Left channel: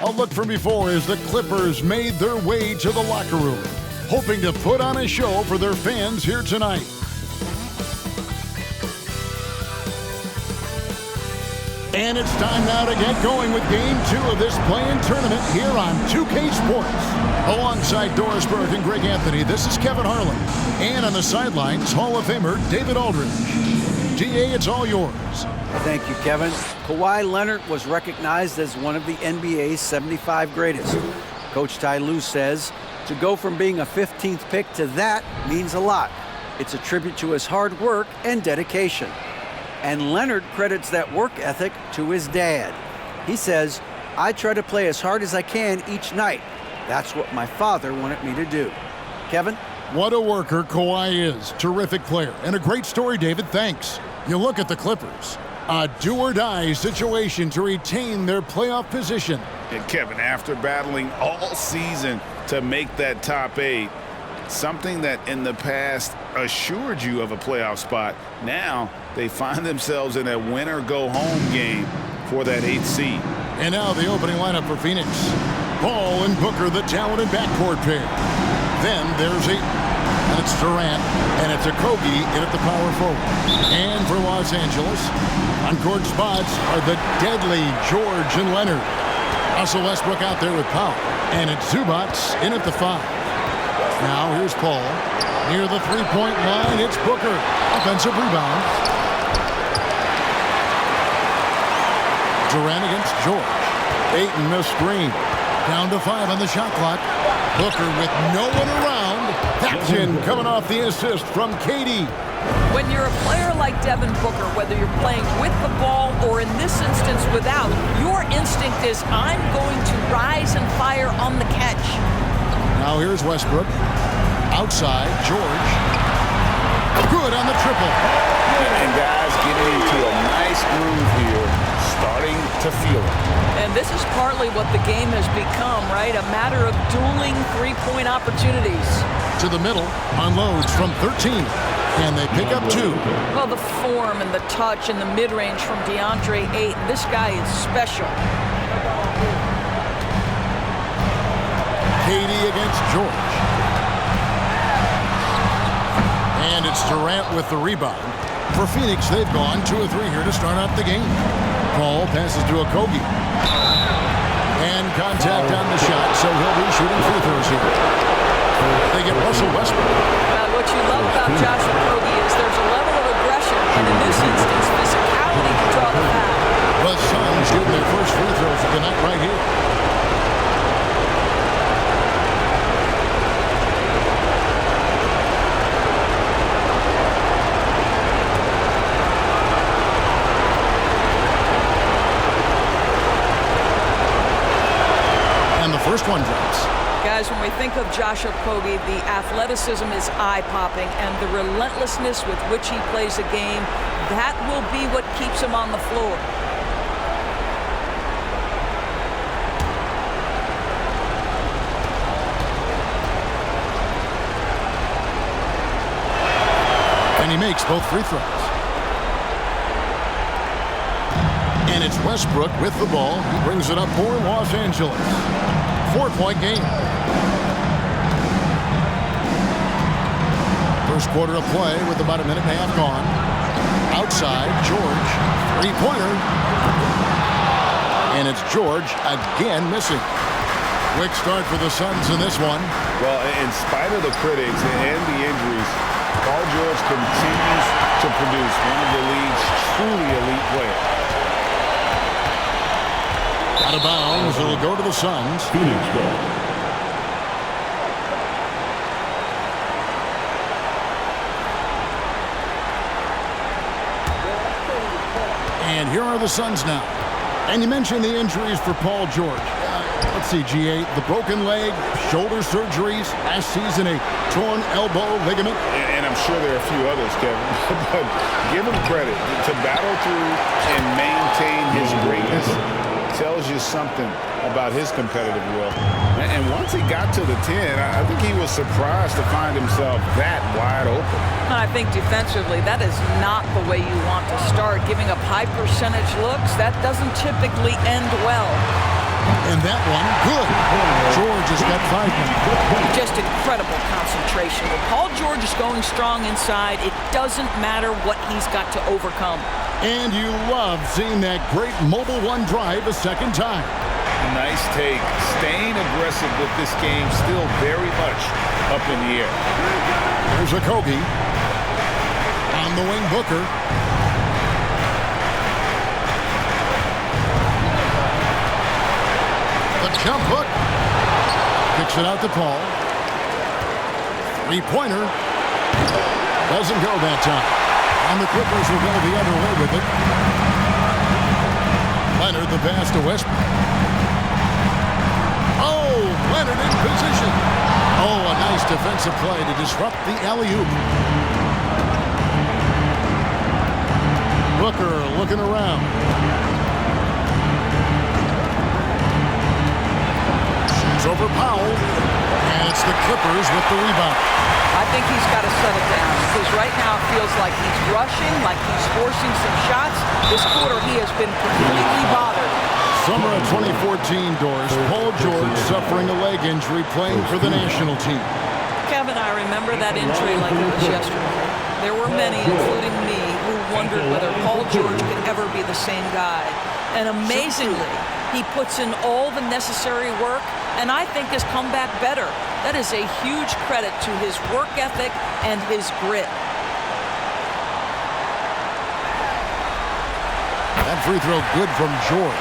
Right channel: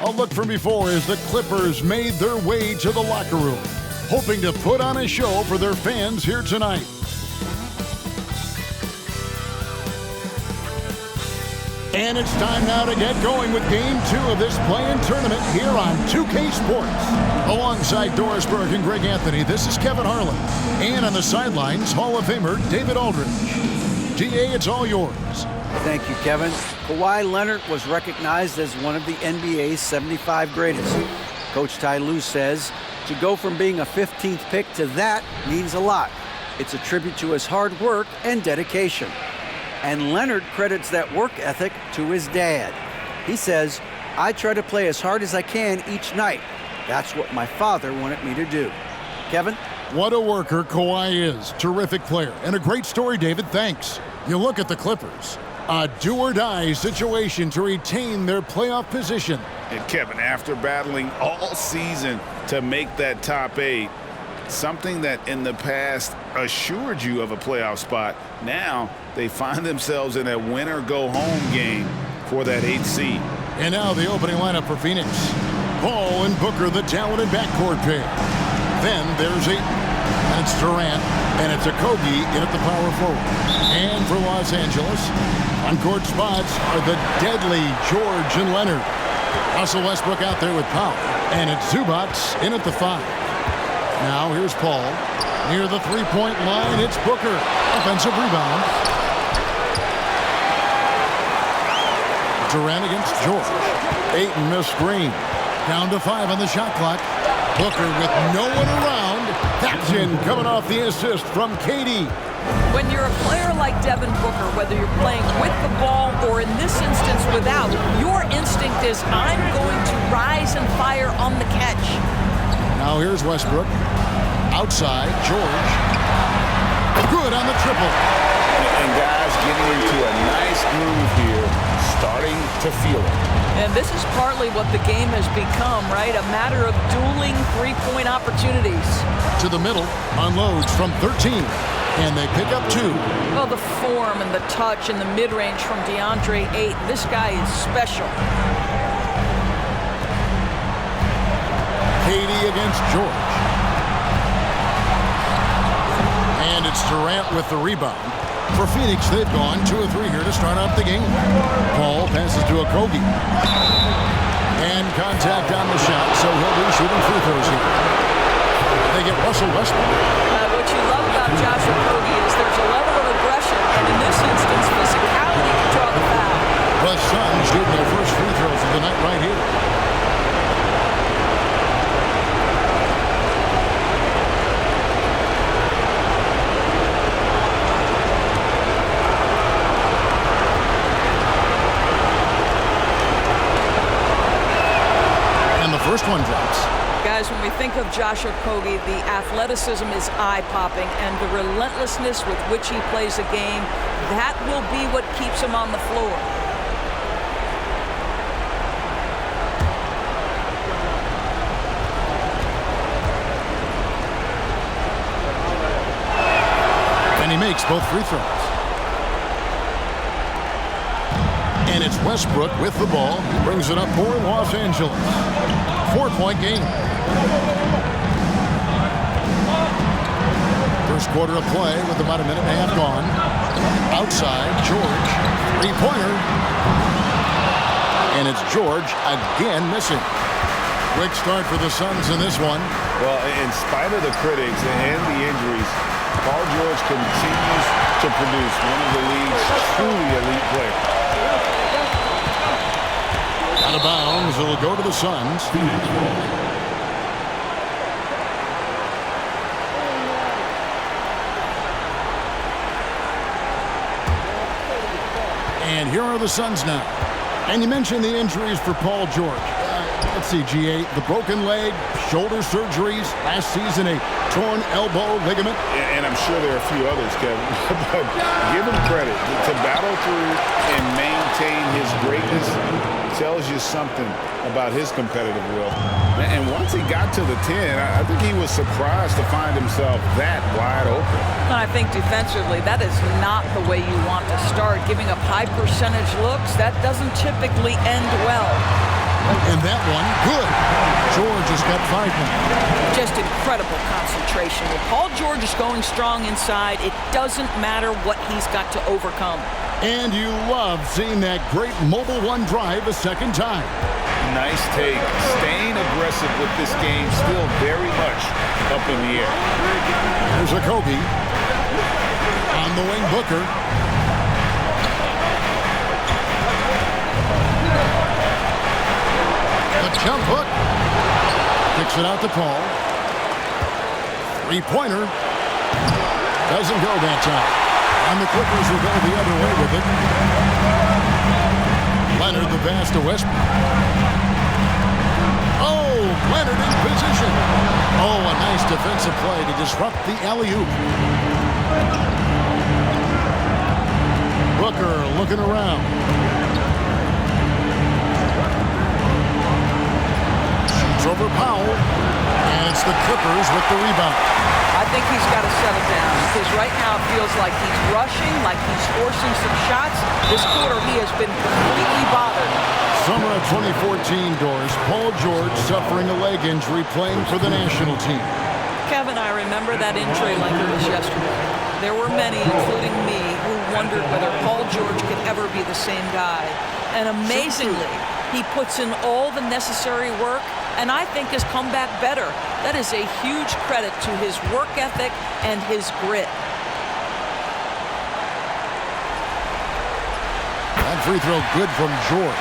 A look from before as the Clippers made their way to the locker room, hoping to put on a show for their fans here tonight. And it's time now to get going with Game 2 of this play-in tournament here on 2K Sports. Alongside Doris Burke and Greg Anthony, this is Kevin Harlan. And on the sidelines, Hall of Famer David Aldridge. DA, it's all yours. Thank you, Kevin. Kawhi Leonard was recognized as one of the NBA's 75 greatest. Coach Ty Lue says to go from being a 15th pick to that means a lot. It's a tribute to his hard work and dedication. And Leonard credits that work ethic to his dad. He says, "I try to play as hard as I can each night. That's what my father wanted me to do." Kevin? What a worker Kawhi is. Terrific player. And a great story, David. Thanks. You look at the Clippers. A do-or-die situation to retain their playoff position. And Kevin, after battling all season to make that top 8, something that in the past assured you of a playoff spot, now they find themselves in a win-or-go-home game for that 8th seed. And now the opening lineup for Phoenix. Ball and Booker, the talented backcourt pair. Then there's Ayton, and it's Durant, and it's Okogie in at the power forward. And for Los Angeles, on court spots are the deadly George and Leonard. Russell Westbrook out there with Powell, and it's Zubac in at the 5. Now here's Paul. Near the three-point line, it's Booker. Offensive rebound. Durant against George. Ayton missed screen. Down to 5 on the shot clock. Booker with no one around. That's in, coming off the assist from KD. When you're a player like Devin Booker, whether you're playing with the ball or in this instance without, your instinct is, I'm going to rise and fire on the catch. Now here's Westbrook. Outside, George. Good on the triple. And guys getting into a nice groove here, starting to feel it. And this is partly what the game has become, right? A matter of dueling three-point opportunities. To the middle, unloads from 13. And they pick up 2. Well, the form and the touch and the mid-range from DeAndre Ayton. This guy is special. KD against George. And it's Durant with the rebound. For Phoenix, they've gone 2 of 3 here to start out the game. Paul passes to Okogie. And contact on the shot, so he'll be shooting free throws here. They get Russell Westbrook. What you love about Josh Okogie is there's a level of aggression, and in this instance, physicality can draw the foul. The Suns getting their first free throws of the night right here. And the first one drops. Guys, when we think of Josh Okogie, the athleticism is eye-popping, and the relentlessness with which he plays the game, that will be what keeps him on the floor. And he makes both free throws. And it's Westbrook with the ball. He brings it up for Los Angeles. 4-point game. First quarter of play with about a minute and a half gone. Outside, George. Three-pointer. And it's George again missing. Quick start for the Suns in this one. Well, in spite of the critics and the injuries, Paul George continues to produce one of the league's truly elite players. Out of bounds, it'll go to the Suns. Phoenix ball. And here are the Suns now. And you mentioned the injuries for Paul George. Let's see, GA, the broken leg, shoulder surgeries, last season a torn elbow ligament. And I'm sure there are a few others, Kevin. But give him credit. To battle through and maintain his greatness tells you something about his competitive will. And once he got to the 10, I think he was surprised to find himself that wide open. I think defensively, that is not the way you want to start. Giving up high percentage looks, that doesn't typically end well. And that one, good. George has got 5 now. Just incredible concentration. When Paul George is going strong inside, it doesn't matter what he's got to overcome. And you love seeing that great Mobile One drive a second time. Nice take. Staying aggressive with this game, still very much up in the air. Here's Okogie. On the wing, Booker. The jump hook. Kicks it out to Paul. Three-pointer. Doesn't go that time. And the Clippers will go the other way with it. Leonard the pass to Westbrook. Oh, Leonard in position. Oh, a nice defensive play to disrupt the alley-oop. Booker looking around. Shoots over Powell. And it's the Clippers with the rebound. I think he's got to settle down because right now it feels like he's rushing, like he's forcing some shots. This quarter he has been completely bothered. Summer of 2014, Doris. Paul George suffering a leg injury playing for the national team. Kevin, I remember that injury like it was yesterday. There were many, including me, who wondered whether Paul George could ever be the same guy. And amazingly, he puts in all the necessary work and I think has come back better. That is a huge credit to his work ethic and his grit. That free throw good from George.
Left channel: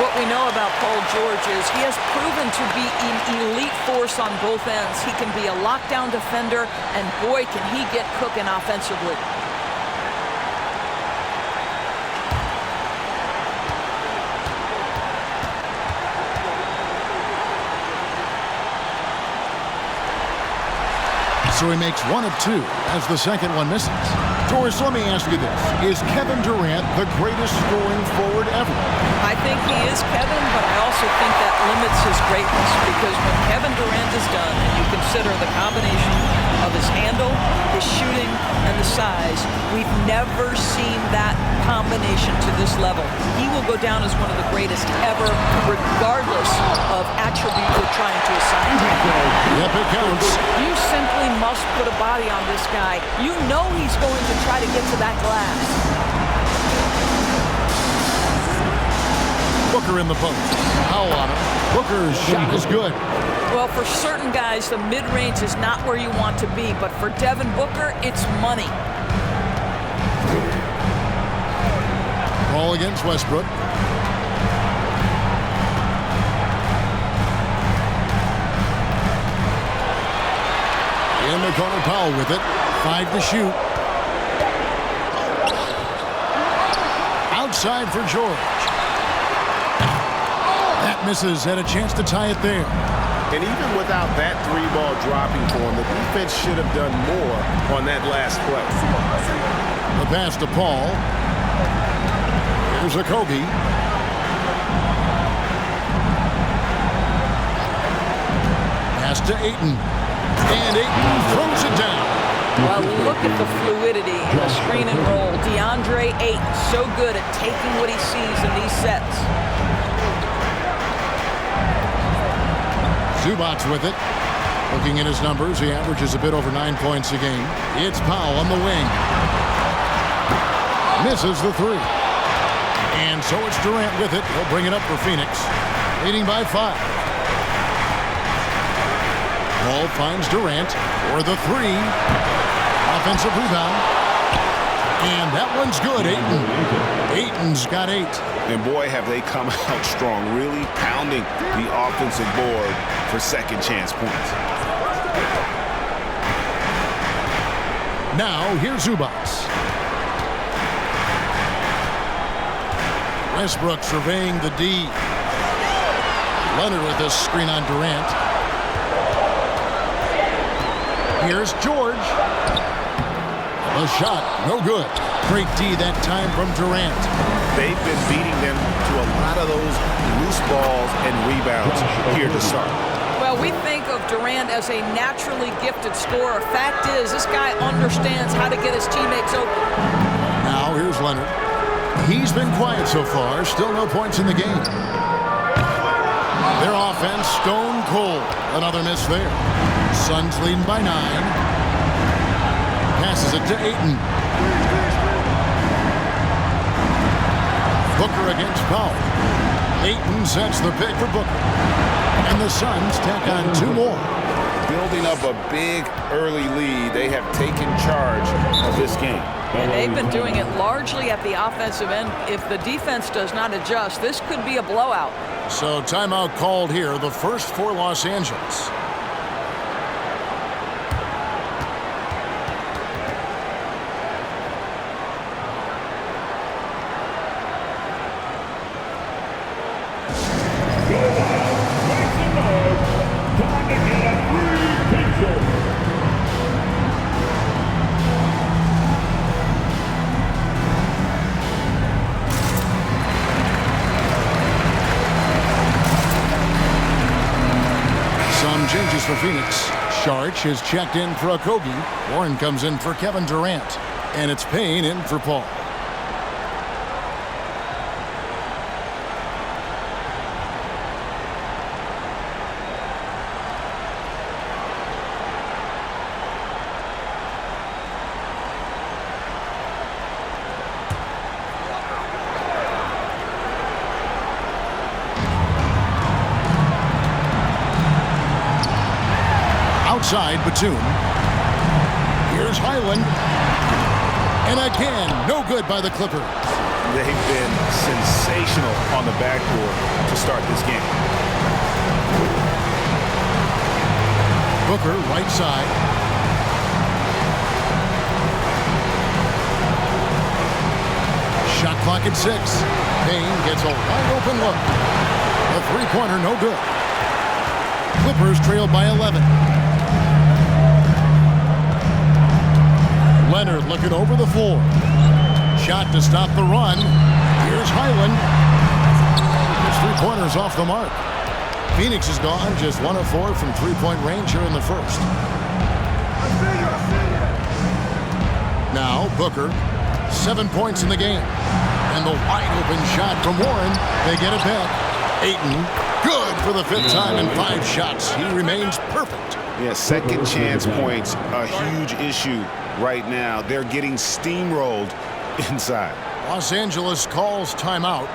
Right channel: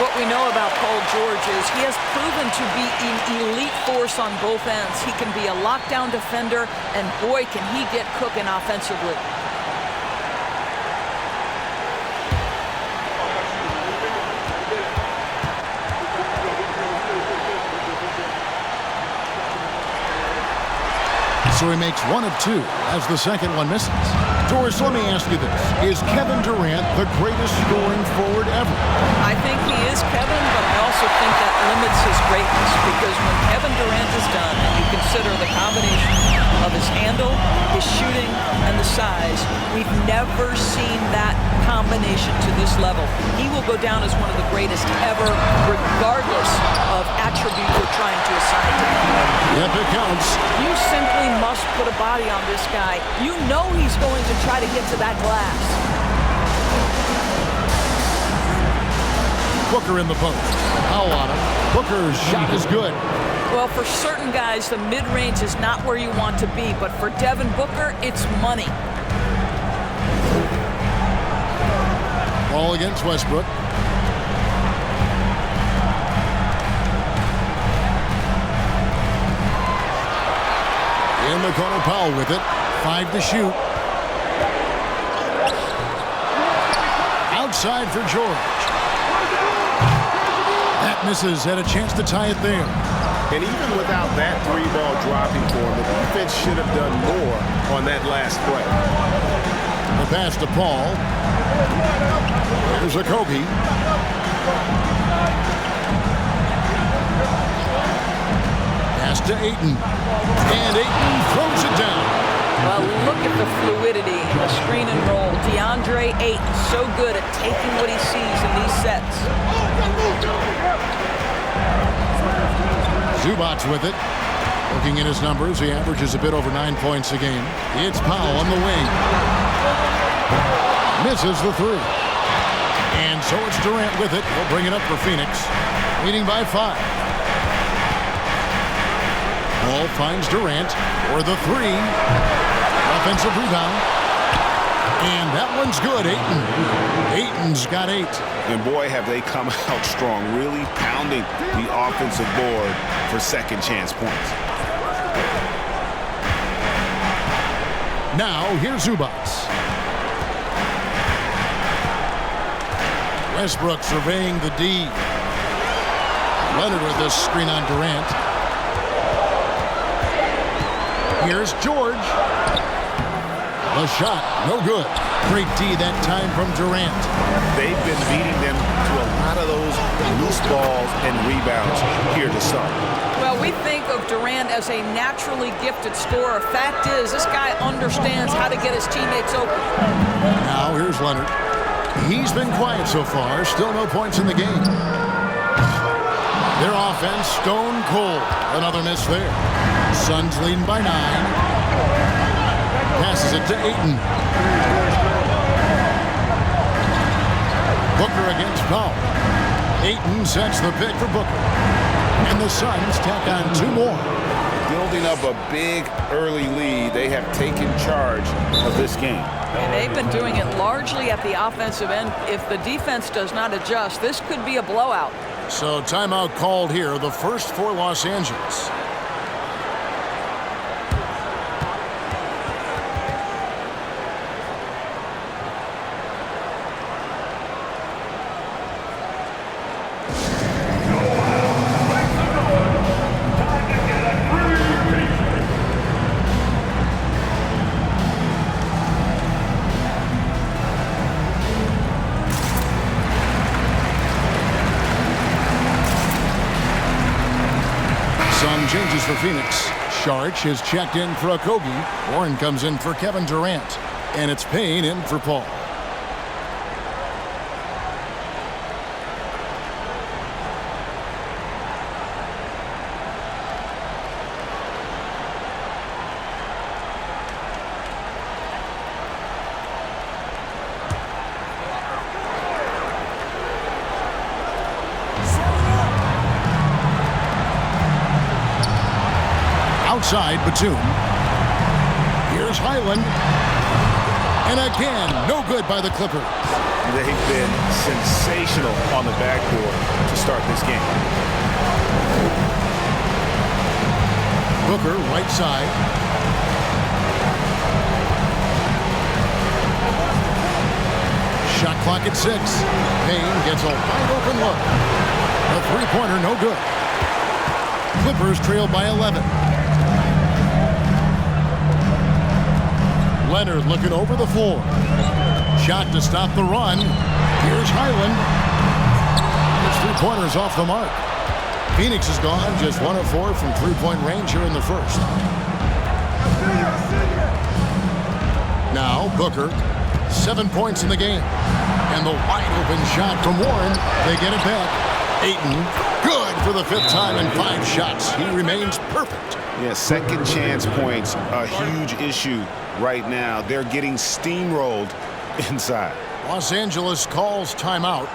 What we know about Paul George is he has proven to be an elite force on both ends. He can be a lockdown defender, and boy, can he get cooking offensively. So he makes 1 of 2 as the second one misses. Doris, let me ask you this. Is Kevin Durant the greatest scoring forward ever? I think he is, Kevin, but I also think that limits his greatness because when Kevin Durant is done and you consider the combination of his handle, his shooting, and the size, we've never seen that combination to this level. He will go down as one of the greatest ever, regardless of attribute you're trying to assign to him. Yep, it counts. You simply must put a body on this guy. You know he's going to try to get to that glass. Booker in the post. Powell on him. Booker's shot is good. Well, for certain guys, the mid-range is not where you want to be, but for Devin Booker, it's money. Ball against Westbrook. In the corner, Powell with it. 5 to shoot. Outside for George. That misses. Had a chance to tie it there. And even without that 3-ball dropping for him, the defense should have done more on that last play. The pass to Paul. Here's Okogie. Pass to Ayton. And Ayton throws it down. Well, look at the fluidity in the screen and roll. DeAndre Ayton, so good at taking what he sees in these sets. Zubac with it. Looking at his numbers, he averages a bit over 9 points a game. It's Powell on the wing. Misses the 3. And so it's Durant with it. He'll bring it up for Phoenix. Leading by 5. Ball finds Durant for the 3. Offensive rebound. And that one's good, Ayton. Ayton's got 8. And boy, have they come out strong, really pounding the offensive board for second chance points. Now, here's Zubac. Westbrook surveying the D. Leonard with this screen on Durant. Here's George. The shot, no good. Great D that time from Durant. They've been beating them to a lot of those loose balls and rebounds here to start. Well, we think of Durant as a naturally gifted scorer. Fact is, this guy understands how to get his teammates open. Now, here's Leonard. He's been quiet so far. Still no points in the game. Their offense stone cold. Another miss there. Suns leading by 9. Passes it to Ayton. Booker against Powell. Ayton sets the pick for Booker. And the Suns tack on 2 more. Building up a big early lead, they have taken charge of this game. And they've been doing it largely at the offensive end. If the defense does not adjust, this could be a blowout. So timeout called here, the first for Los Angeles. Some changes for Phoenix. Saric is checked in for Okogie. Warren comes in for Kevin Durant. And it's Payne in for Paul. Outside, Batum. Here's Highland. And again, no good by the Clippers. They've been sensational on the backboard to start this game. Booker, right side. Shot clock at 6. Payne gets a wide open look. A three-pointer, no good. Clippers trail by 11. Leonard looking over the floor. Shot to stop the run. Here's Highland. His three-pointers off the mark. Phoenix is gone, just 1 of 4 from three-point range here in the first. Now Booker, 7 points in the game. And the wide-open shot from Warren. They get it back. Ayton, good for the 5th time in 5 shots. He remains perfect. Yeah, second chance points, a huge issue right now. They're getting steamrolled inside. Los Angeles calls timeout.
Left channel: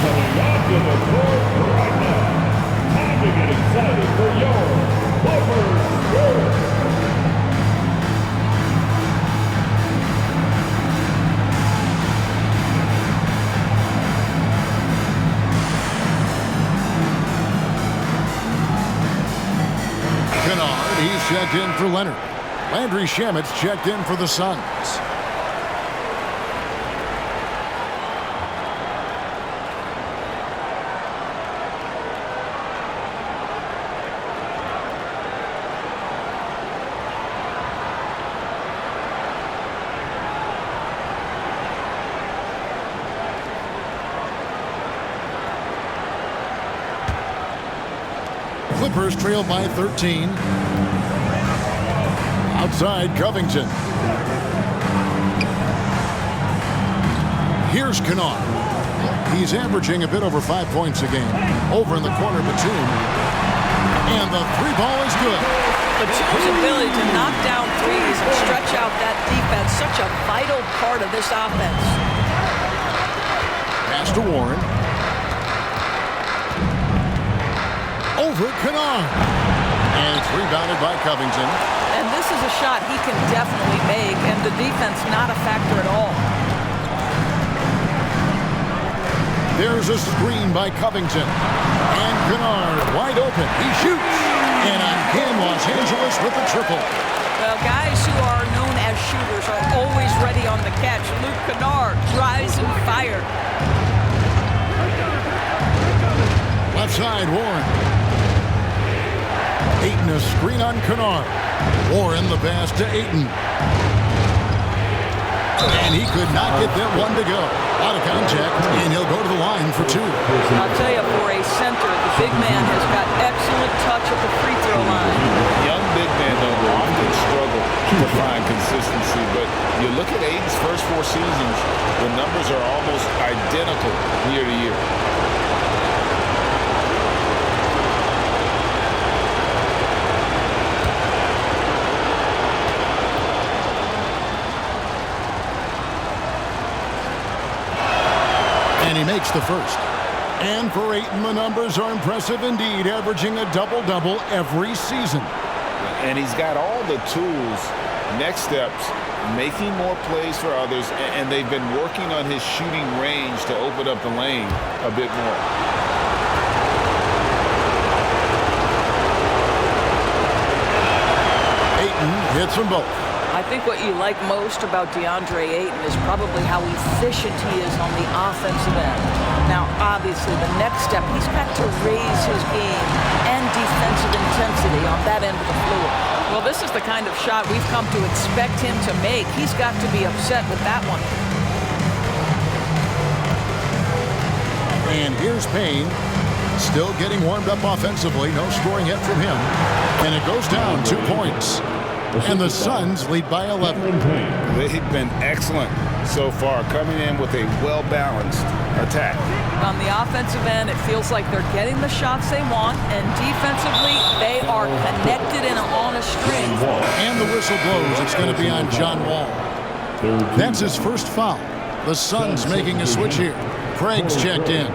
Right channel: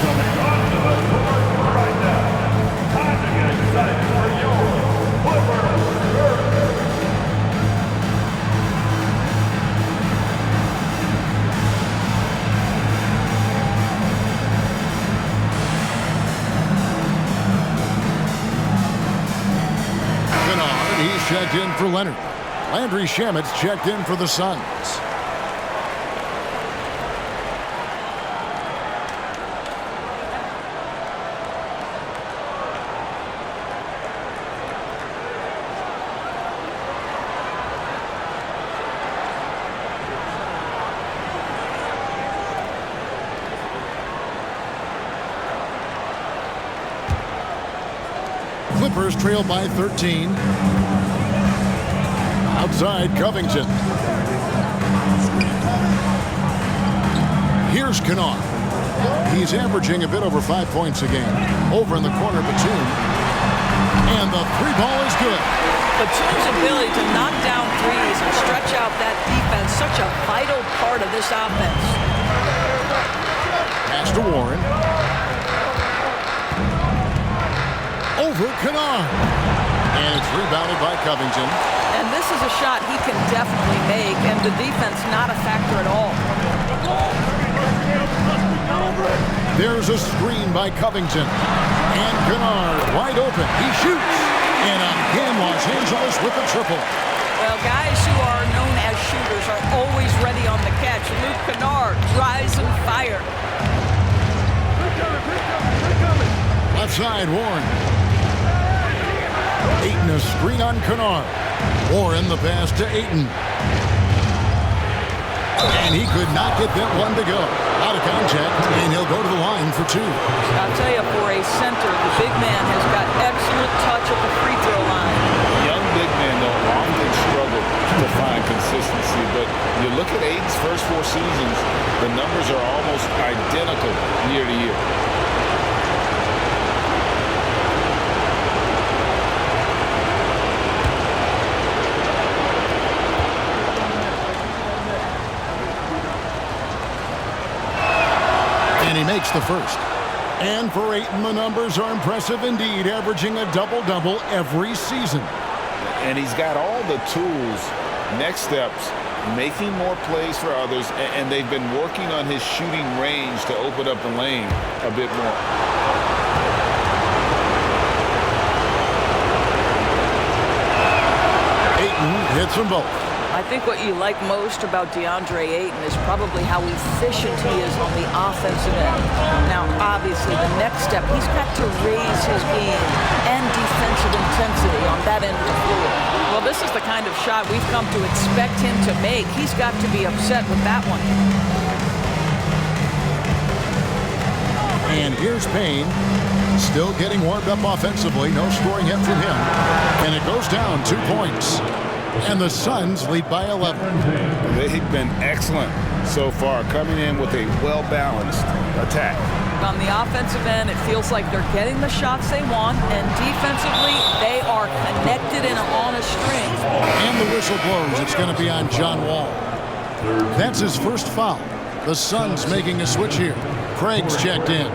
Coming onto the court right now. Time to get excited for your Clippers. Kennard, he's checked in for Leonard. Landry Shamet's checked in for the Suns. Clippers trail by 13. Outside, Covington. Here's Kennard. He's averaging a bit over 5 points a game. Over in the corner, Batum. And the 3 ball is good. Batum's ability to knock down threes and stretch out that defense, such a vital part of this offense. Pass to Warren. Over Kennard. And it's rebounded by Covington. And this is a shot he can definitely make, and the defense not a factor at all. There's a screen by Covington. And Kennard wide open. He shoots. And again, Los Angeles with the triple. Well, guys who are known as shooters are always ready on the catch. Luke Kennard drives and fire. Left side, Warren. Ayton a screen on Kennard. Warren the pass to Ayton. And he could not get that one to go. Out of contact, and he'll go to the line for 2. I'll tell you, for a center, the big man has got excellent touch at the free throw line. Young big men don't often struggle to find consistency, but you look at Ayton's first 4 seasons, the numbers are almost identical year to year. And he makes the first. And for Ayton, the numbers are impressive indeed, averaging a double-double every season. And he's got all the tools. Next steps, making more plays for others, and they've been working on his shooting range to open up the lane a bit more. Ayton hits them both. I think what you like most about DeAndre Ayton is probably how efficient he is on the offensive end. Now, obviously, the next step, he's got to raise his game and defensive intensity on that end of the floor. Well, this is the kind of shot we've come to expect him to make. He's got to be upset with that one. And here's Payne, still getting warmed up offensively. No scoring yet from him. And it goes down 2 points. And the Suns lead by 11. They've been excellent so far, coming in with a well-balanced attack. On the offensive end, it feels like they're getting the shots they want, and defensively, they are connected and on a string. And the whistle blows. It's going to be on John Wall. That's his first foul. The Suns making a switch here. Craig's checked in.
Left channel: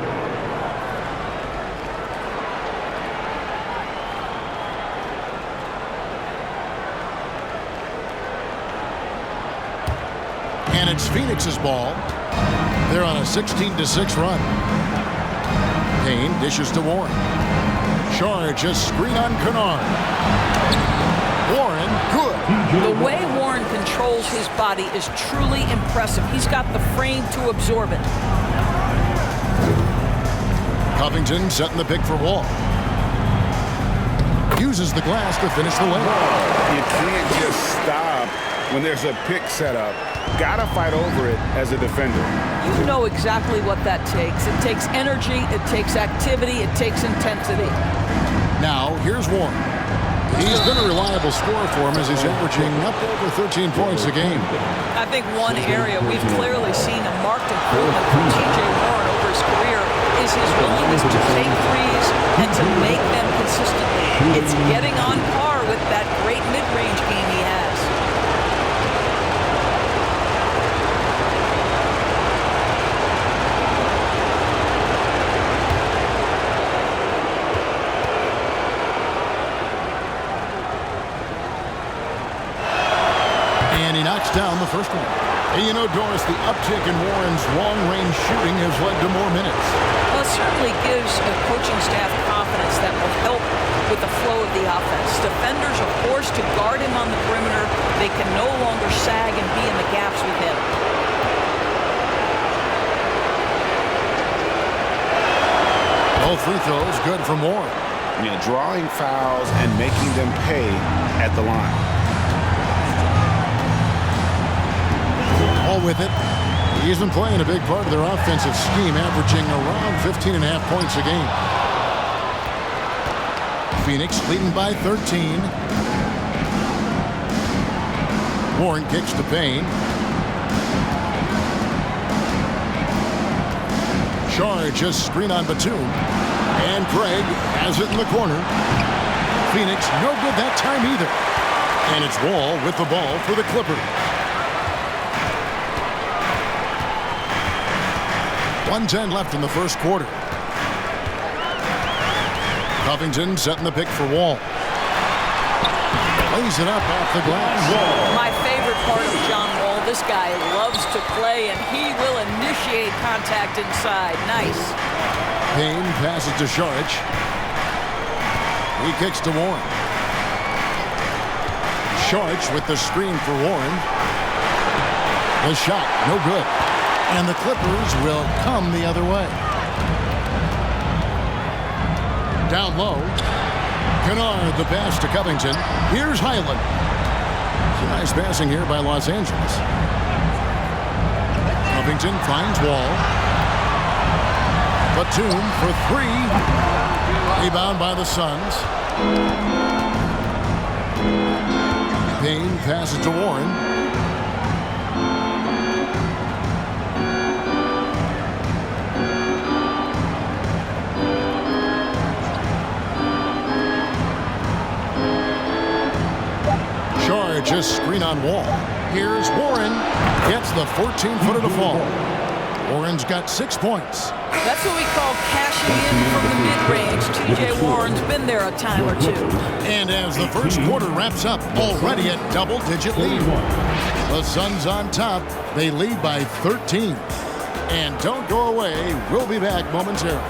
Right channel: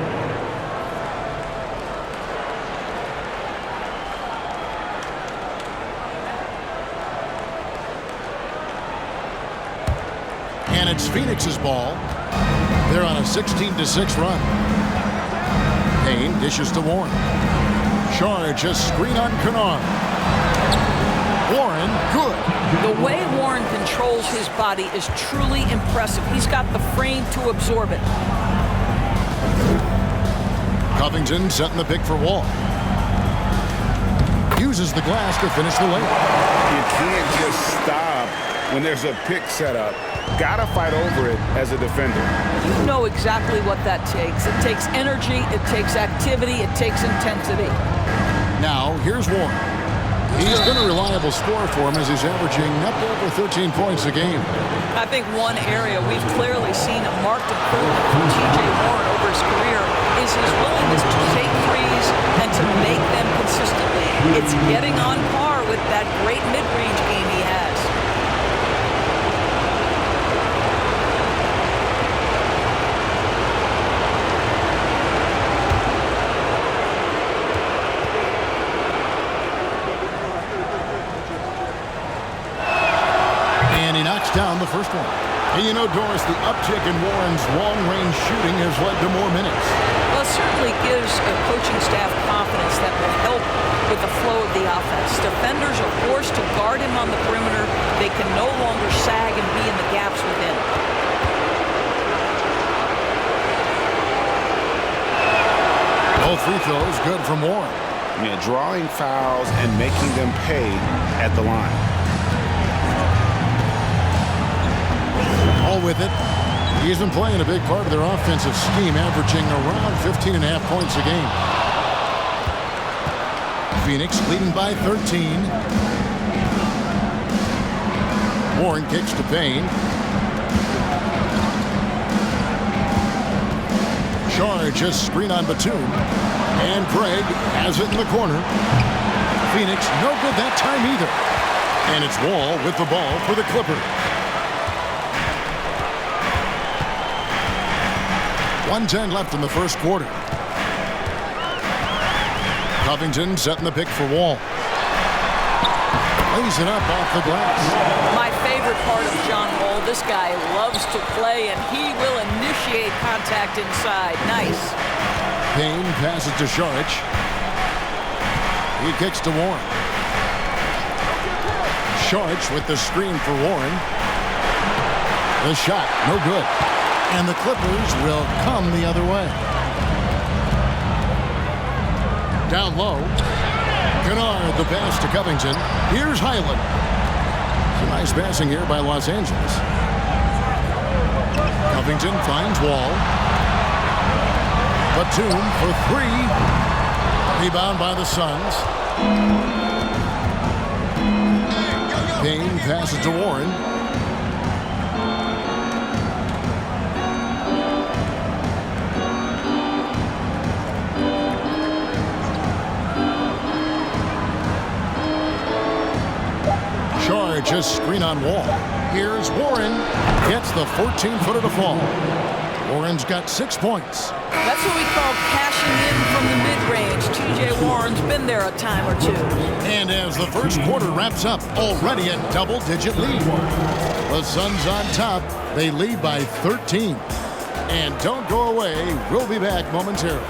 And it's Phoenix's ball. They're on a 16-6 run. Payne dishes to Warren. Charge, a screen on Kennard. Warren, good. The way Warren controls his body is truly impressive. He's got the frame to absorb it. Covington setting the pick for Wall. Uses the glass to finish the layup. You can't just stop when there's a pick set up. Gotta fight over it as a defender. You know exactly what that takes. It takes energy, it takes activity, it takes intensity. Now, here's Warren. He's been a reliable scorer for him as he's averaging up over 13 points a game. I think one area we've clearly seen a marked improvement from T.J. Warren over his career is his willingness to take threes and to make them consistently. It's getting on par with that great mid-range game he has. And he knocks down the first one. And you know, Doris, the uptick in Warren's long-range shooting has led to more minutes. Well, it certainly gives a coaching staff confidence that will help with the flow of the offense. Defenders are forced to guard him on the perimeter. They can no longer sag and be in the gaps with him. Both free throws good from Warren. Yeah, drawing fouls and making them pay at the line. All with it. He's been playing a big part of their offensive scheme, averaging around 15.5 points a game. Phoenix leading by 13. Warren kicks to Payne. Charge, a screen on Batum. And Craig has it in the corner. Phoenix no good that time either. And it's Wall with the ball for the Clippers. 1:10 left in the first quarter. Covington setting the pick for Wall. Lays it up off the glass. My favorite part of John Wall, this guy loves to play, and he will initiate contact inside. Nice. Payne passes to Saric. He kicks to Warren. Saric with the screen for Warren. The shot, no good. And the Clippers will come the other way. Down low. Kennard, the pass to Covington. Here's Highland. Some nice passing here by Los Angeles. Covington finds Wall. Batum for three. Rebound by the Suns. Payne passes to Warren. Charge, screen on Wall. Here's Warren. Gets the 14-footer to fall. Warren's got 6 points. That's what we call cashing in from the mid-range. TJ Warren's been there a time or two. And as the first quarter wraps up, already a double-digit lead. The Suns on top. They lead by 13. And don't go away. We'll be back momentarily.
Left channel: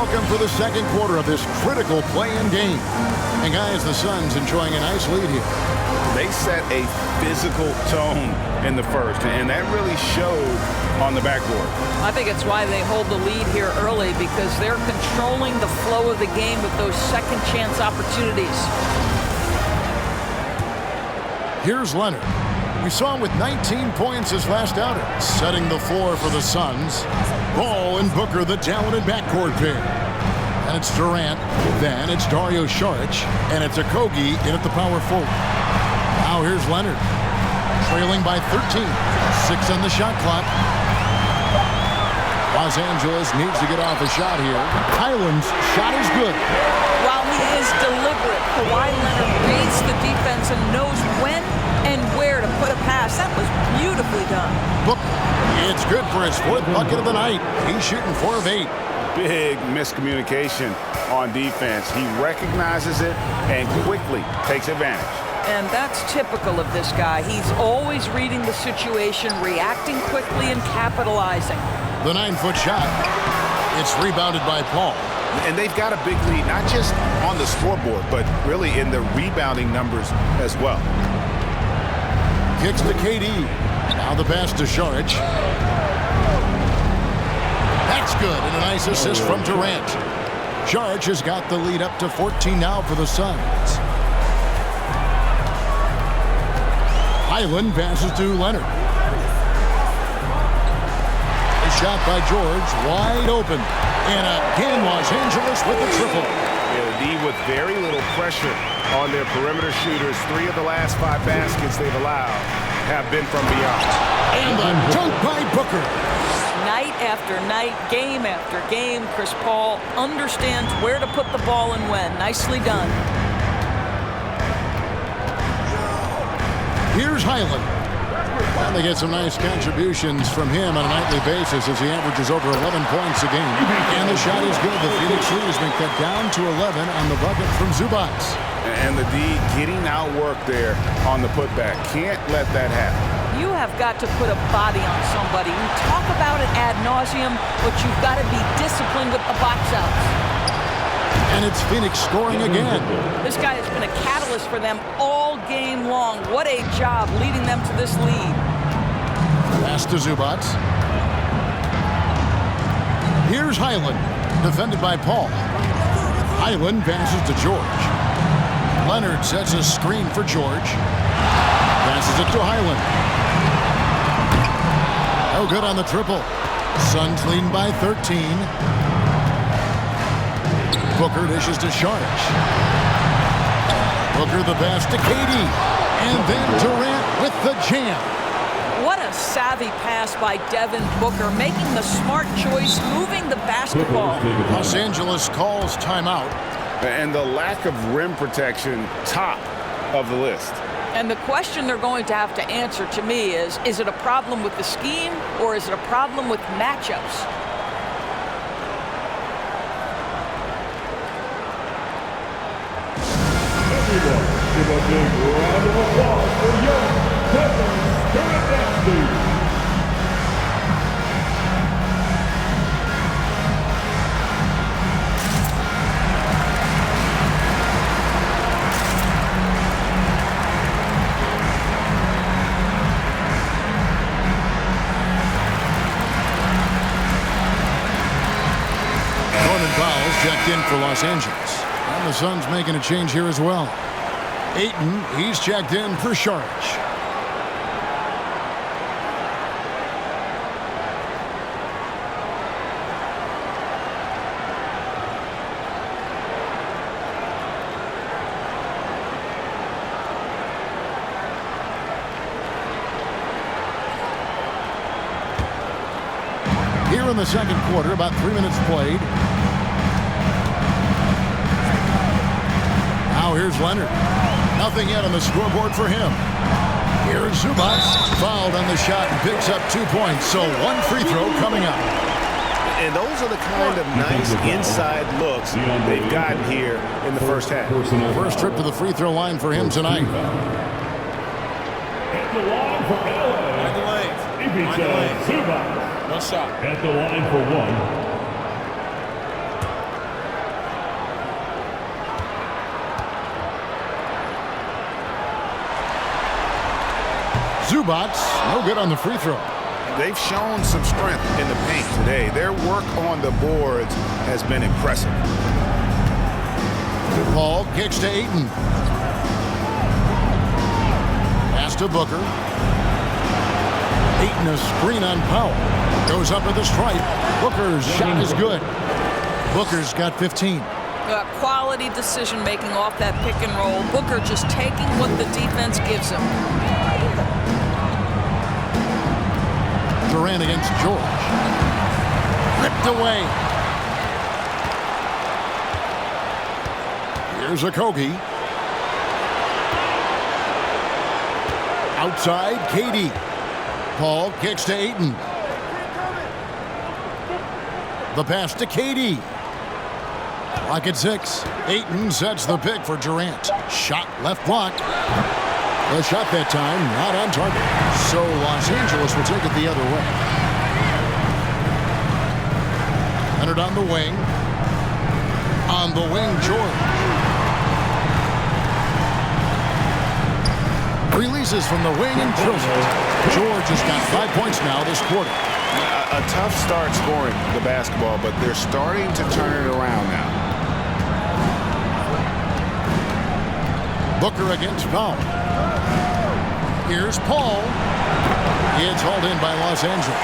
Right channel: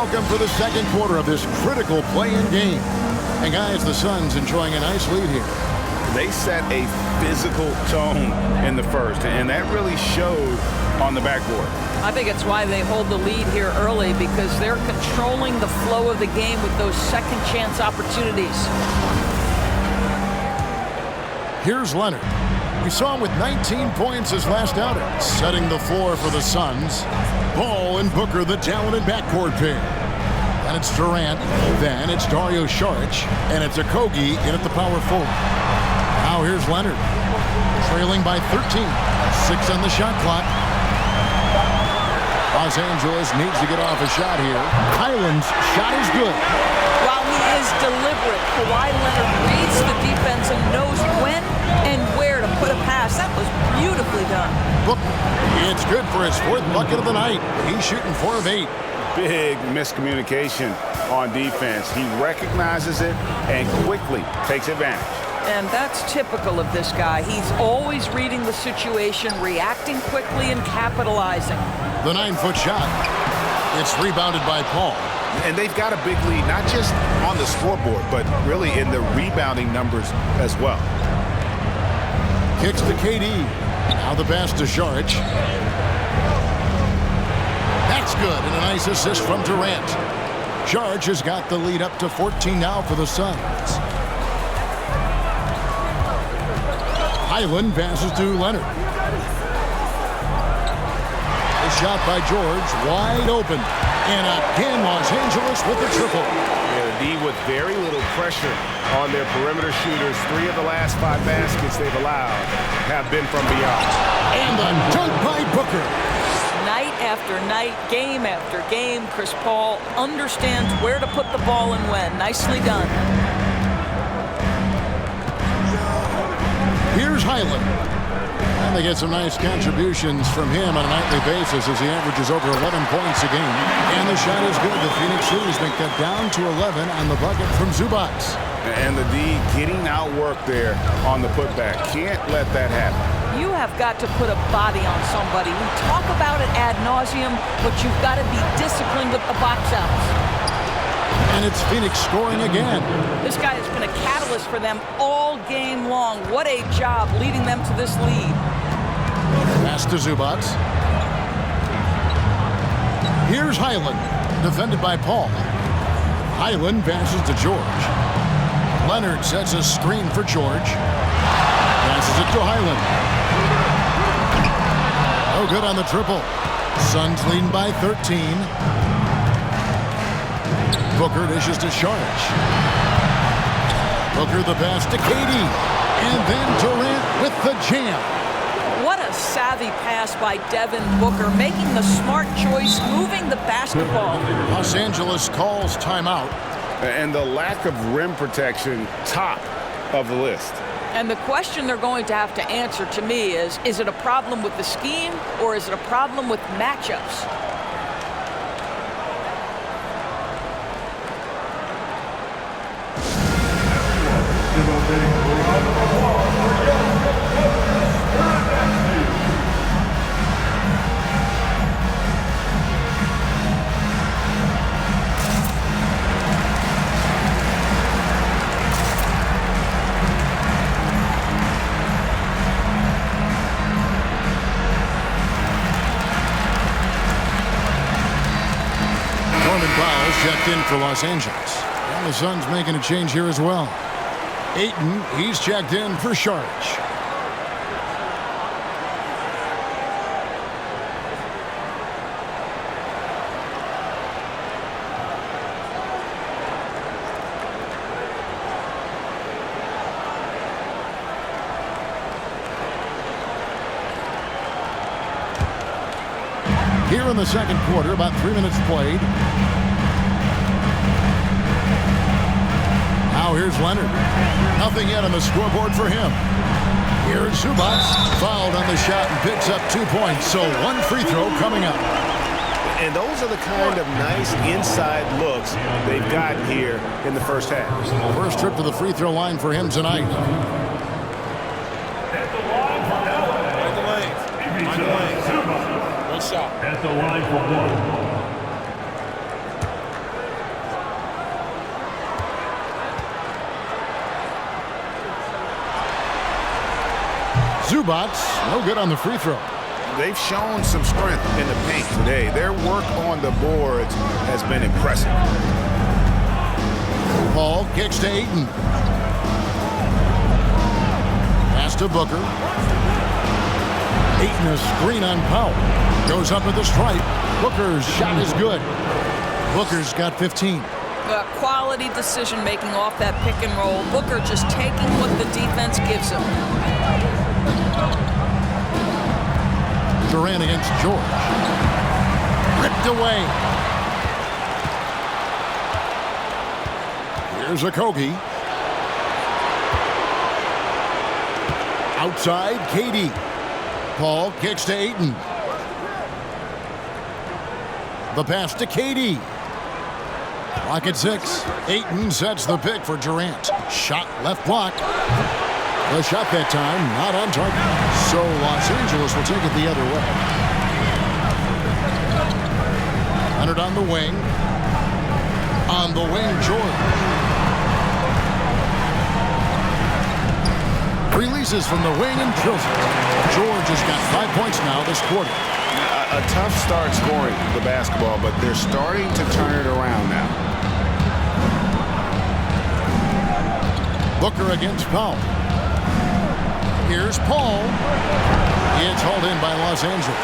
Welcome for the second quarter of this critical play-in game. And guys, the Suns enjoying a nice lead here. They set a physical tone in the first, and that really showed on the backboard. I think it's why they hold the lead here early, because they're controlling the flow of the game with those second chance opportunities. Here's Leonard. We saw him with 19 points his last outing, setting the floor for the Suns. Ball and Booker, the talented backcourt pair. And it's Durant, then it's Dario Saric, and it's Okogie in at the power forward. Now here's Leonard, trailing by 13, 6 on the shot clock. Los Angeles needs to get off a shot here. Highland's shot is good. While he is deliberate, Kawhi Leonard reads the defense and knows when and where to put a pass. That was beautifully done. Booker, it's good for his 4th bucket of the night. He's shooting 4 of 8. Big miscommunication on defense. He recognizes it and quickly takes advantage. And that's typical of this guy. He's always reading the situation, reacting quickly, and capitalizing. The 9-foot shot. It's rebounded by Paul. And they've got a big lead, not just on the scoreboard, but really in the rebounding numbers as well. Kicks to KD. Now the pass to Saric. That's good, and a nice assist from Durant. Saric has got the lead up to 14 now for the Suns. Highland passes to Leonard. A shot by George, wide open. And again, Los Angeles with a triple. Yeah, the D with very little pressure on their perimeter shooters. 3 of the last 5 baskets they've allowed have been from beyond. And the dunk by Booker. Night after night, game after game, Chris Paul understands where to put the ball and when. Nicely done. Here's Highland. And they get some nice contributions from him on a nightly basis as he averages over 11 points a game. And the shot is good. The Phoenix lead has been cut down to 11 on the bucket from Zubac. And the D getting outworked there on the putback. Can't let that happen. You have got to put a body on somebody. We talk about it ad nauseum, but you've got to be disciplined with the box outs. And it's Phoenix scoring again. This guy has been a catalyst for them all game long. What a job leading them to this lead. Pass to Zubac. Here's Highland, defended by Paul. Highland passes to George. Leonard sets a screen for George. Passes it to Highland. No good on the triple. Suns leading by 13. Booker dishes to Saric. Booker the pass to KD. And then Durant with the jam. What a savvy pass by Devin Booker, making the smart choice, moving the basketball. Los Angeles calls timeout. And the lack of rim protection, top of the list. And the question they're going to have to answer to me is it a problem with the scheme or is it a problem with matchups? Everyone, give a big round of applause for young Kevin Spiridesky. Norman Powell's checked in for Los Angeles. And the Suns making a change here as well. Ayton, he's checked in for Saric. Here in the second quarter, about 3 minutes played. Now here's Leonard. Nothing yet on the scoreboard for him. Here's Zubac, fouled on the shot and picks up 2 points. So 1 free throw coming up. And those are the kind of nice inside looks they've gotten here in the first half. First trip to the free throw line for him tonight. At the line for LA. Mind the lanes. Mind the lanes. Zubac. One shot. At the line for 1. Zubac, no good on the free throw. They've shown some strength in the paint today. Their work on the boards has been impressive. Paul kicks to Ayton. Pass to Booker. Ayton a screen on Powell. Goes up at the stripe. Booker's shot is good. Booker's got 15. Quality decision-making off that pick and roll. Booker just taking what the defense gives him. Durant against George. Ripped away. Here's Okogie. Outside, KD. Paul kicks to Ayton. The pass to KD. Clock at 6. Ayton sets the pick for Durant. Shot left block. The shot that time not on target. So Los Angeles will take it the other way. Leonard on the wing. On the wing, George. Releases from the wing and drills it. George has got 5 points now this quarter. A tough start scoring the basketball, but they're starting to turn it around now. Booker against Powell. Here's Paul. It's hauled in by Los Angeles.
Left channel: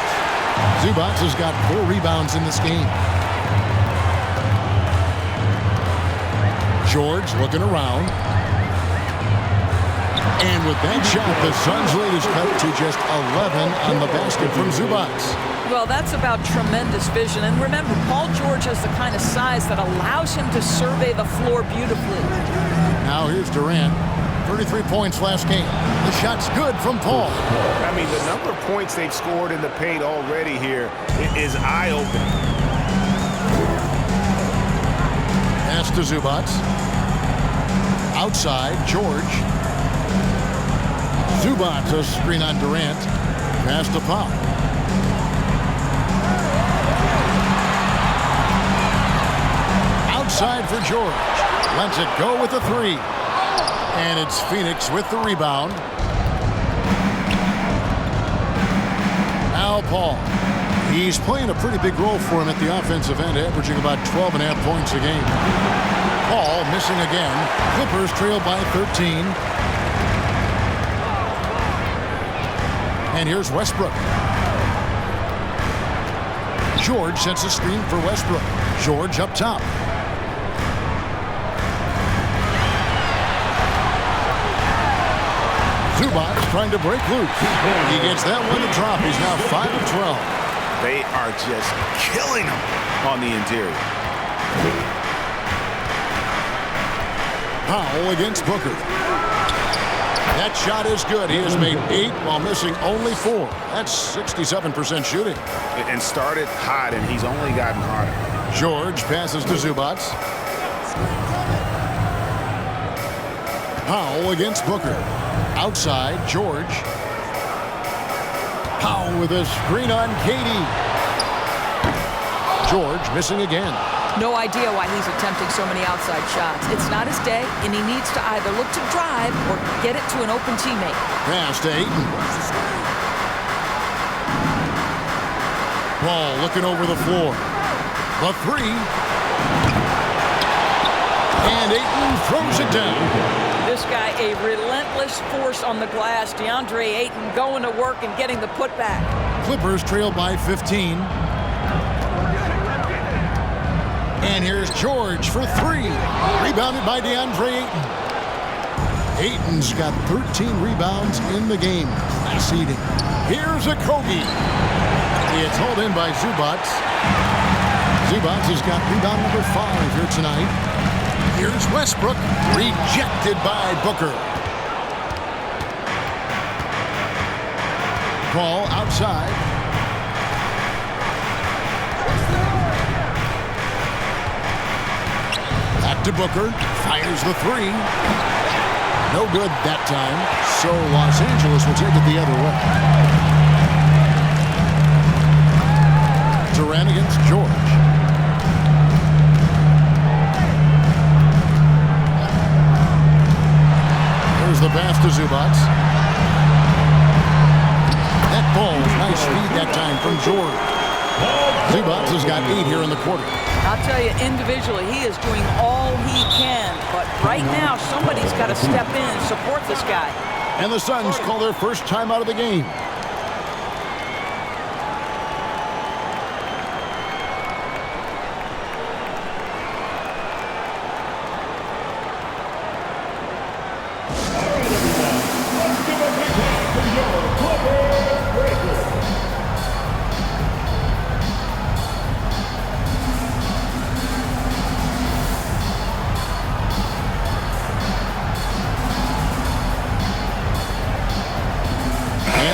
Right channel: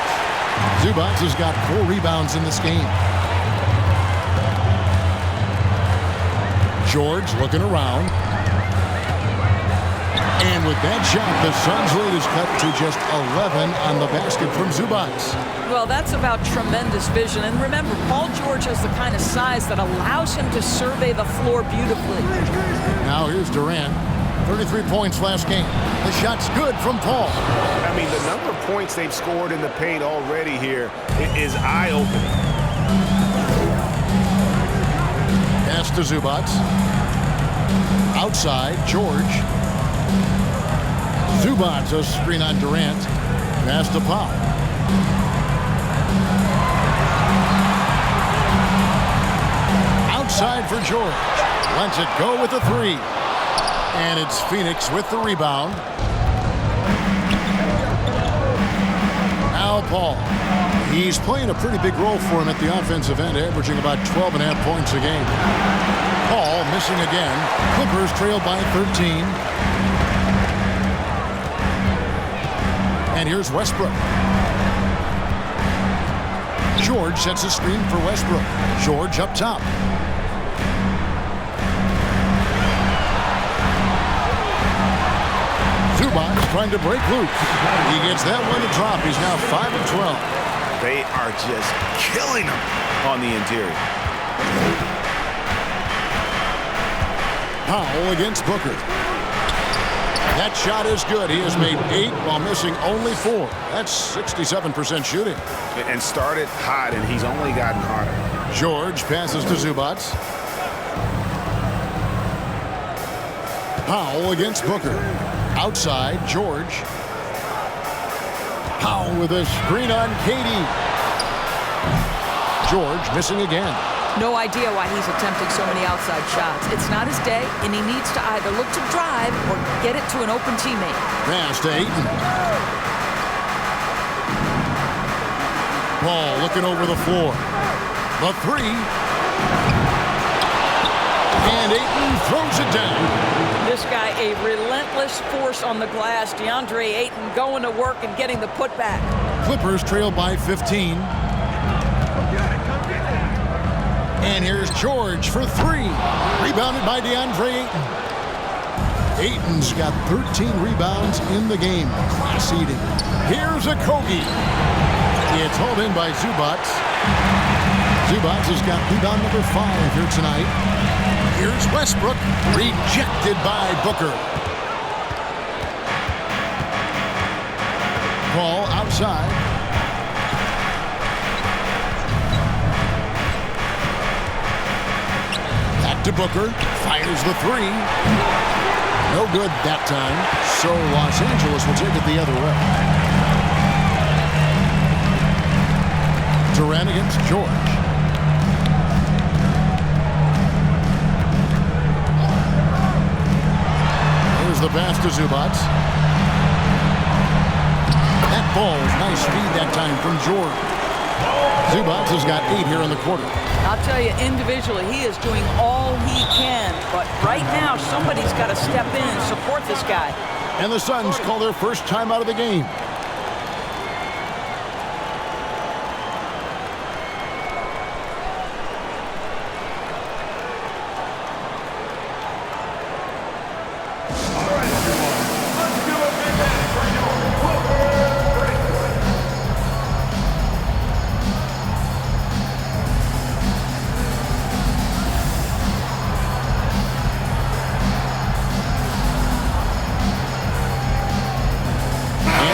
Zubac has got 4 rebounds in this game. George looking around. And with that shot, the Suns' lead is cut to just 11 on the basket from Zubac. Well, that's about tremendous vision. And remember, Paul George has the kind of size that allows him to survey the floor beautifully. Now here's Durant. 33 points last game. The shot's good from Paul. I mean, the number of points they've scored in the paint already here is eye-opening. Pass to Zubac. Outside, George. Zubac a screen on Durant. Pass to Powell. Outside for George. Lets it go with the 3. And it's Phoenix with the rebound. Al Paul. He's playing a pretty big role for him at the offensive end, averaging about 12.5 points a game. Paul missing again. Clippers trail by 13. And here's Westbrook. George sets a screen for Westbrook. George up top. Zubac trying to break loose. He gets that one to drop. He's now 5 of 12. They are just killing them on the interior. Powell against Booker. That shot is good. He has made 8 while missing only 4. That's 67% shooting. And started hot, and he's only gotten hotter. George passes to Zubac. Powell against Booker. Outside, George. Powell with a screen on KD. George missing again. No idea why he's attempting so many outside shots. It's not his day, and he needs to either look to drive or get it to an open teammate. Pass to Ayton. Paul looking over the floor. The 3. And Ayton throws it down. This guy, a relentless force on the glass. DeAndre Ayton going to work and getting the putback. Clippers trail by 15. And here's George for 3. Rebounded by DeAndre Ayton. Ayton's got 13 rebounds in the game. Class eating. Here's Okogie. It's hauled in by Zubac. Zubac has got rebound number 5 here tonight. Here's Westbrook. Rejected by Booker. Paul outside. Back to Booker. Fires the 3. No good that time. So Los Angeles will take it the other way. Durant against George. Here's the pass to Zubac. Balls, nice speed that time from George. Zubats has got 8 here in the quarter. I'll tell you, individually, he is doing all he can. But right now, somebody's got to step in and support this guy. And the Suns call their first time out of the game.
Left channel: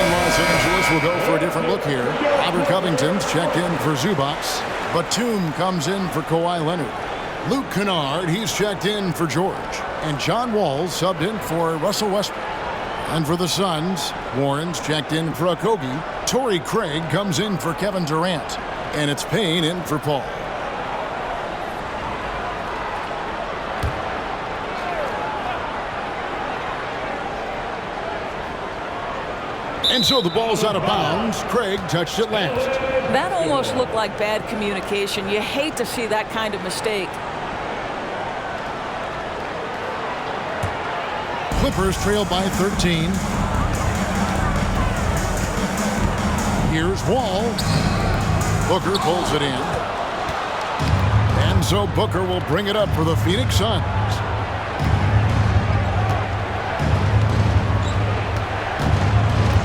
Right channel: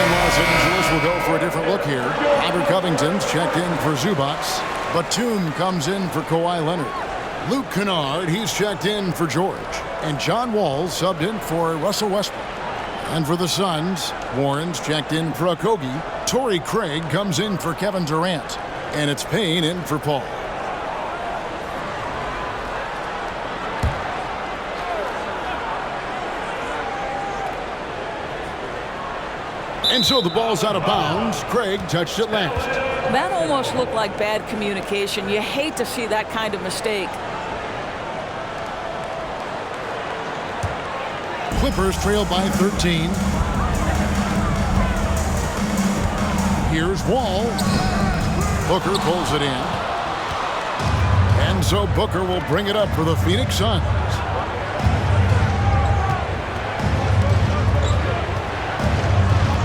Los Angeles will go for a different look here. Robert Covington's checked in for Zubats. Batum comes in for Kawhi Leonard. Luke Kennard, he's checked in for George. And John Wall subbed in for Russell Westbrook. And for the Suns, Warren's checked in for Okogie. Torrey Craig comes in for Kevin Durant. And it's Payne in for Paul. And so the ball's out of bounds. Craig touched it last. That almost looked like bad communication. You hate to see that kind of mistake. Clippers trail by 13. Here's Wall. Booker pulls it in. And so Booker will bring it up for the Phoenix Suns.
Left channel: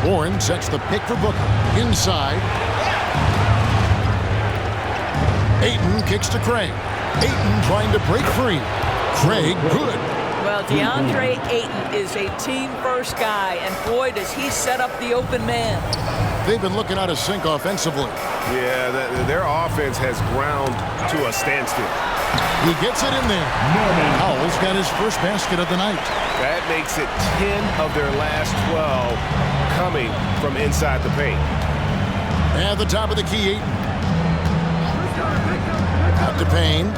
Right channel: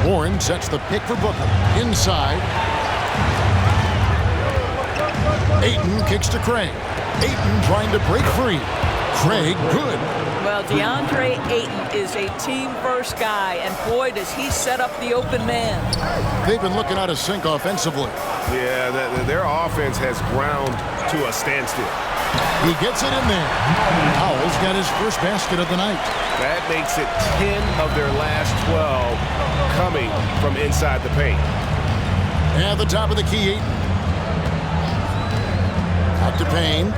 Warren sets the pick for Booker. Inside. Ayton kicks to Craig. Ayton trying to break free. Craig, good. Well, DeAndre Ayton is a team-first guy, and boy, does he set up the open man. They've been looking out of sync offensively. Yeah, their offense has ground to a standstill. He gets it in there. Howell's got his first basket of the night. That makes it 10 of their last 12 coming from inside the paint. At the top of the key, Ayton. Out to Payne.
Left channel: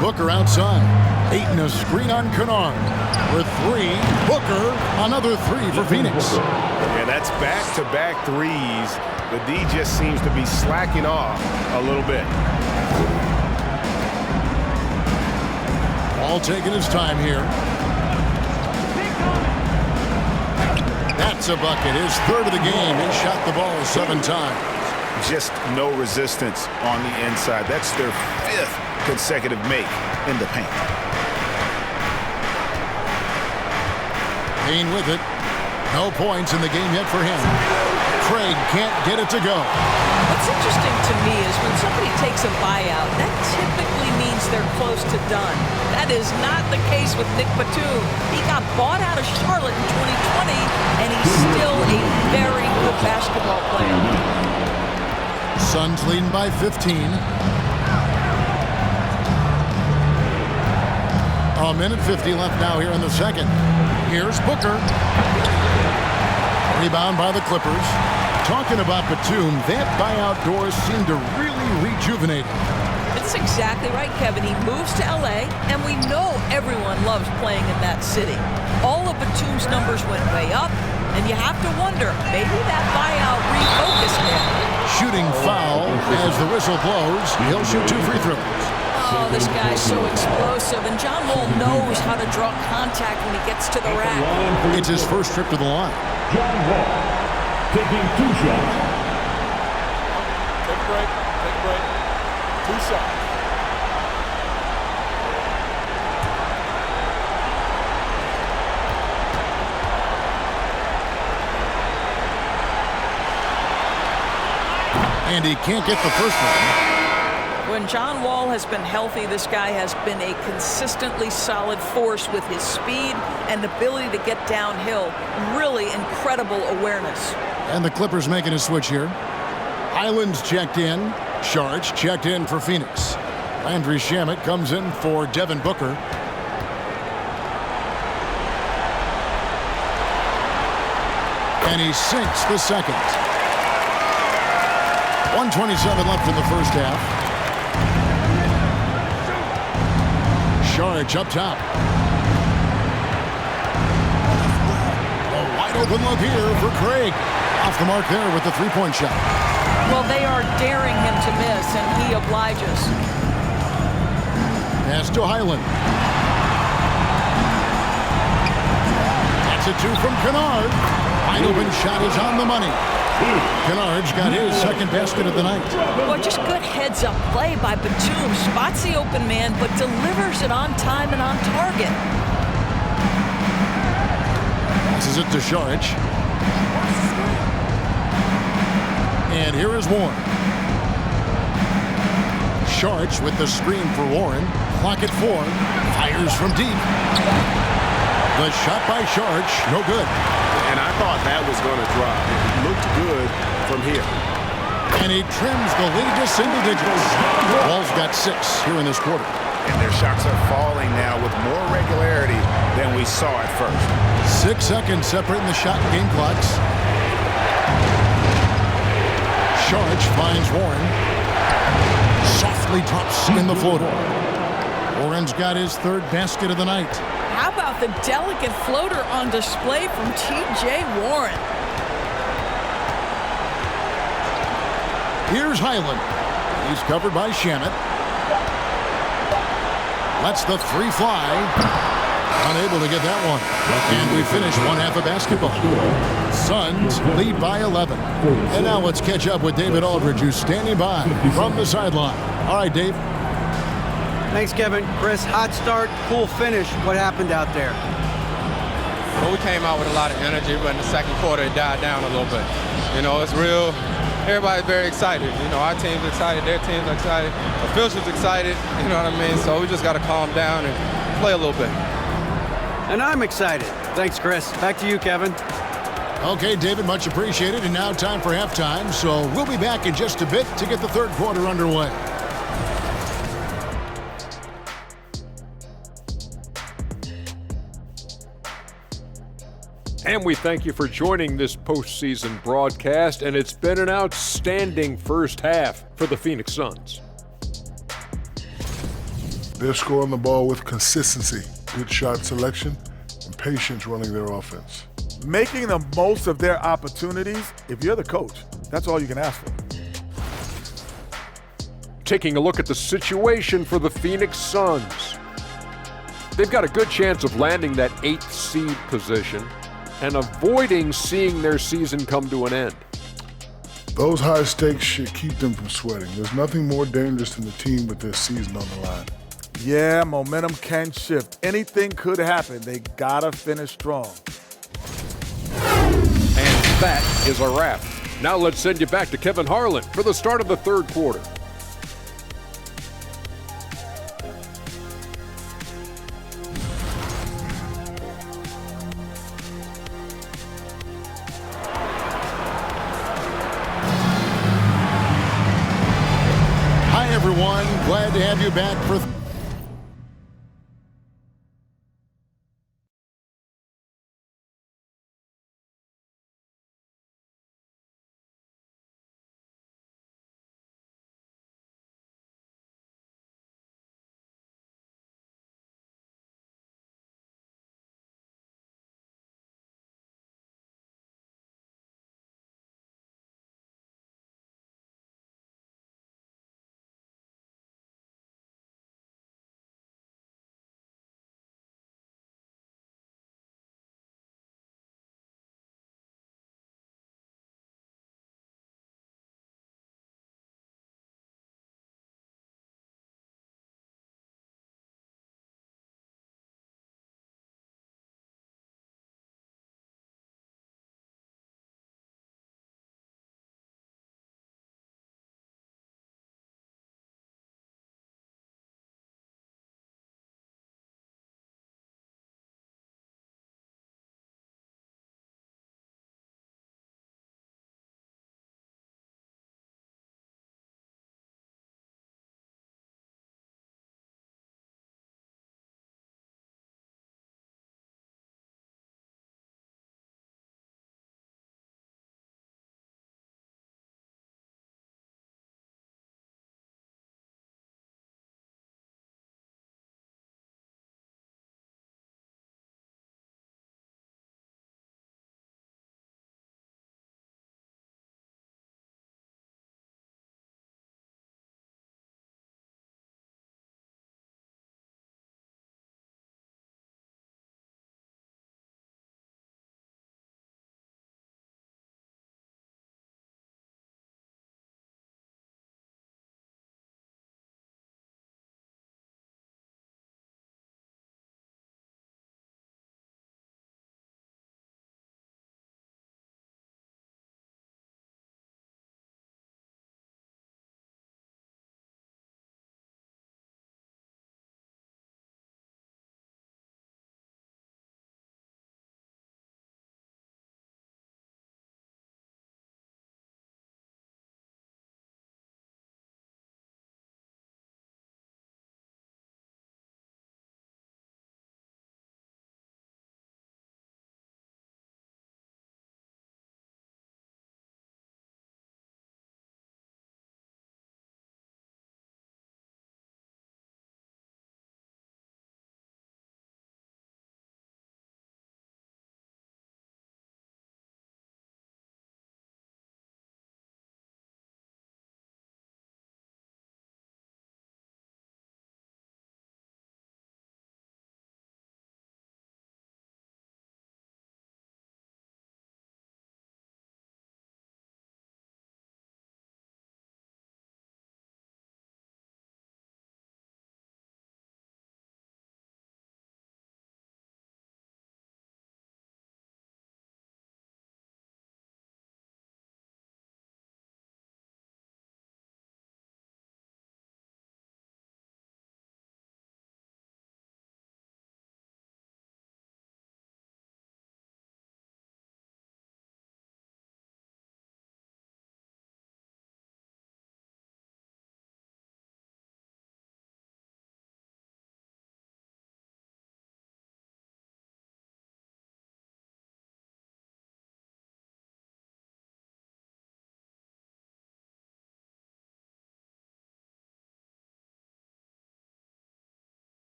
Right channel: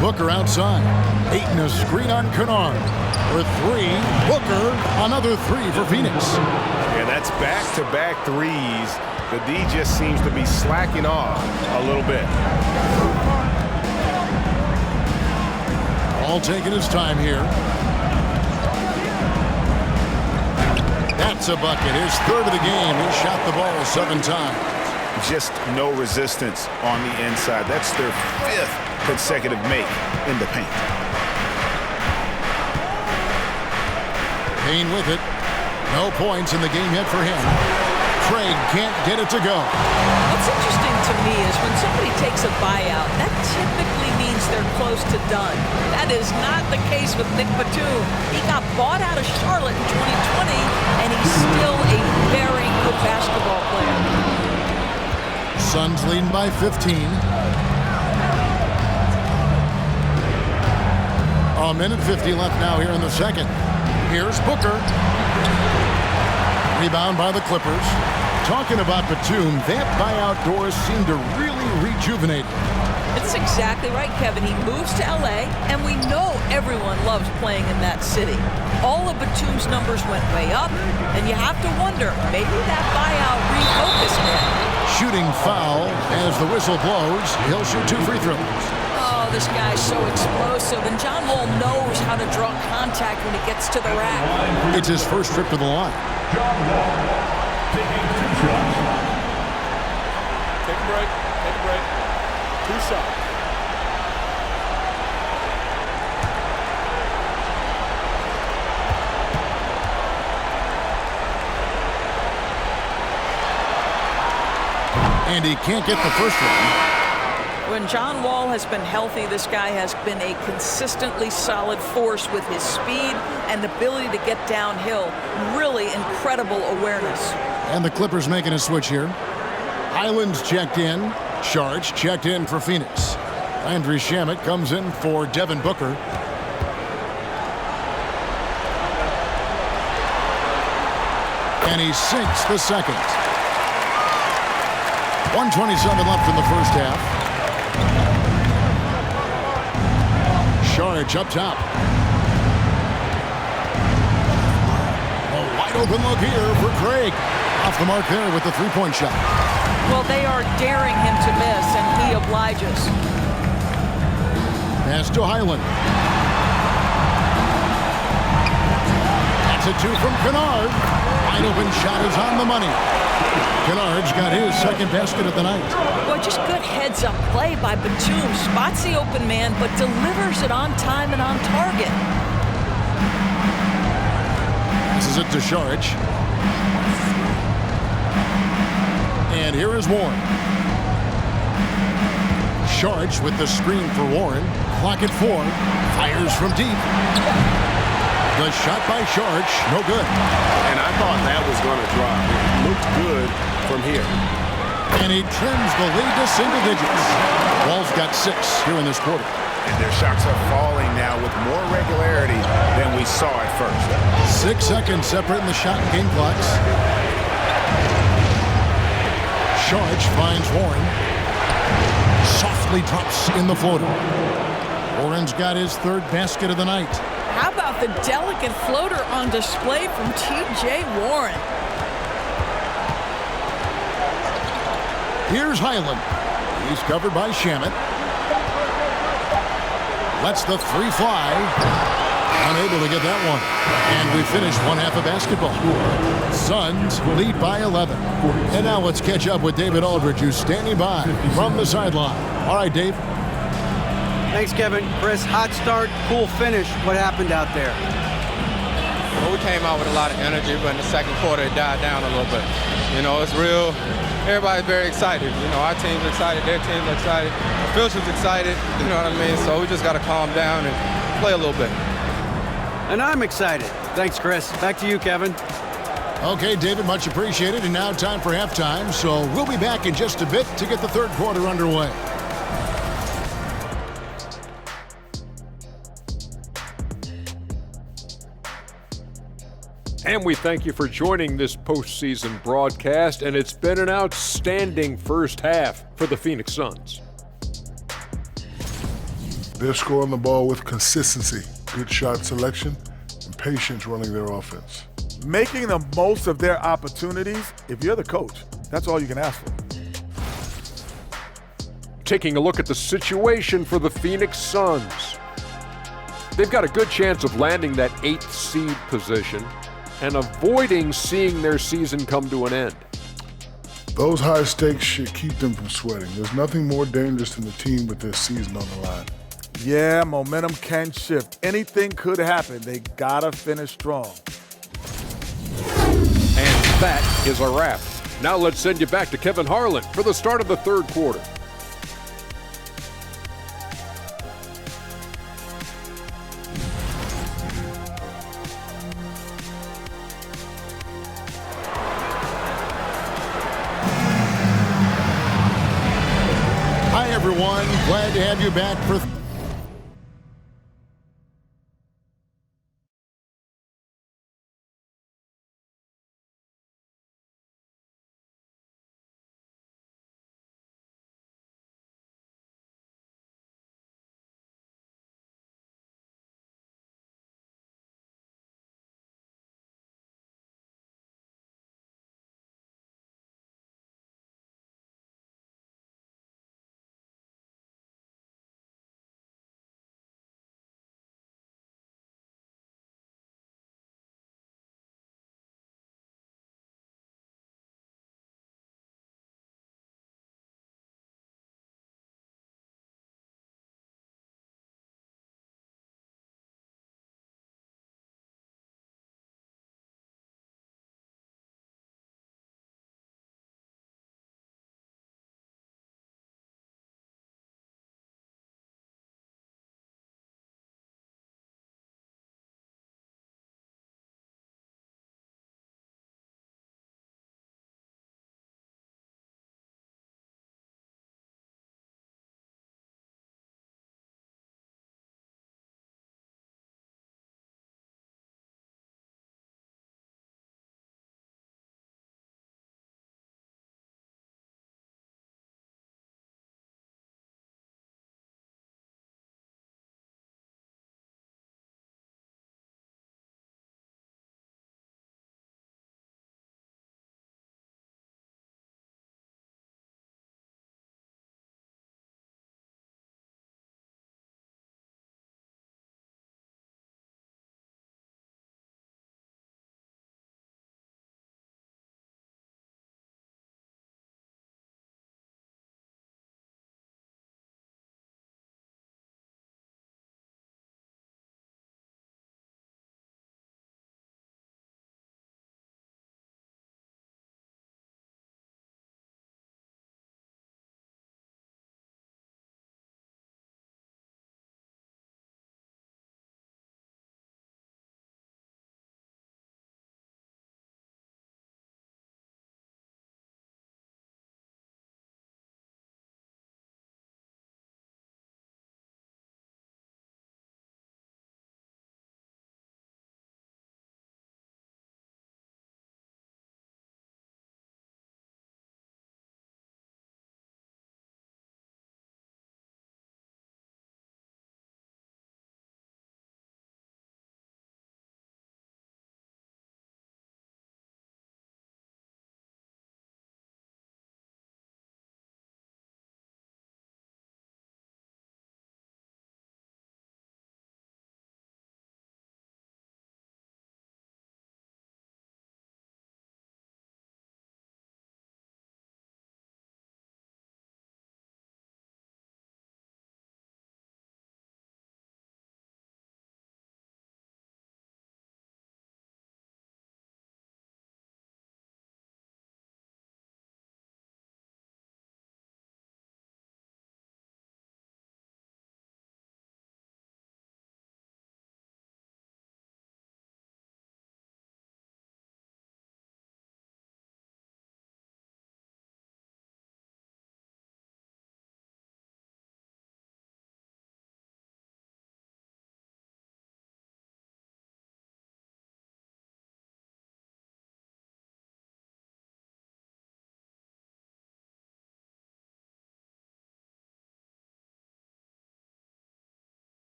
Booker outside. Ayton a screen on Kennard. For 3. Booker, another 3 for Phoenix. Yeah, that's back-to-back threes. The D just seems to be slacking off a little bit. All taking his time here. That's a bucket. His third of the game. He shot the ball 7 times. Just no resistance on the inside. That's their 5th consecutive make in the paint. Payne with it. No points in the game yet for him. Craig can't get it to go. What's interesting to me is when somebody takes a buyout, that typically means they're close to done. That is not the case with Nick Batum. He got bought out of Charlotte in 2020, and he's still a very good basketball player. Suns leading by 15. A minute 50 left now here in the second. Here's Booker. Rebound by the Clippers. Talking about Batum, that buyout doors seem to really rejuvenate him. It's exactly right, Kevin. He moves to L.A., and we know everyone loves playing in that city. All of Batum's numbers went way up, and you have to wonder, maybe that buyout refocused him. Shooting foul as the whistle blows. He'll shoot 2 free throws. Oh, this guy's so explosive, and John Wall knows how to draw contact when he gets to the rack. It's his first trip to the line. John Wall taking 2 shots. Take a break. Take a break. 2 shots. And he can't get the first one. When John Wall has been healthy, this guy has been a consistently solid force with his speed and ability to get downhill. Really incredible awareness. And the Clippers making a switch here. Highland's checked in. Sharch checked in for Phoenix. Landry Shamet comes in for Devin Booker. And he sinks the second. 1:27 left in the first half. Sharch up top. A wide open look here for Craig. Off the mark there with the three-point shot. Well, they are daring him to miss, and he obliges. Pass to Highland. That's a two from Kennard. Wide open shot is on the money. Kennard's got his second basket of the night. Well, just good heads-up play by Batum. Spots the open man, but delivers it on time and on target. Passes it to Saric. And here is Warren. Saric with the screen for Warren. Clock at 4. Fires from deep. The shot by Saric, no good. And I thought that was going to drop. It looked good from here. And he trims the lead to single digits. Wall's got 6 here in this quarter. And their shots are falling now with more regularity than we saw at first. 6 seconds separating the shot and game clocks. Saric finds Warren. Softly drops in the floater. Warren's got his third basket of the night. How about the delicate floater on display from T.J. Warren? Here's Highland. He's covered by Shamet. Lets the three fly. Unable to get that one. And we finish one half of basketball. Suns lead by 11. And now let's catch up with David Aldridge, who's standing by from the sideline. All right, Dave. Thanks, Kevin. Chris, hot start, cool finish. What happened out there? Well, we came out with a lot of energy, but in the second quarter, it died down a little bit. You know, it's real. Everybody's very excited. You know, our team's excited, their team's excited, officials excited, you know what I mean? So we just got to calm down and play a little bit. And I'm excited. Thanks, Chris. Back to you, Kevin. Okay, David, much appreciated. And now time for halftime. So we'll be back in just a bit to get the third quarter underway. And we thank you for joining this postseason broadcast, and it's been an outstanding first half for the Phoenix Suns. They're scoring the ball with consistency, good shot selection, and patience running their offense. Making the most of their opportunities. If you're the coach, that's all you can ask for. Taking a look at the situation for the Phoenix Suns. They've got a good chance of landing that 8th seed position and avoiding seeing their season come to an end. Those high stakes should keep them from sweating. There's nothing more dangerous than the team with their season on the line. Yeah, momentum can shift. Anything could happen. They gotta finish strong. And that is a wrap. Now let's send you back to Kevin Harlan for the start of the third quarter. Hi, everyone. Glad to have you back for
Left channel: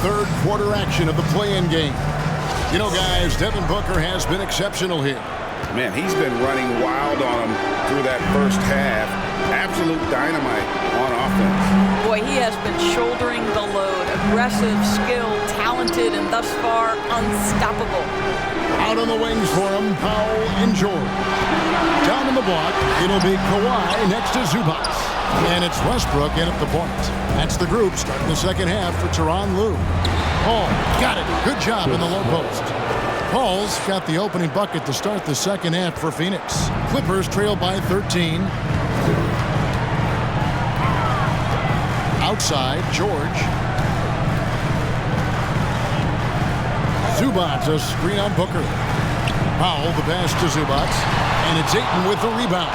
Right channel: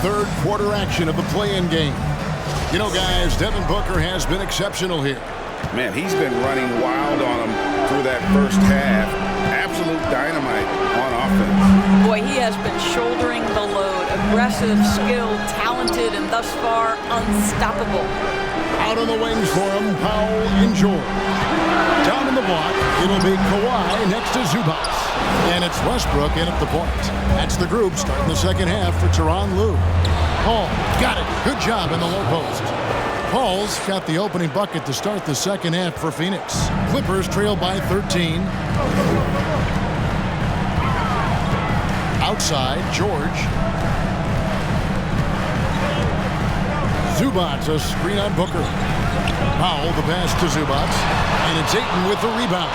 third quarter action of the play-in game. You know, guys, Devin Booker has been exceptional here. Man, he's been running wild on him through that first half. Absolute dynamite on offense. Boy, he has been shouldering the load. Aggressive, skilled, talented, and thus far unstoppable. Out on the wings for him, Powell and George. Down in the block, it'll be Kawhi next to Zubac. And it's Westbrook in at the point. That's the group starting the second half for Tyronn Lue. Paul got it. Good job in the low post. Paul's got the opening bucket to start the second half for Phoenix. Clippers trail by 13. Outside, George. Zubac, a screen on Booker. Powell, the pass to Zubac. And it's Ayton with the rebound.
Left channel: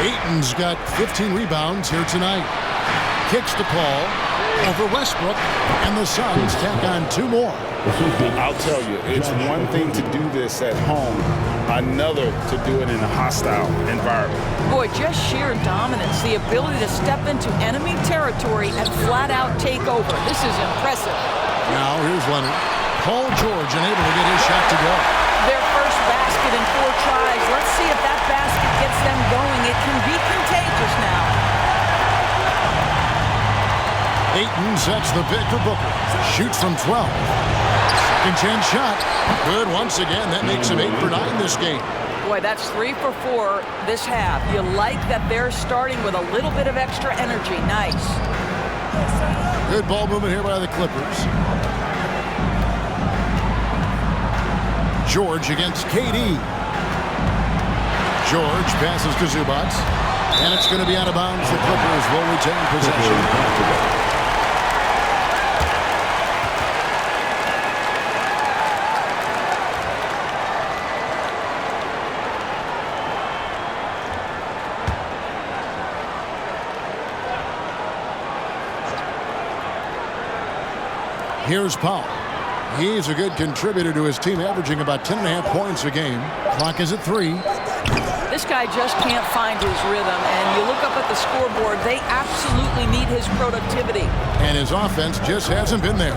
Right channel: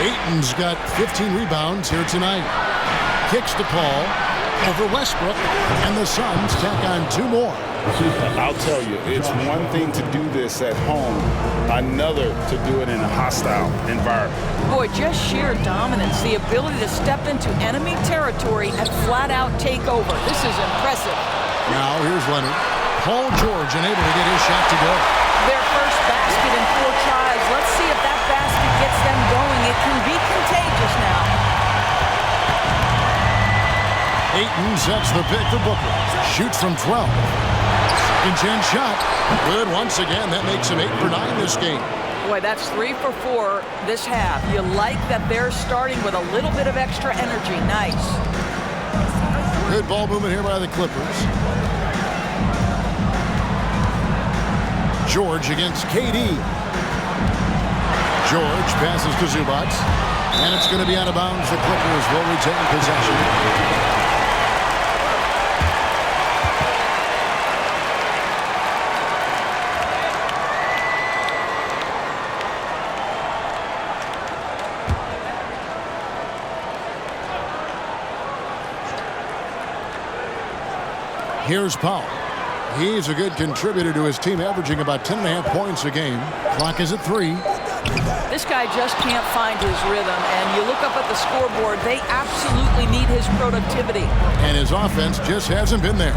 Ayton's got 15 rebounds here tonight. Kicks to Paul over Westbrook, and the Suns tack on 2 more. I'll tell you, it's one thing to do this at home, another to do it in a hostile environment. Boy, just sheer dominance, the ability to step into enemy territory and flat out take over. This is impressive. Now here's Leonard. Paul George unable to get his shot to go. Their first basket in 4 tries. Let's see if that basket gets them going. It can be contagious now. Ayton sets the pick for Booker. Shoots from 12. Second chance shot. Good once again. That makes him 8 for 9 this game. Boy, that's 3 for 4 this half. You like that they're starting with a little bit of extra energy. Nice. Good ball movement here by the Clippers. George against KD. George passes to Zubac. And it's going to be out of bounds. The Clippers will retain possession. Here's Powell. He's a good contributor to his team, averaging about 10.5 points a game. Clock is at 3. This guy just can't find his rhythm, and you look up at the scoreboard, they absolutely need his productivity. And his offense just hasn't been there.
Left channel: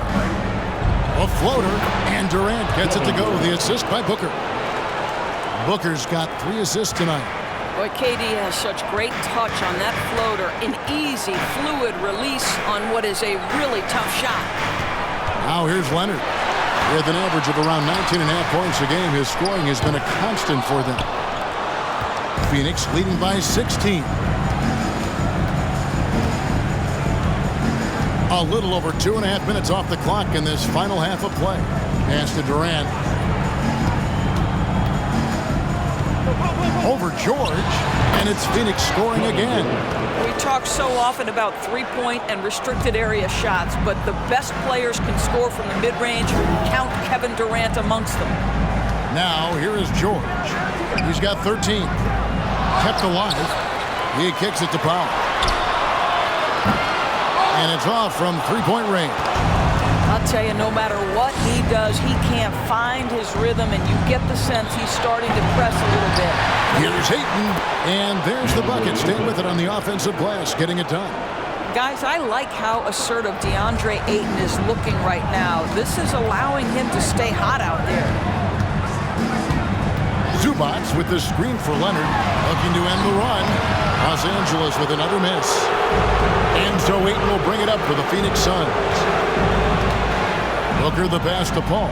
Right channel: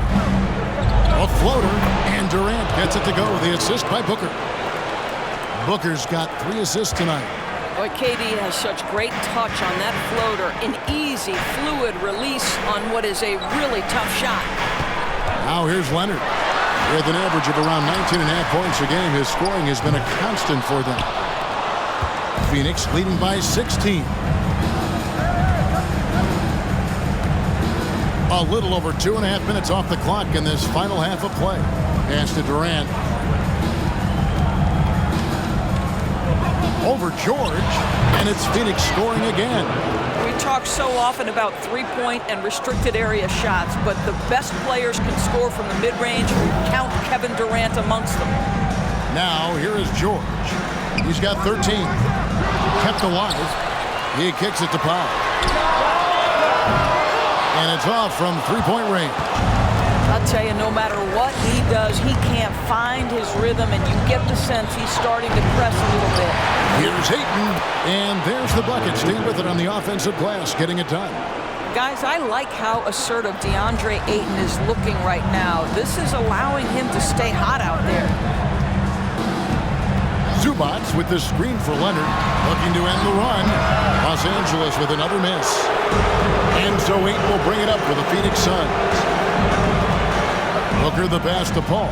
A floater, and Durant gets it to go. The assist by Booker. Booker's got 3 assists tonight. Boy, KD has such great touch on that floater. An easy, fluid release on what is a really tough shot. Now here's Leonard. With an average of around 19.5 points a game, his scoring has been a constant for them. Phoenix leading by 16. A little over 2.5 minutes off the clock in this final half of play. Pass to Durant. Over George, and it's Phoenix scoring again. We talk so often about three-point and restricted area shots, but the best players can score from the mid-range. Count Kevin Durant amongst them. Now here is George. He's got 13. Kept alive. He kicks it to Powell. And it's off from three-point range. I'll tell you, no matter what he does, he can't find his rhythm, and you get the sense he's starting to press a little bit. Here's Ayton, and there's the bucket. Staying with it on the offensive glass, getting it done. Guys, I like how assertive DeAndre Ayton is looking right now. This is allowing him to stay hot out there. Zubac with the screen for Leonard, looking to end the run. Los Angeles with another miss. And so Ayton will bring it up for the Phoenix Suns. Booker the pass to Paul.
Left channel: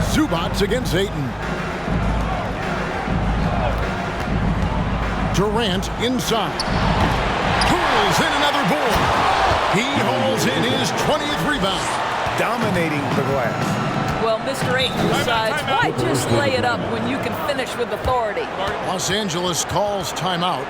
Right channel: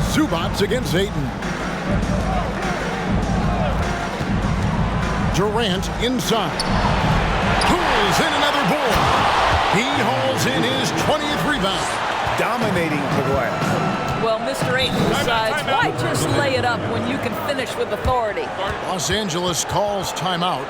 Zubac against Ayton. Durant inside. Pulls in another board. He hauls in his 20th rebound. Dominating the glass. Well, Mr. Ayton decides, why just lay it up when you can finish with authority? Los Angeles calls timeout.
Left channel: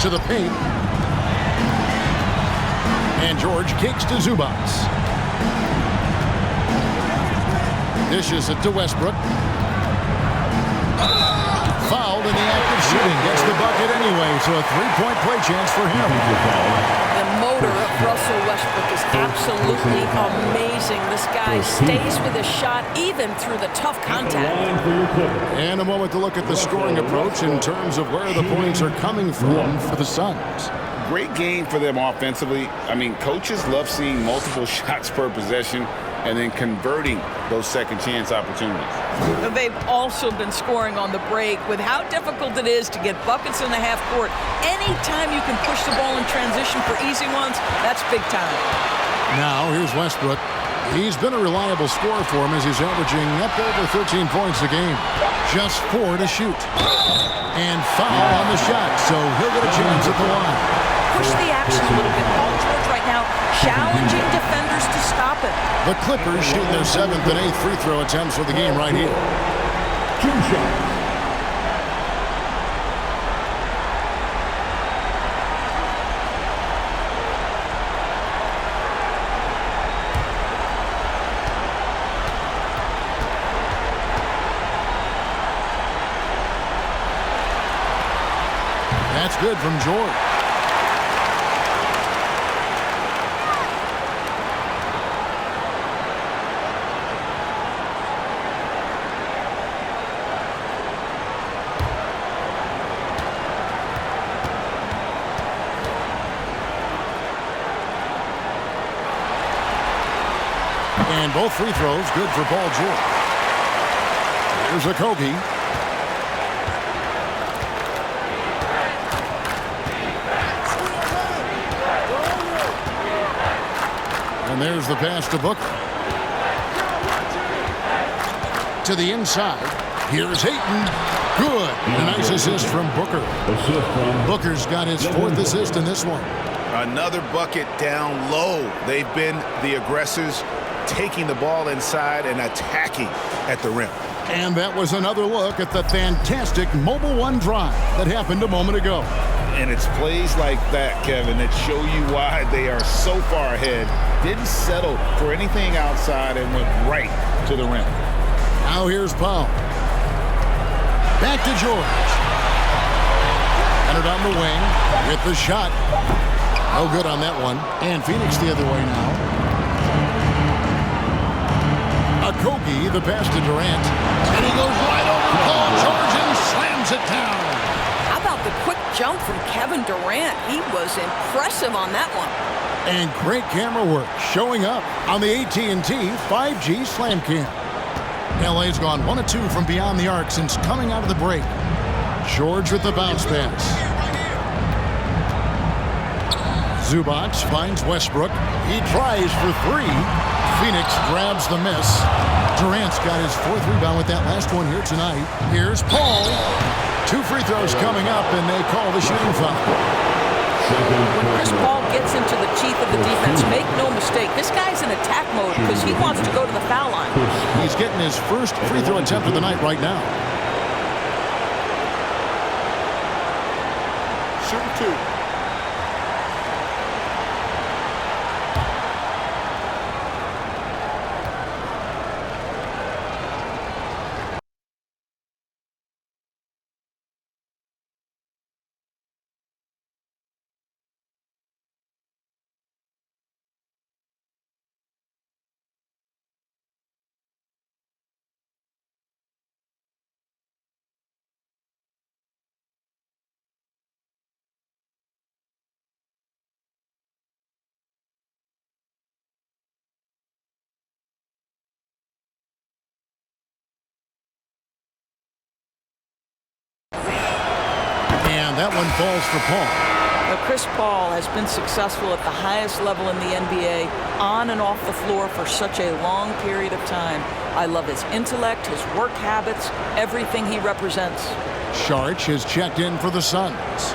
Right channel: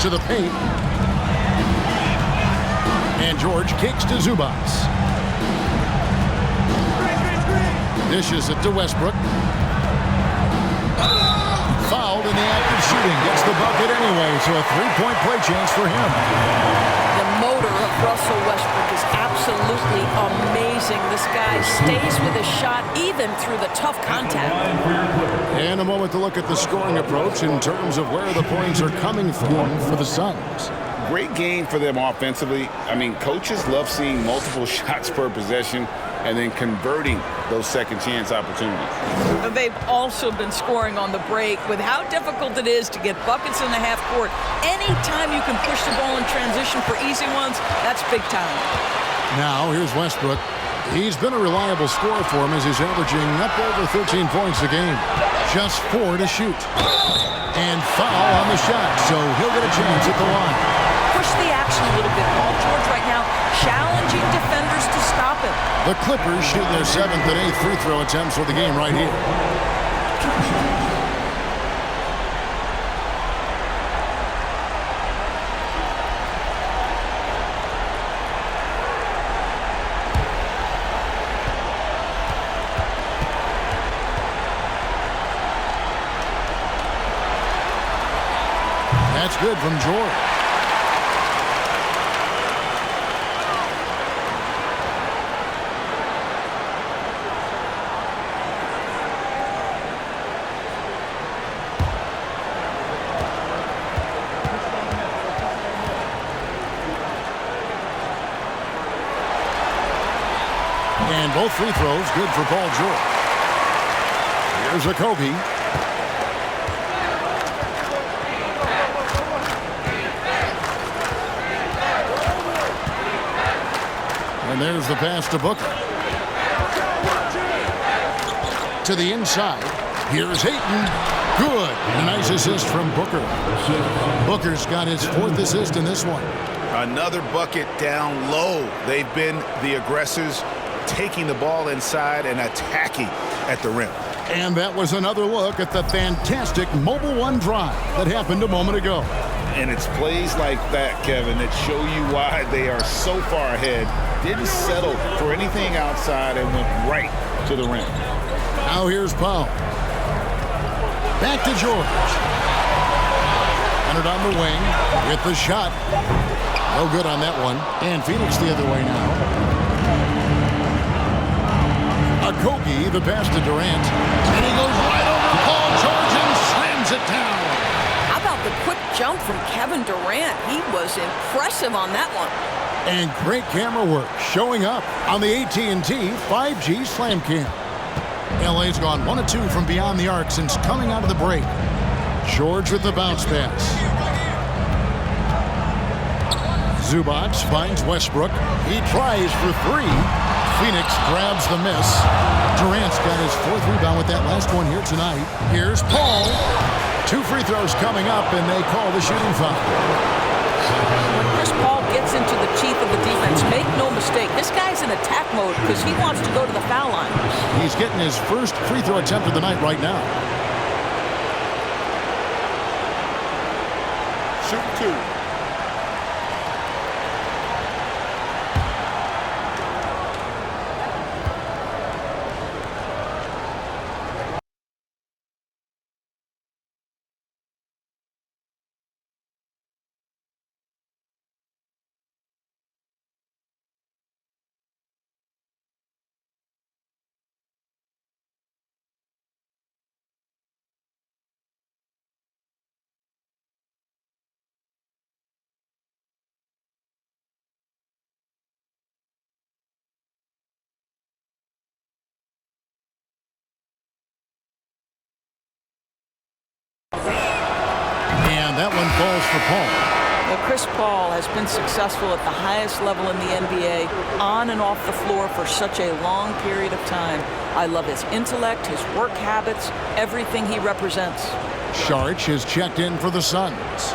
To the paint. And George kicks to Zubac. Dishes it to Westbrook. Fouled in the act of shooting. Gets the bucket anyway, so a three-point play chance for him. The motor of Russell Westbrook is absolutely amazing. This guy stays with his shot even through the tough contact. And a moment to look at the scoring approach in terms of where the points are coming from for the Suns. Great game for them offensively. I mean, coaches love seeing multiple shots per possession and then converting those second chance opportunities. They've also been scoring on the break. With how difficult it is to get buckets in the half court, anytime you can push the ball in transition for easy ones, that's big time. Now here's Westbrook. He's been a reliable scorer for him as he's averaging up over 13 points a game. Just 4 to shoot. And foul on the shot, so he'll get a chance at the line. Push the action a little bit. Paul George right now challenging defenders to stop him. The Clippers shoot their 7th and 8th free throw attempts for the game right here. 2 shots. That's good from George. And both free throws good for Paul George. Here's Okogie. And there's the pass to Booker. To the inside. Here's Ayton. Good. A nice assist from Booker. Booker's got his 4th assist in this one. Another bucket down low. They've been the aggressors, taking the ball inside and attacking at the rim. And that was another look at the fantastic Mobile One drive that happened a moment ago. And it's plays like that, Kevin, that show you why they are so far ahead. Didn't settle for anything outside and went right to the rim. Now here's Powell. Back to George. Entered on the wing with the shot. No good on that one. And Phoenix the other way now. Okogie, the pass to Durant. And he goes right over Paul George and slams it down. How about the quick jump from Kevin Durant? He was impressive on that one. And great camera work showing up on the AT&T 5G Slam Cam. LA's gone 1 of 2 from beyond the arc since coming out of the break. George with the bounce pass. Zubac finds Westbrook. He tries for 3. Phoenix grabs the miss. Durant's got his 4th rebound with that last one here tonight. Here's Paul. 2 free throws coming up, and they call the shooting foul. When Chris Paul gets into the teeth of the defense, make no mistake, this guy's in attack mode because he wants to go to the foul line. He's getting his 1st free throw attempt of the night right now. Shooting 2. And that one falls for Paul. But Chris Paul has been successful at the highest level in the NBA, on and off the floor for such a long period of time. I love his intellect, his work habits, everything he represents. Sharch has checked in for the Suns.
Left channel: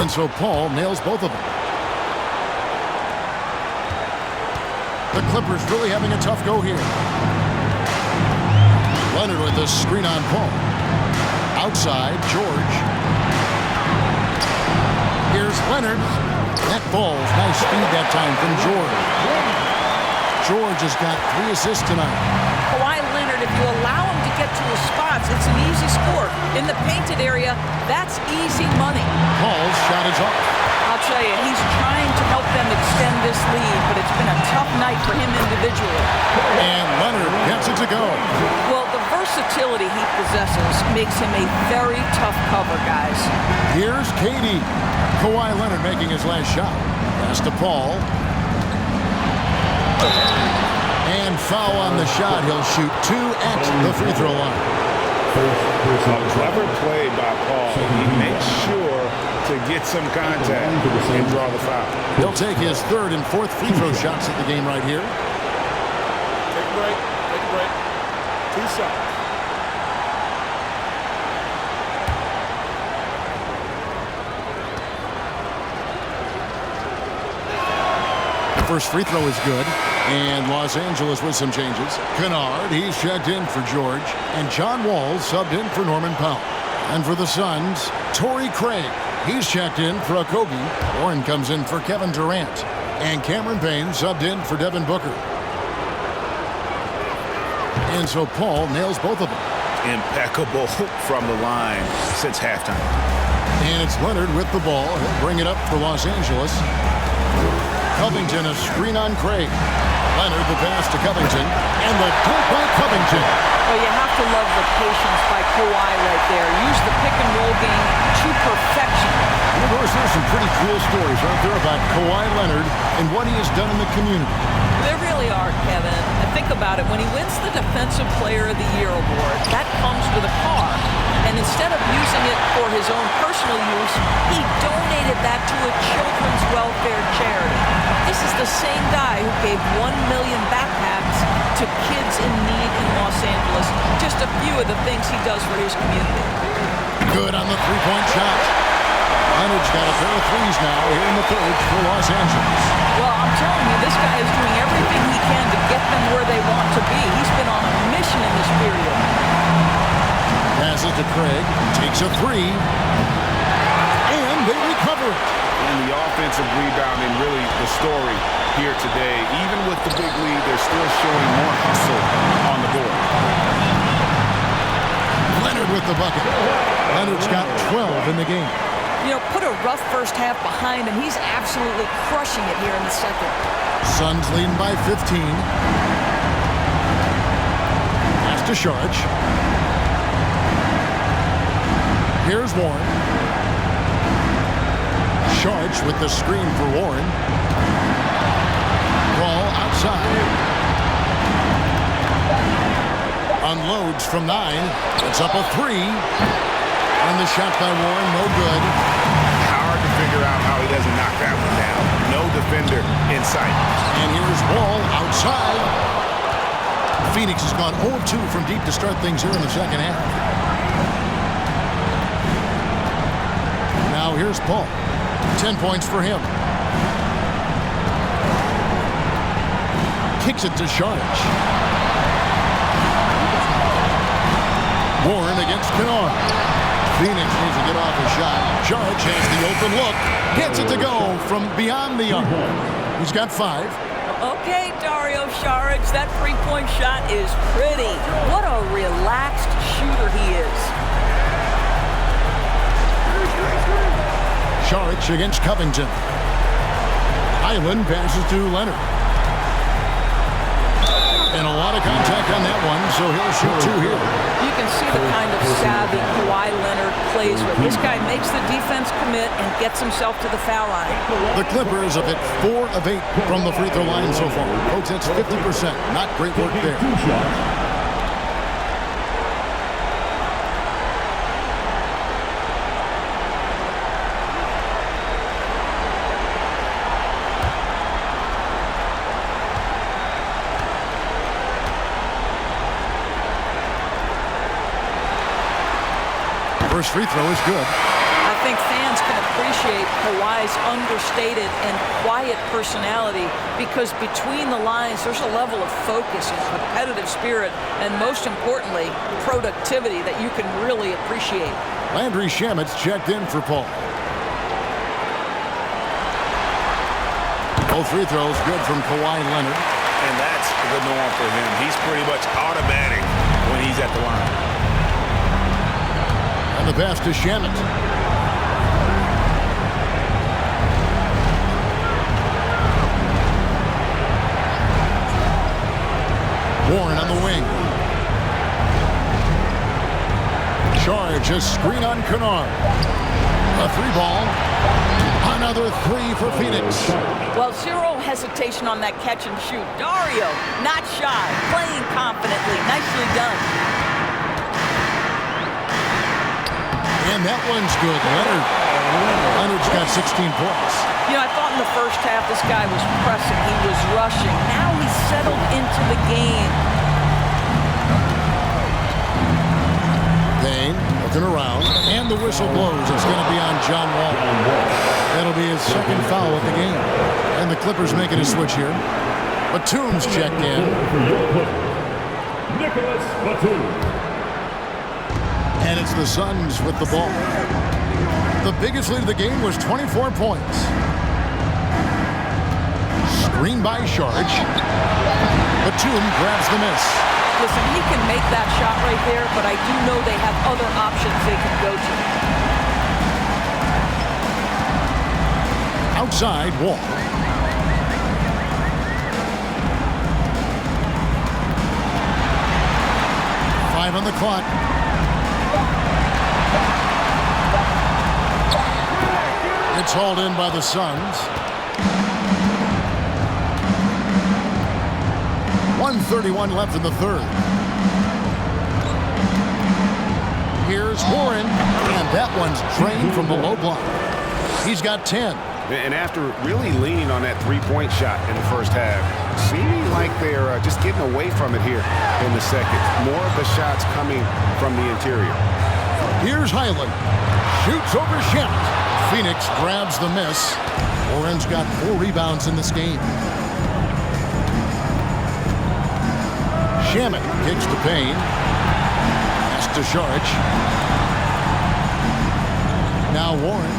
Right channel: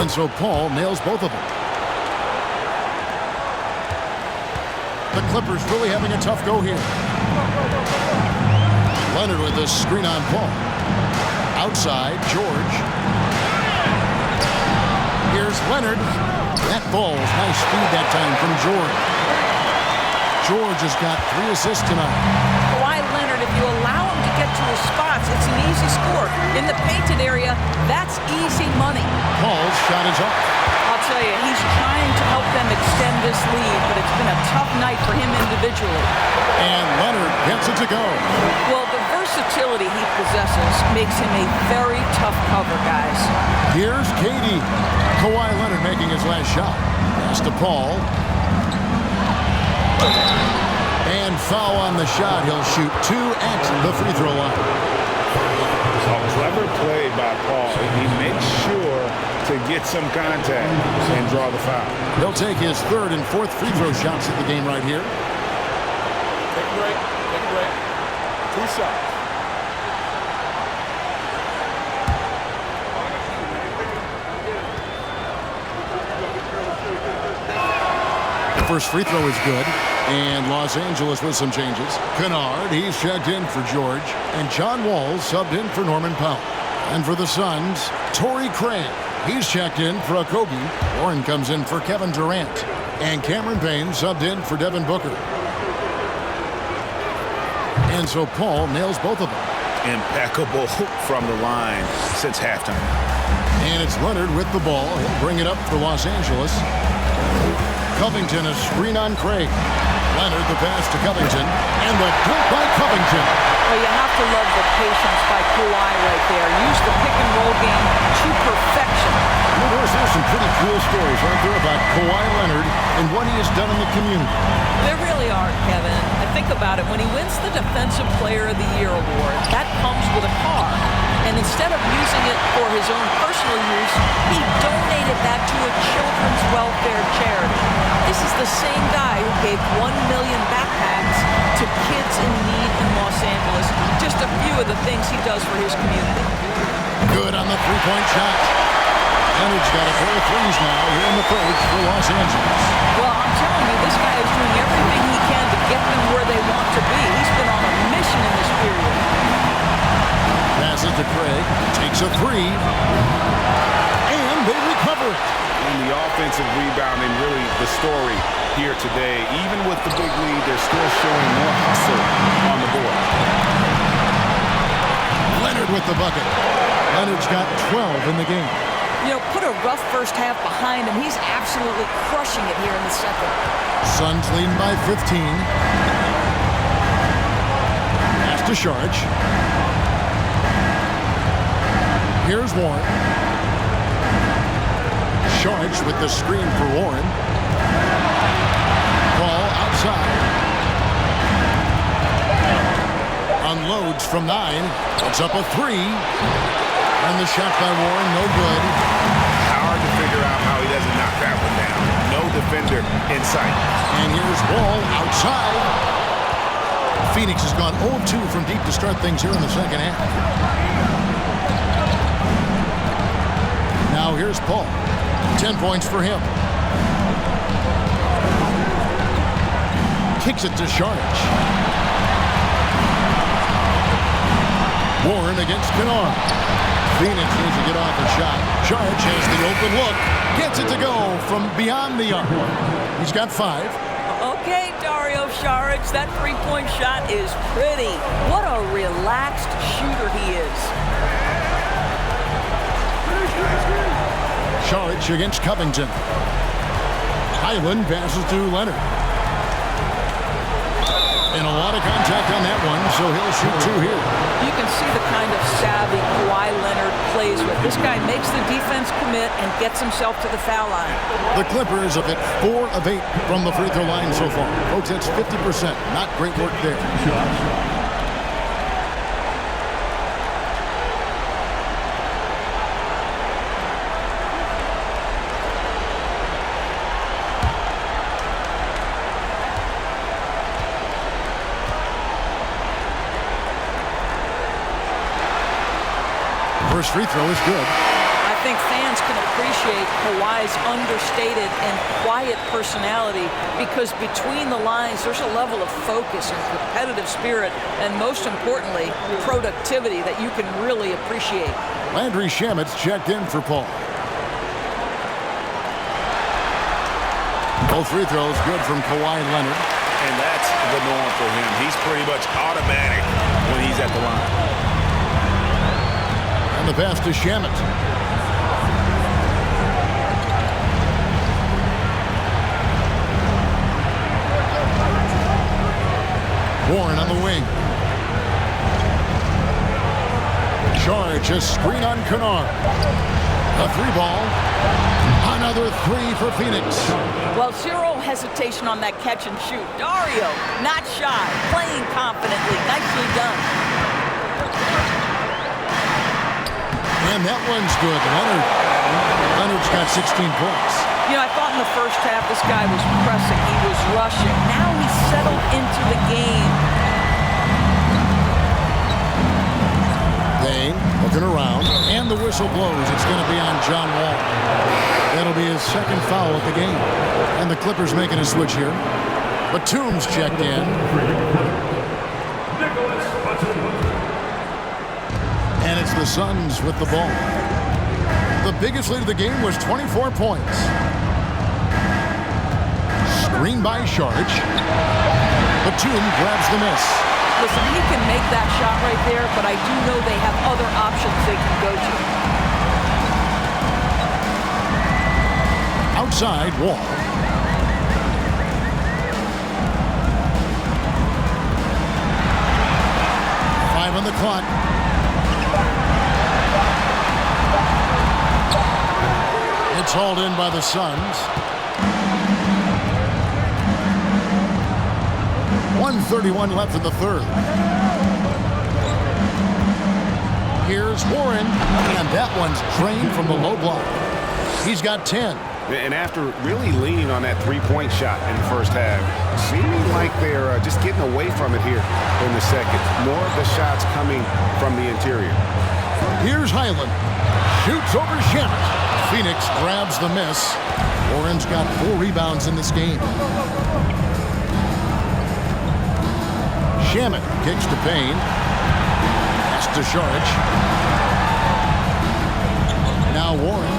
And so Paul nails both of them. The Clippers really having a tough go here. Leonard with a screen on Paul. Outside, George. Here's Leonard. That falls. Nice speed that time from George. George has got 3 assists tonight. Kawhi Leonard, if you allow him to get to his spots, it's an easy score. In the painted area, that's easy money. Paul's shot is off. I'll tell you, he's trying to help them extend this lead, but it's been a tough night for him individually. And Leonard gets it to go. Well, the versatility he possesses makes him a very tough cover, guys. Here's KD. Kawhi Leonard making his last shot. Pass to Paul. And foul on the shot. He'll shoot 2 at the free throw line. A clever play by Paul. He makes sure to get some contact and draw the foul. He'll take his 3rd and 4th free throw shots at the game right here. Take a break. Take a break. 2 shots. The first free throw is good. And Los Angeles with some changes. Kennard, he's checked in for George. And John Wall subbed in for Norman Powell. And for the Suns, Torrey Craig. He's checked in for Okogie. Warren comes in for Kevin Durant. And Cameron Payne subbed in for Devin Booker. And so Paul nails both of them. Impeccable from the line since halftime. And it's Leonard with the ball. He'll bring it up for Los Angeles. Covington, a screen on Craig. Leonard, the pass to Covington. And the dunk by Covington. Well, you have to love the patience by Kawhi right there. Use the pick-and-roll game to perfection. And of course, there's some pretty cool stories, aren't there, about Kawhi Leonard and what he has done in the community. There really are, Kevin. I think about it. When he wins the Defensive Player of the Year award, that comes with a car. And instead of using it for his own personal use, he donated that to a children's welfare charity. This is the same guy who gave 1 million backpacks to kids in need in Los Angeles. Just a few of the things he does for his community. Good on the three-point shot. Leonard's got a pair of threes now here in the 3rd for Los Angeles. Well, I'm telling you, this guy is doing everything he can to get them where they want to be. He's been on a mission in this period. Passes to Craig, takes a 3, and they recover it. And the offensive rebounding, really the story here today. Even with the big lead, they're still showing more hustle on the board. Leonard with the bucket. Leonard's got 12 in the game. You know, put a rough first half behind him. He's absolutely crushing it here in the second. Suns leading by 15. Pass to Saric. Here's Warren. Saric with the screen for Warren. Ball outside. Unloads from 9. Puts up a 3. And the shot by Warren, no good. Hard to figure out how he doesn't knock that one down. No defender in sight. And here's Wall outside. Phoenix has gone 0 of 2 from deep to start things here in the second half. Now here's Paul. 10 points for him. Kicks it to Saric. Warren against Kennard. Phoenix needs to get off a shot. Saric has the open look. Gets it to go from beyond the arc. He's got 5. Okay, Dario Saric, that three-point shot is pretty. What a relaxed shooter he is. Saric against Covington. Highland passes to Leonard. And a lot of contact on that one, so he'll shoot 2 here. You can see the kind of savvy Kawhi Leonard plays with. This guy makes the defense commit and gets himself to the foul line. The Clippers have hit 4 of 8 from the free throw line so far. Folks, that's 50%. Not great work there. First free throw is good. I think fans can appreciate Kawhi's understated and quiet personality because between the lines, there's a level of focus and competitive spirit, and most importantly, productivity that you can really appreciate. Landry Shamet's checked in for Paul. Both free throws good from Kawhi Leonard. And that's the norm for him. He's pretty much automatic when he's at the line. And the pass to Shamet. Warren on the wing. Charge, a screen on Kennard. A three ball. Another three for Phoenix. Well, zero hesitation on that catch and shoot. Dario, not shy, playing confidently. Nicely done. And that one's good. Leonard's got 16 points. You know, I thought in the first half this guy was pressing. He was rushing. Now he's settled into the game. Payne looking around, and the whistle blows. It's going to be on John Wall. That'll be his second foul of the game. And the Clippers making a switch here. Batum's checked in. Nicholas Batum. And it's the Suns with the ball. The biggest lead of the game was 24 points. Screen by Sharge. Batum grabs the miss. Listen, he can make that shot right there, but I do know they have other options they can go to. Outside, Wall. Five on the clock. It's hauled in by the Suns. 1:31 left in the third. Here's Warren, and that one's drained from the low block. He's got 10. And after really leaning on that three-point shot in the first half, seeming like they're just getting away from it here in the second. More of the shots coming from the interior. Here's Highland. Shoots over Shamet. Phoenix grabs the miss. Warren's got 4 rebounds in this game. Shamet kicks to Payne. Pass to Sharge. Now Warren.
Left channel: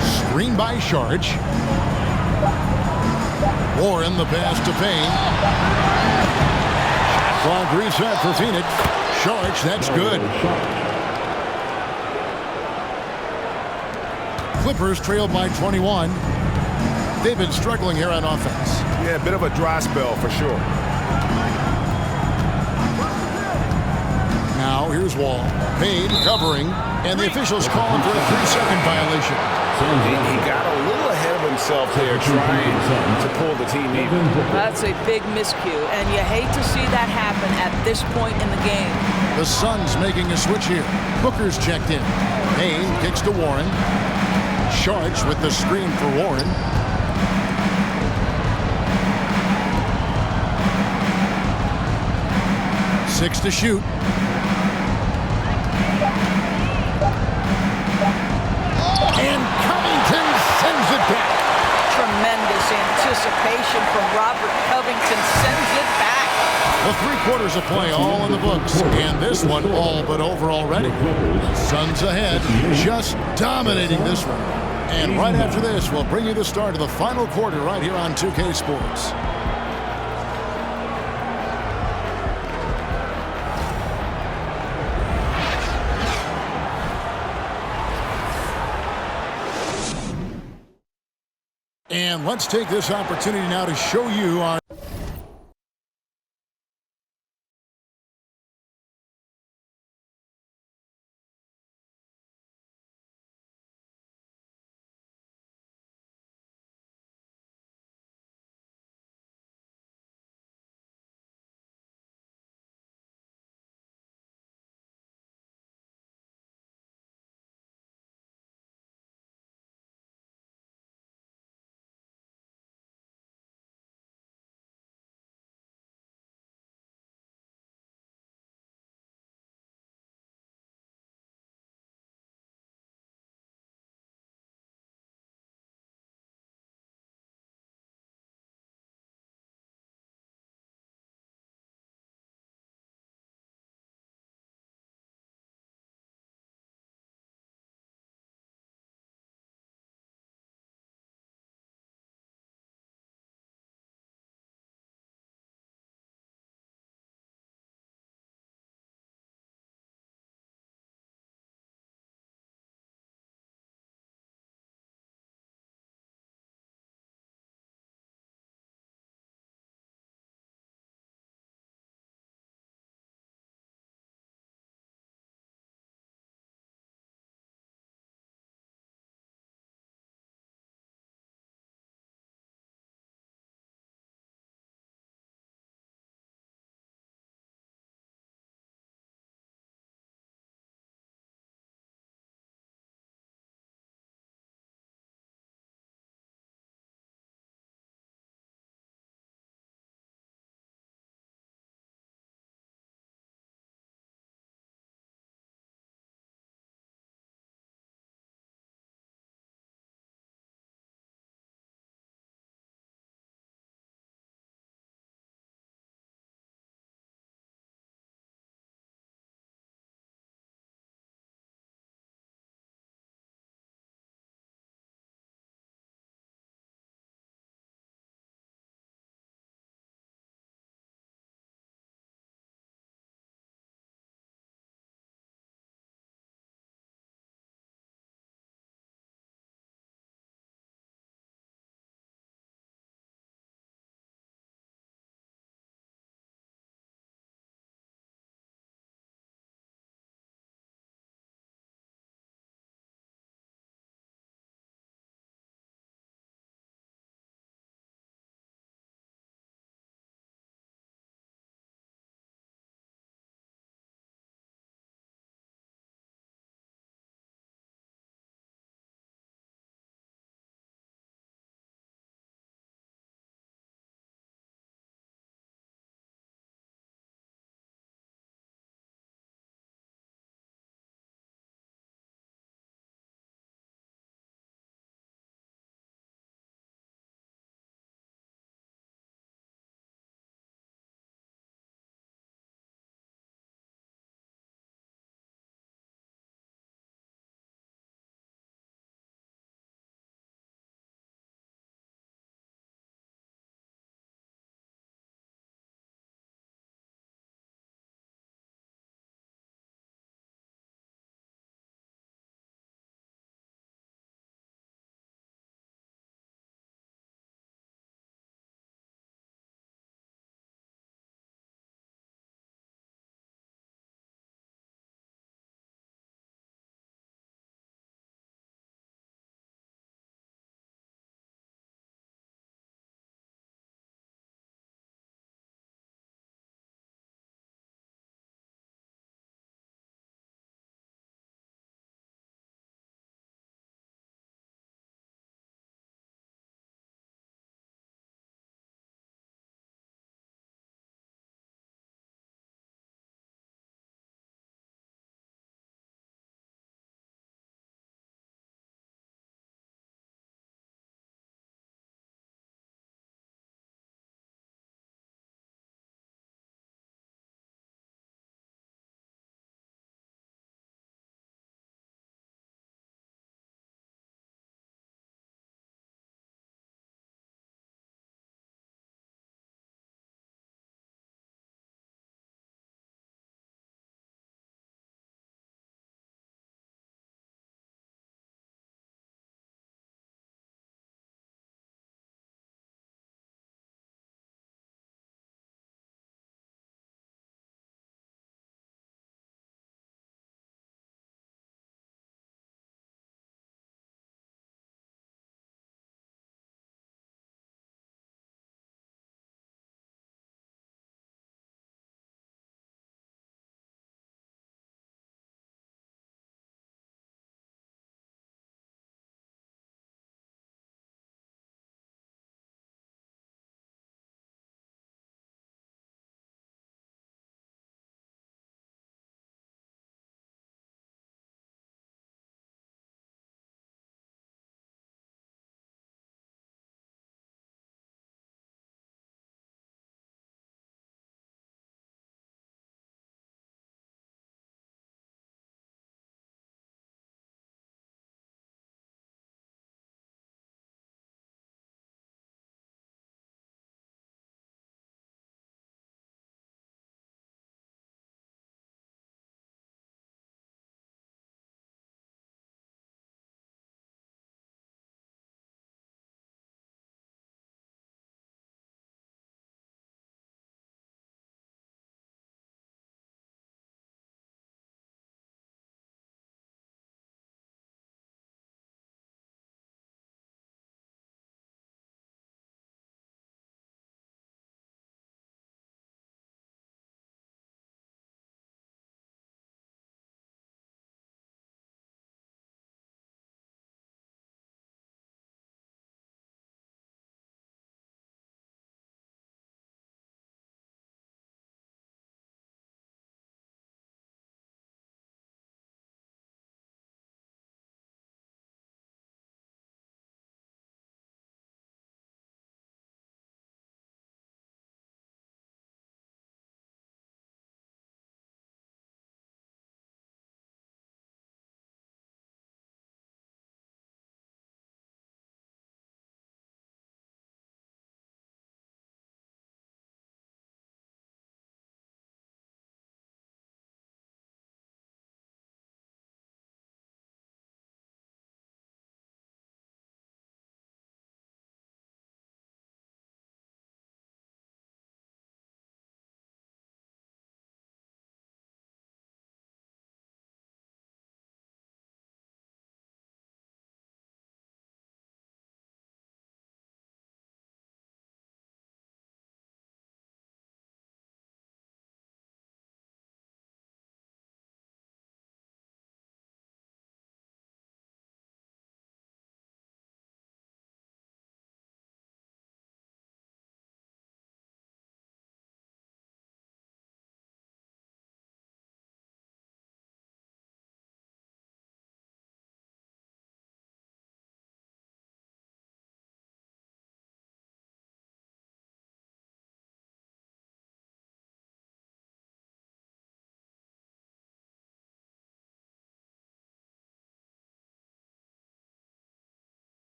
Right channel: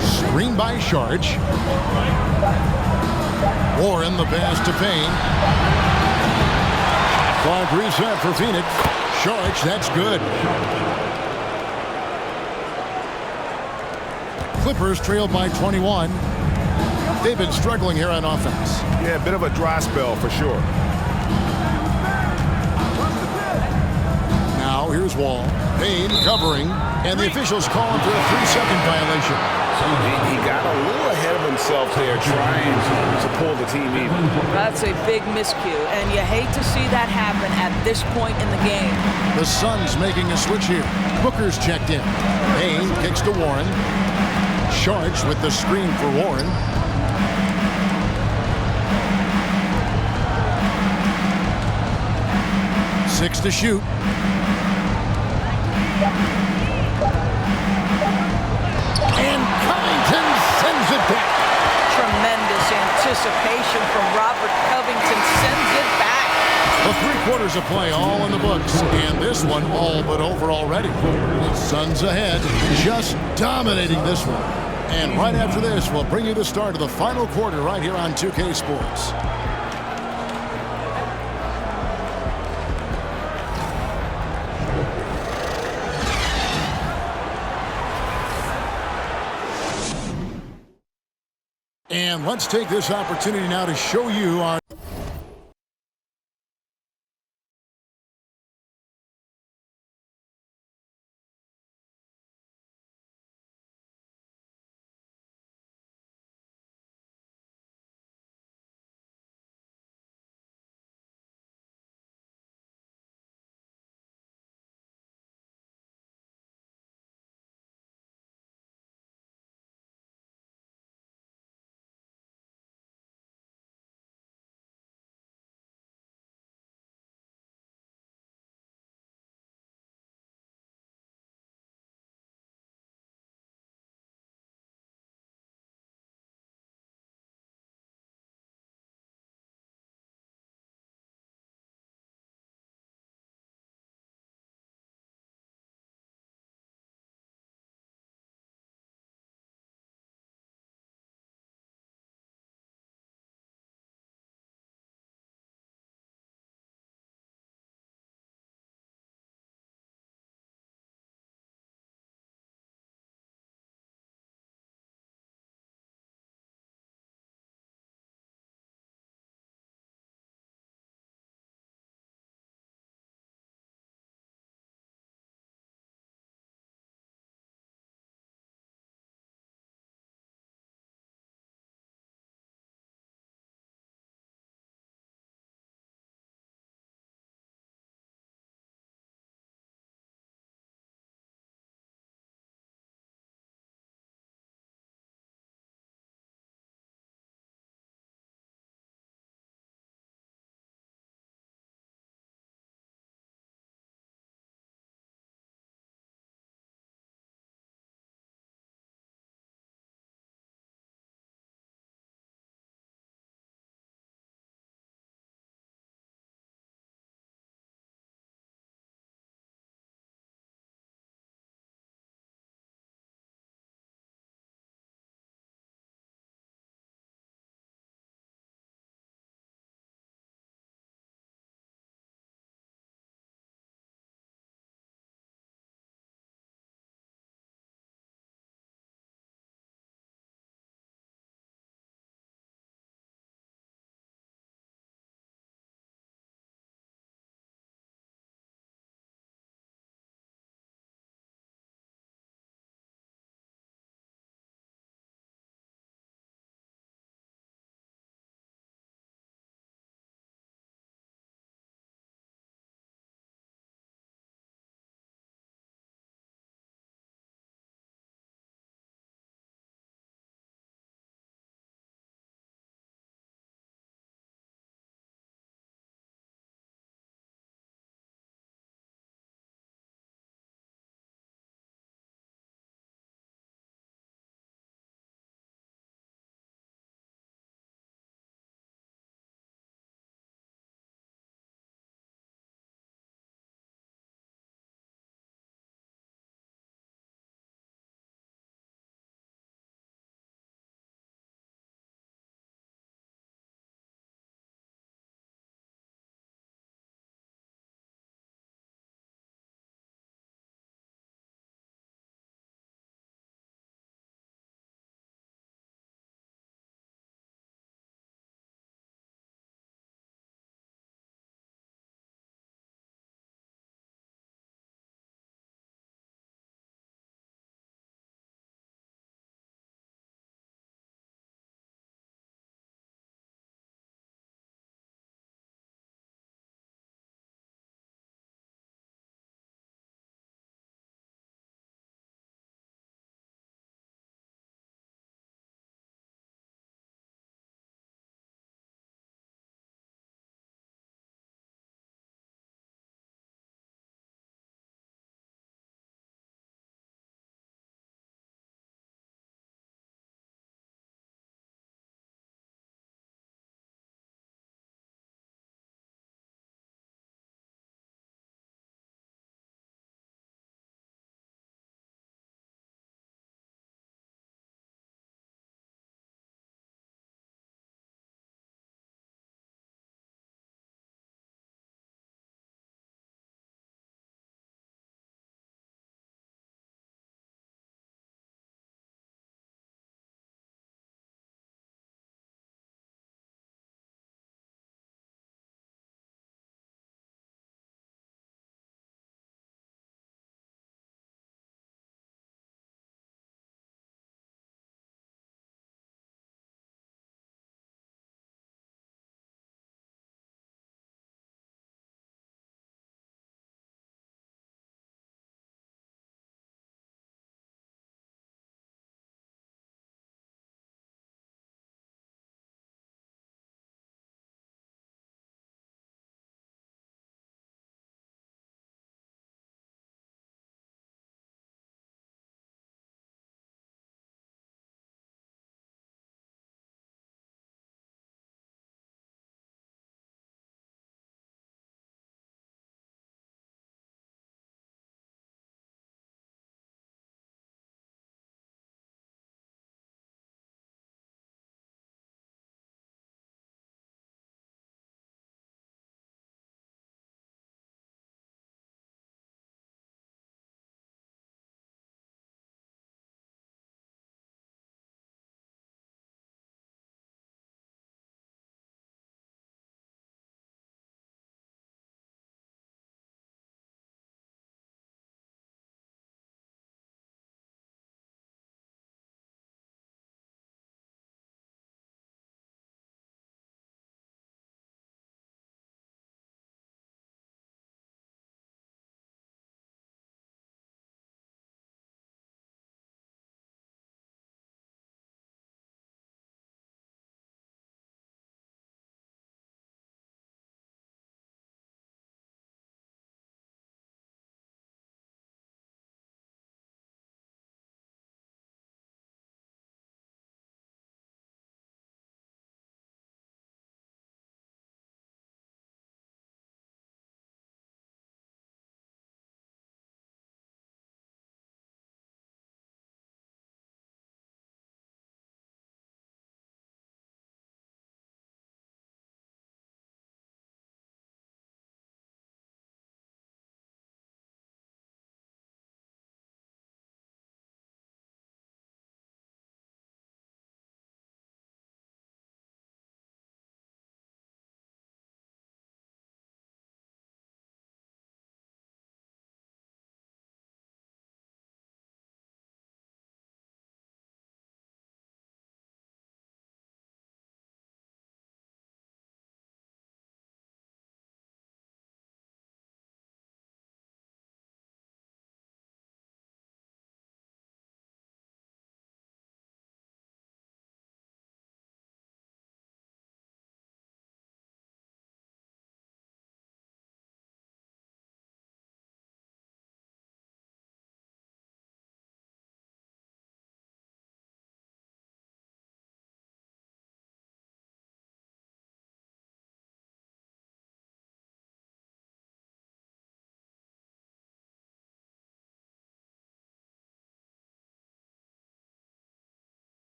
Screen by Sharge. Warren the pass to Payne. Shot clock reset for Phoenix. Sharge, that's good. Clippers trailed by 21. They've been struggling here on offense. Yeah, a bit of a dry spell for sure. Now here's Wall. Payne covering, and the officials call him for a 3-second violation. He got a little ahead of himself there trying to pull the team even. That's a big miscue, and you hate to see that happen at this point in the game. The Suns making a switch here. Booker's checked in. Payne kicks to Warren. Sharge with the screen for Warren. Six to shoot. And Covington sends it back. Tremendous anticipation from Robert Covington, sends it back. The 3 quarters of play all in the books, and this one all but over already. Suns ahead, just dominating this one. And right after this, we'll bring you the start of the final quarter right here on 2K Sports. And let's take this opportunity now to show you our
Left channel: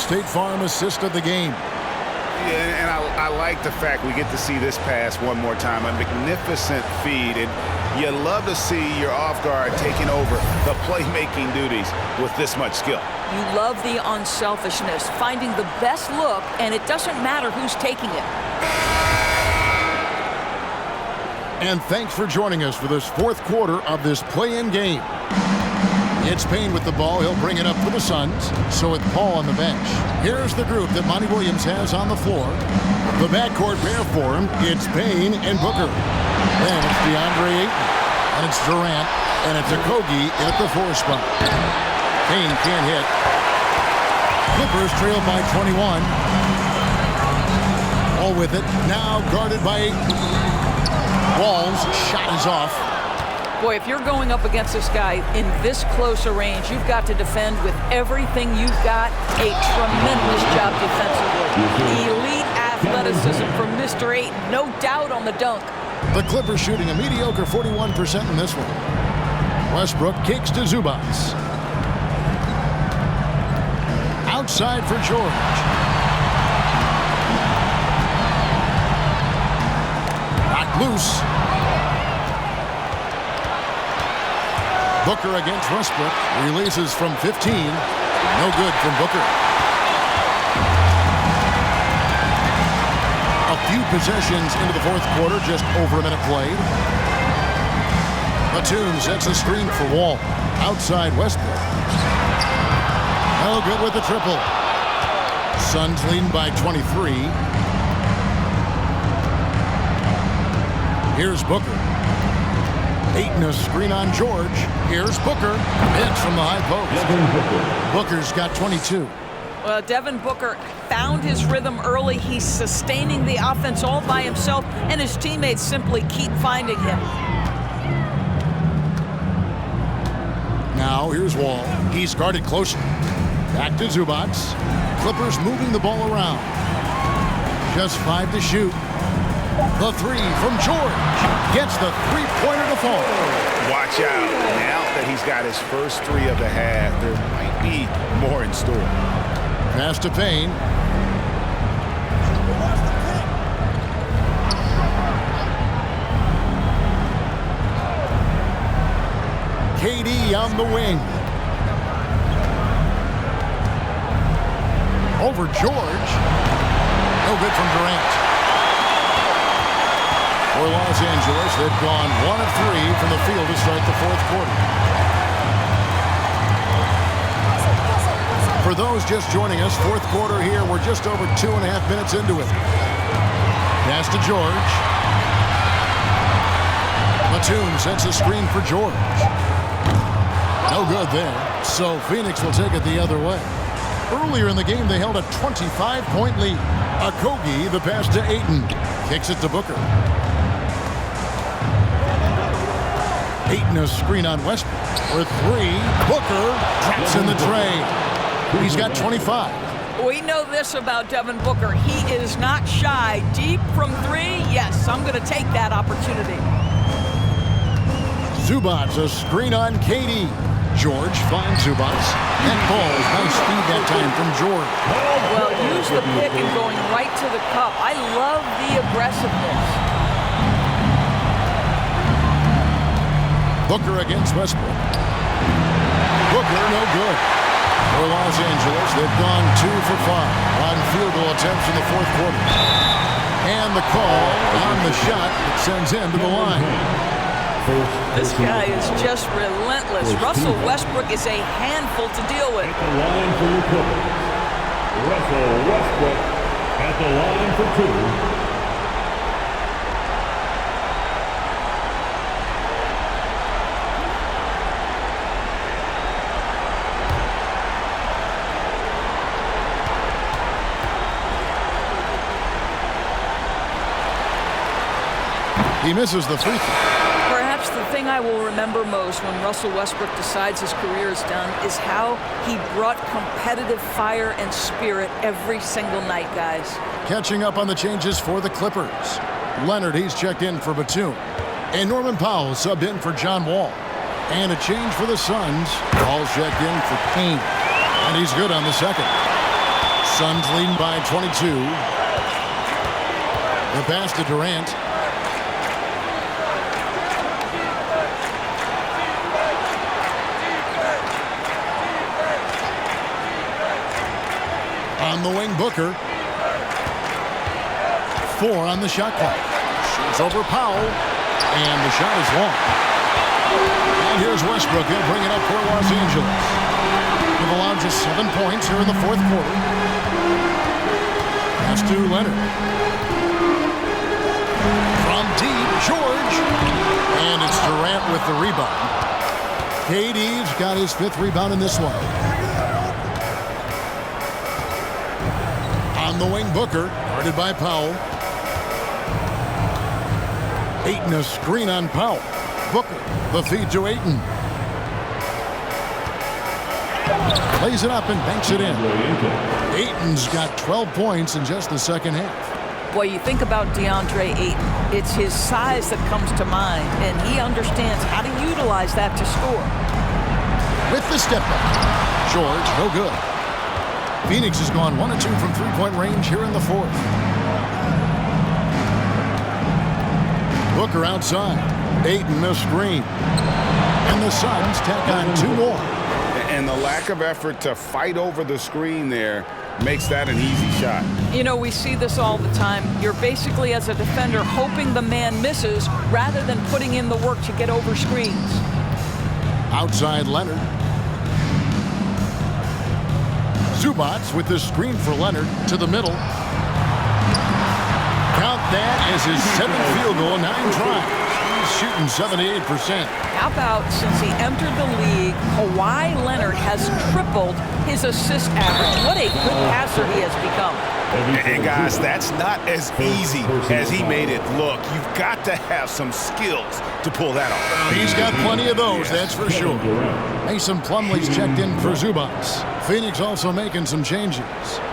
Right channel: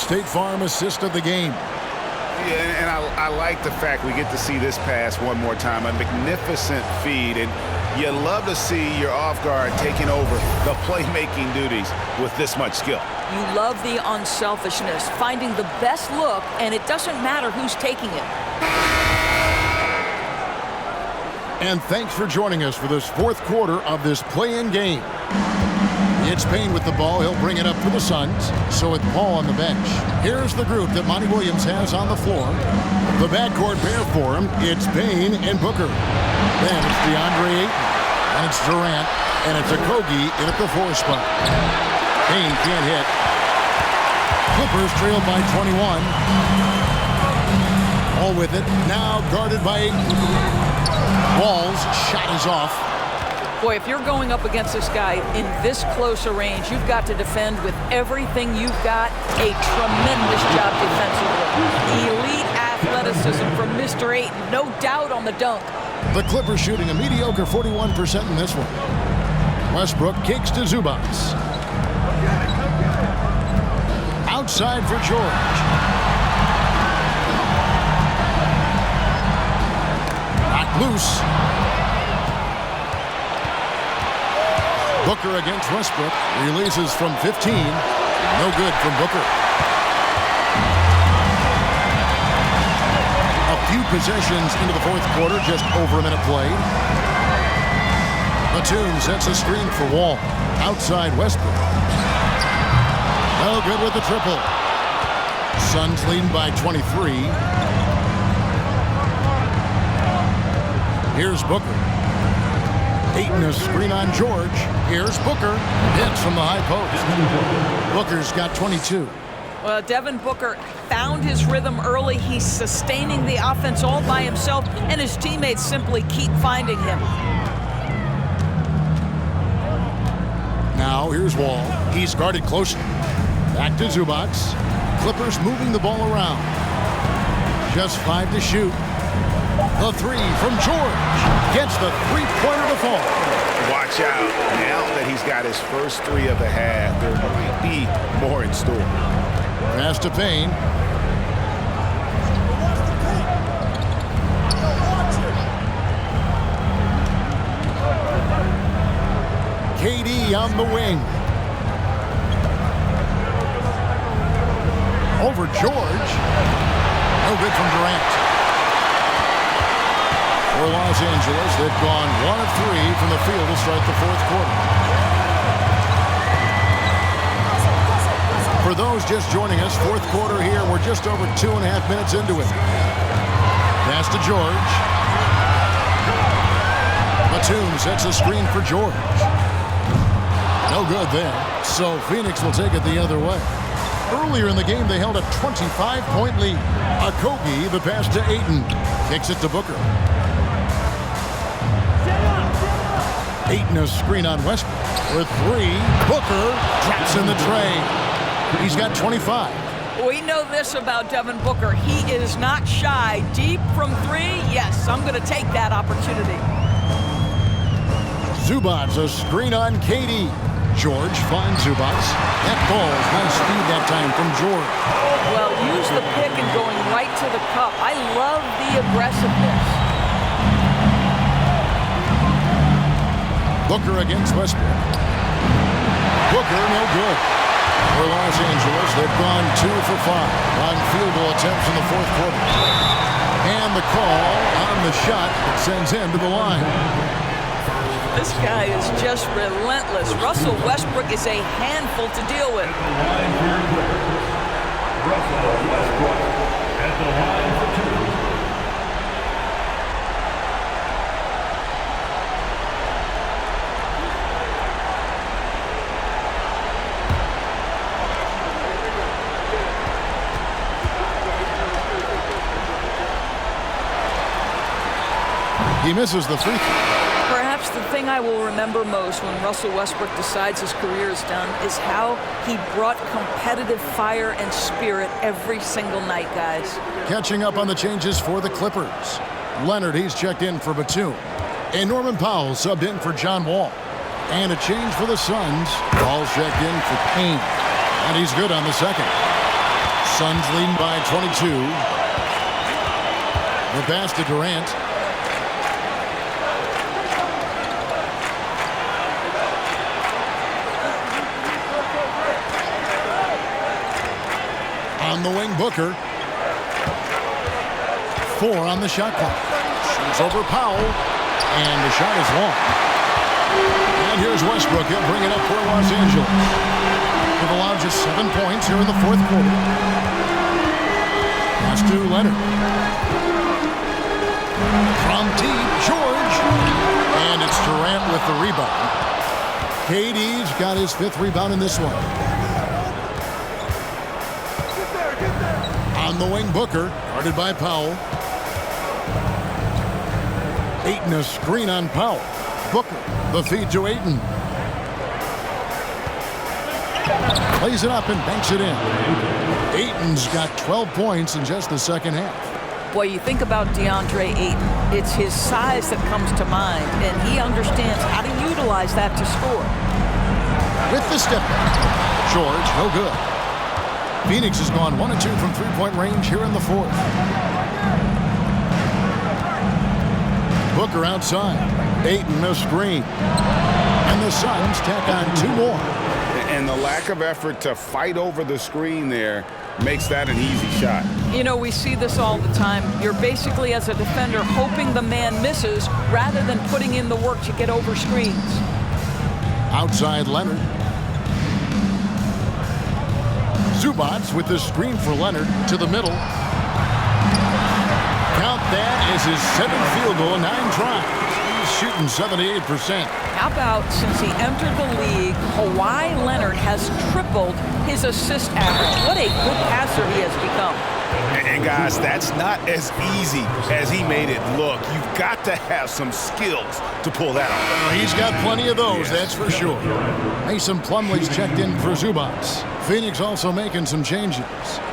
State Farm assist of the game. Yeah, and I like the fact we get to see this pass one more time. A magnificent feed, and you love to see your off guard taking over the playmaking duties with this much skill. You love the unselfishness, finding the best look, and it doesn't matter who's taking it. And thanks for joining us for this fourth quarter of this play-in game. It's Payne with the ball. He'll bring it up for the Suns. So with Paul on the bench. Here's the group that Monty Williams has on the floor. The backcourt pair for him, it's Payne and Booker. Then it's DeAndre Ayton, and it's Durant, and it's Okogie in at the 4 spot. Payne can't hit. Clippers trailed by 21. All with it. Now guarded by Ayton. Wall's shot is off. Boy, if you're going up against this guy in this close a range, you've got to defend with everything you've got. A tremendous job defensively. Elite athleticism from Mr. Ayton. No doubt on the dunk. The Clippers shooting a mediocre 41% in this one. Westbrook kicks to Zubac. Outside for George. Knocked loose. Booker against Westbrook. Releases from 15. No good from Booker. A few possessions into the fourth quarter, just over a minute played. Batum sets a screen for Wall. Outside Westbrook. No good with the triple. Suns leading by 23. Here's Booker. Ayton a screen on George. Here's Booker. Hits from the high post. Booker's got 22. Well, Devin Booker found his rhythm early. He's sustaining the offense all by himself, and his teammates simply keep finding him. Now here's Wall. He's guarded closer. Back to Zubac. Clippers moving the ball around. Just 5 to shoot. The 3 from George. Gets the three-pointer to fall. Watch out. Now that he's got his first 3 of the half, there might be more in store. Pass to Payne. KD on the wing. Over George. No good from Durant. For Los Angeles, they've gone 1 of 3 from the field to start the fourth quarter. For those just joining us, fourth quarter here, we're just over 2.5 minutes into it. Pass to George. Batum sets a screen for George. No good there. So Phoenix will take it the other way. Earlier in the game, they held a 25-point lead. Okogie, the pass to Ayton. Kicks it to Booker. Ayton a screen on Westbrook. For 3, Booker drops in the tray. He's got 25. We know this about Devin Booker. He is not shy. Deep from 3, yes, I'm going to take that opportunity. Zubac a screen on KD. George finds Zubac. That falls. Nice feed that time from George. Well, use the pick and going right to the cup. I love the aggressiveness. Booker against Westbrook. Booker no good. For Los Angeles, they've gone 2 for 5 on field goal attempts in the fourth quarter. And the call on the shot that sends him to the line. This guy is just relentless. Russell Westbrook is a handful to deal with. At the line for your Clippers, Russell Westbrook at the line for 2. He misses the free throw. Perhaps the thing I will remember most when Russell Westbrook decides his career is done is how he brought competitive fire and spirit every single night, guys. Catching up on the changes for the Clippers. Leonard, he's checked in for Batum. And Norman Powell subbed in for John Wall. And a change for the Suns. Paul's checked in for Payne. And he's good on the second. Suns leading by 22. The pass to Durant. On the wing, Booker. 4 on the shot clock. Shoots over Powell, and the shot is long. And here's Westbrook. He'll bring it up for Los Angeles. They've allowed just 7 points here in the fourth quarter. Pass to Leonard. From deep, George. And it's Durant with the rebound. KD's got his 5th rebound in this one. On the wing, Booker, guarded by Powell. Ayton a screen on Powell. Booker, the feed to Ayton. Plays it up and banks it in. Ayton's got 12 points in just the second half. Boy, you think about DeAndre Ayton. It's his size that comes to mind, and he understands how to utilize that to score. With the step back. George, no good. Phoenix has gone 1 of 2 from three-point range here in the fourth. Booker outside. Ayton a screen. And the Suns tack on 2 more. And the lack of effort to fight over the screen there makes that an easy shot. You know, we see this all the time. You're basically, as a defender, hoping the man misses rather than putting in the work to get over screens. Outside Leonard. Zubac with the screen for Leonard to the middle. Count that as his 7th field goal in 9 tries. He's shooting 78%. How about since he entered the league, Kawhi Leonard has tripled his assist average. What a good passer he has become. And guys, that's not as easy as he made it look. You've got to have some skills to pull that off. Well, he's got plenty of those, that's for sure. Mason Plumlee's checked in for Zubac. Phoenix also making some changes.